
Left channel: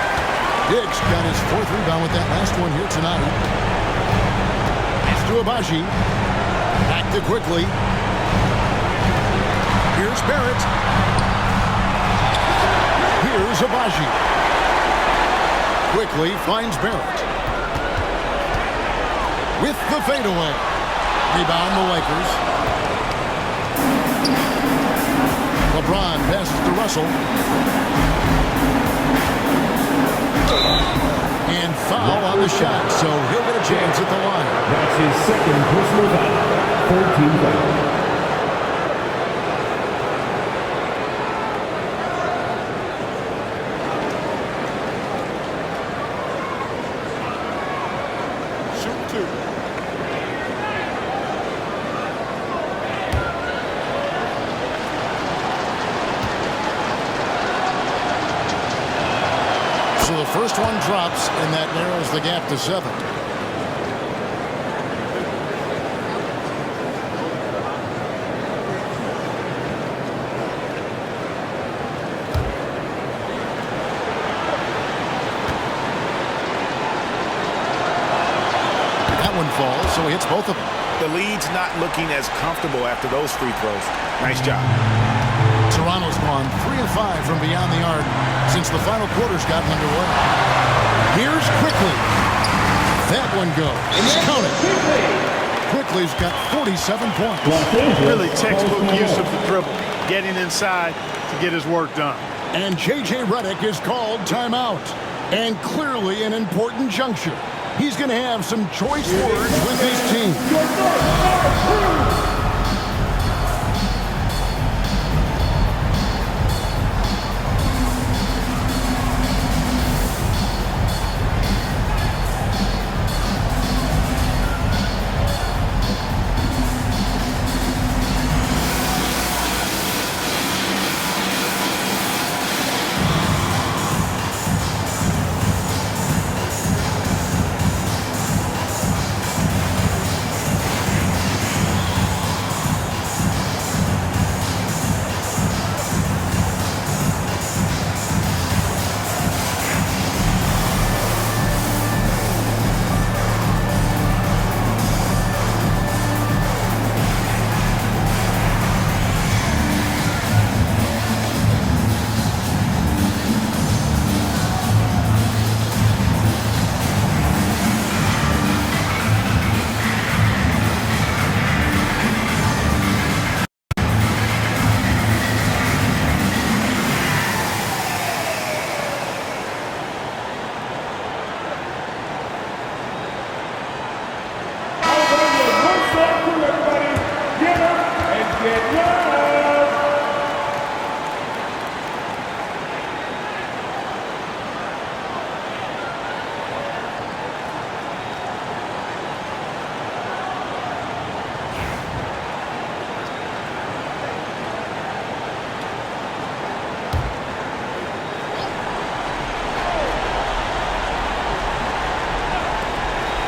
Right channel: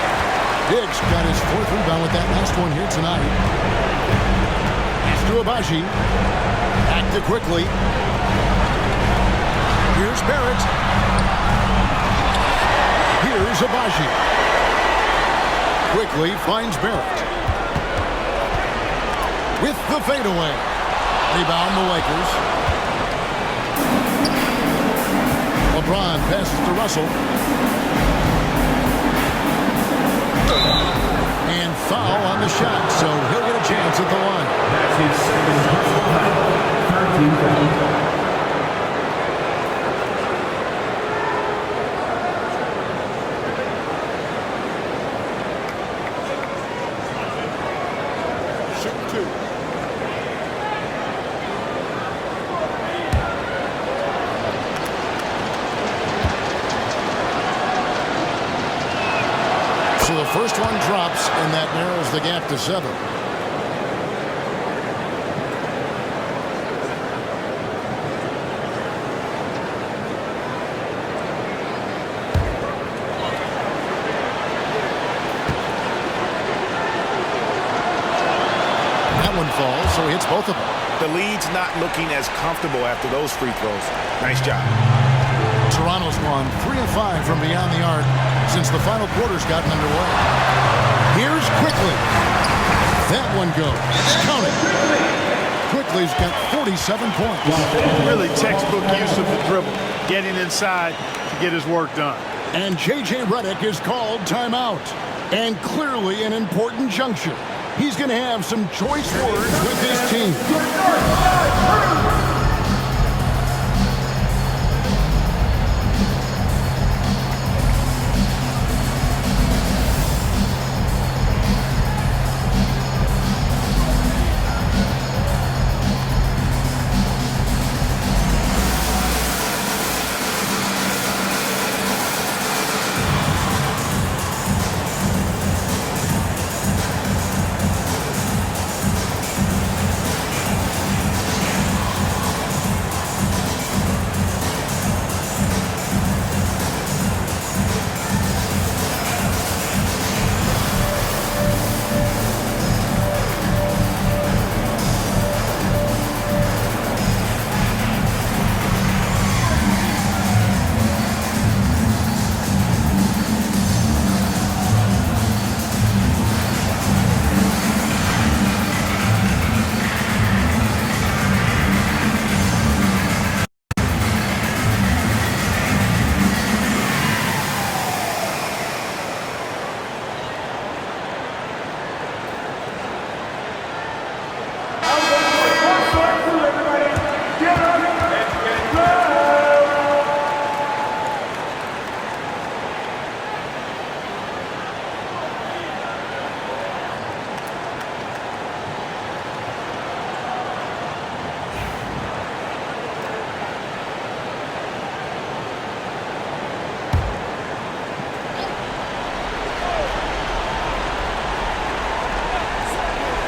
Diggs got his 4th rebound with that last one here tonight. Pass to Agbaji. Back to Quickly. Here's Barrett. Here's Agbaji. Quickly finds Barrett. With the fadeaway. Rebound the Lakers. LeBron passes to Russell. And foul on the shot, so he'll get a chance at the line. That's his second personal foul. 3rd team foul. Shoot 2. So the first one drops, and that narrows the gap to 7. That one falls, so he hits both of them. The lead's not looking as comfortable after those free throws. Nice job. Toronto's gone 3 of 5 from beyond the arc since the final quarter's gotten underway. Here's Quickly. That one goes. Count it. Quickly's got 47 points. Really textbook use of the dribble, getting inside to get his work done. And J.J. Redick is called timeout. And clearly an important juncture. He's going to have some choice words with his team.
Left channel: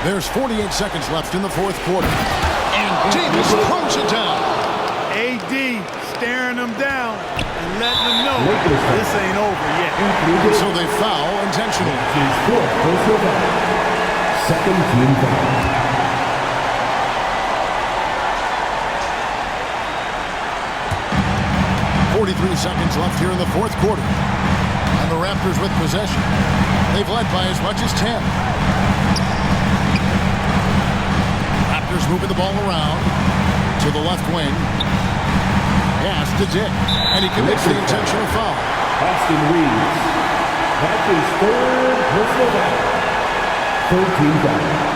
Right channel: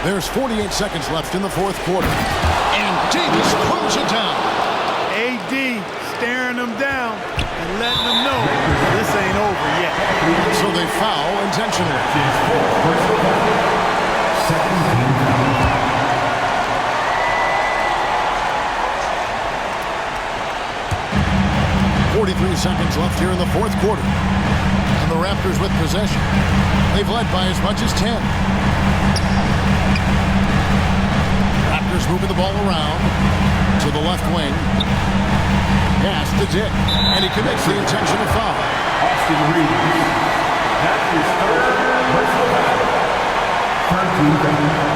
There's 48 seconds left in the fourth quarter. And Davis throws it down. AD staring them down and letting them know this ain't over yet. So they foul intentionally. Second team foul. 43 seconds left here in the fourth quarter. And the Raptors with possession. They've led by as much as 10. Raptors moving the ball around to the left wing. Pass to Dick. And he commits the intentional foul. Austin Reeves. That is third personal foul. Third team foul.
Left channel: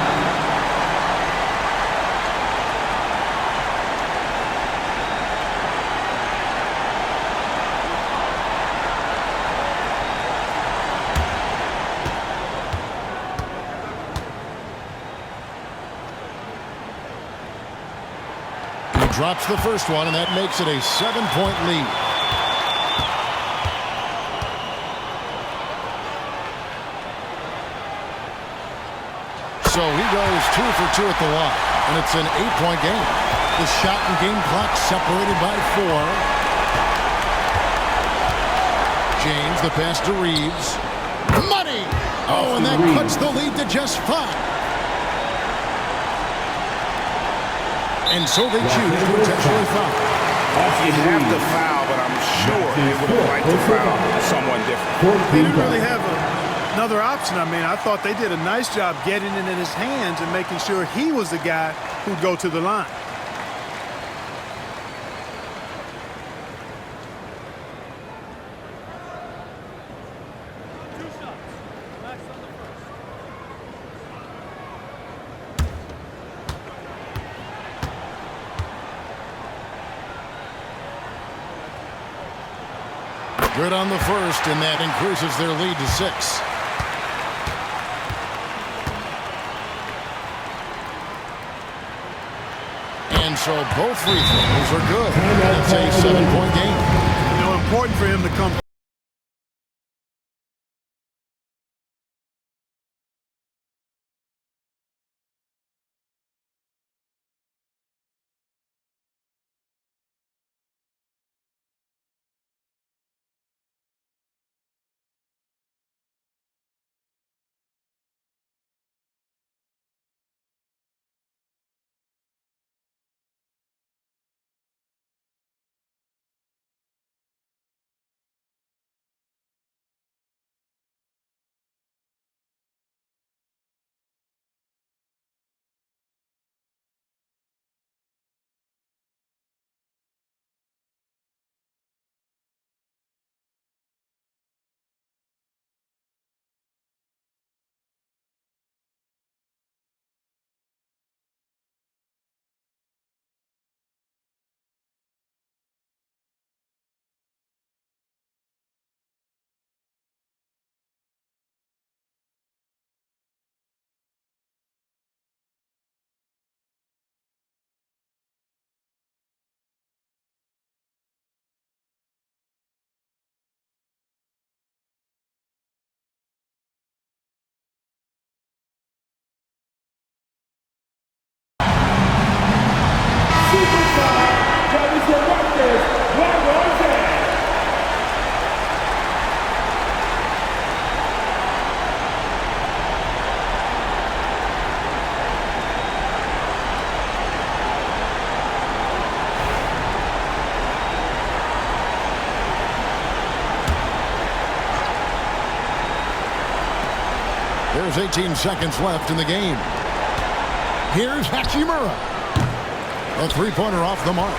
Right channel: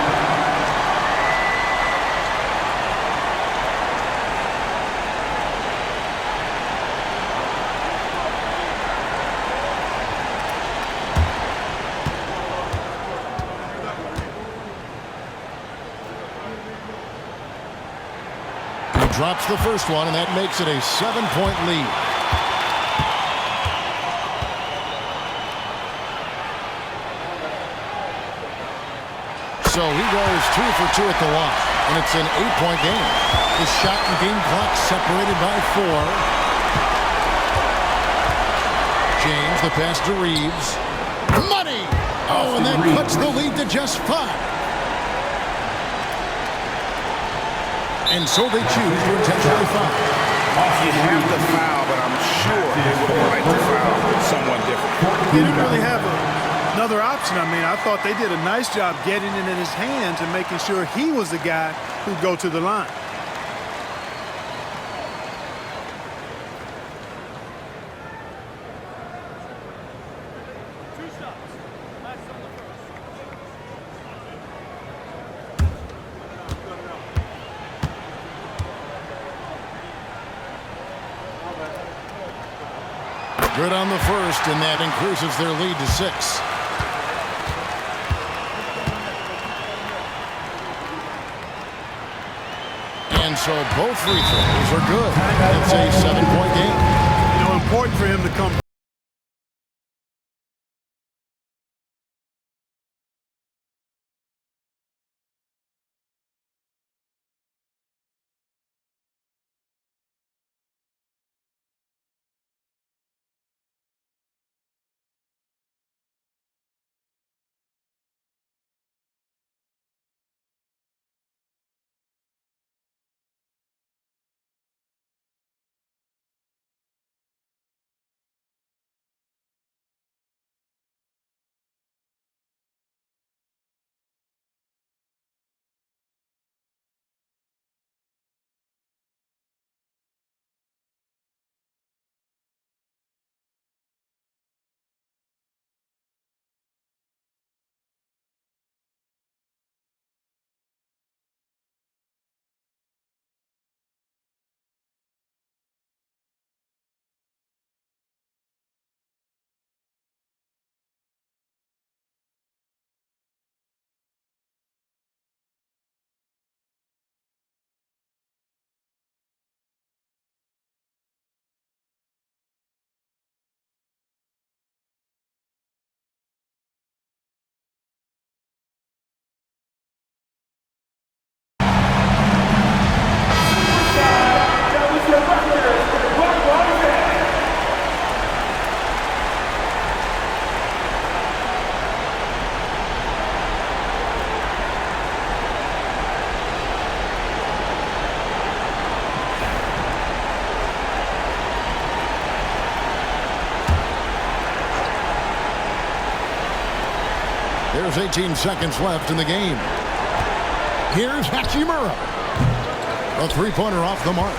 Drops the first one, and that makes it a 7-point lead. So he goes 2 for 2 at the line, and it's an 8-point game. The shot and game clock separated by 4. James, the pass to Reeves. Money! Oh, and that cuts the lead to just 5. And so they choose to intentionally foul. You have to foul, but I'm sure they would have liked to foul someone different. They didn't really have another option. I mean, I thought they did a nice job getting it in his hands and making sure he was the guy who'd go to the line. Good on the first, and that increases their lead to 6. And so both free throws are good. It's a 7-point game. You know, important for him to come There's 18 seconds left in the game. Here's Hachimura. A three-pointer off the mark.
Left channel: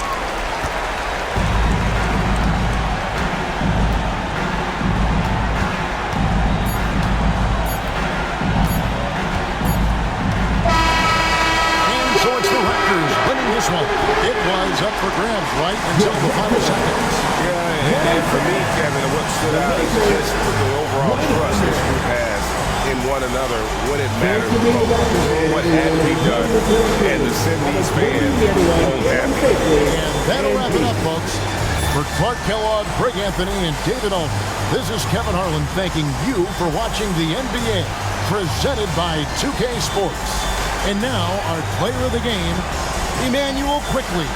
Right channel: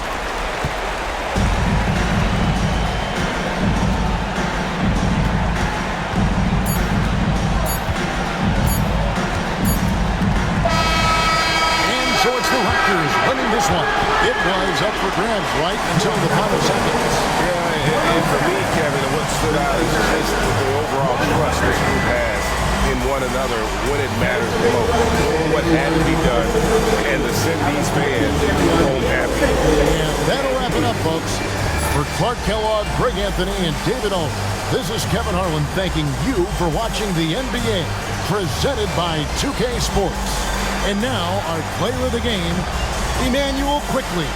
And so it's the Raptors winning this one. It was up for grabs right until the final seconds. Yeah, and for me, Kevin, what stood out is just the overall trust this group has in one another when it matters the most. Doing what had to be done and to send these fans home happy. And that'll wrap it up, folks. For Clark Kellogg, Greg Anthony, and David Owen, this is Kevin Harlan thanking you for watching the NBA, presented by 2K Sports. And now, our player of the game, Emmanuel Quickley.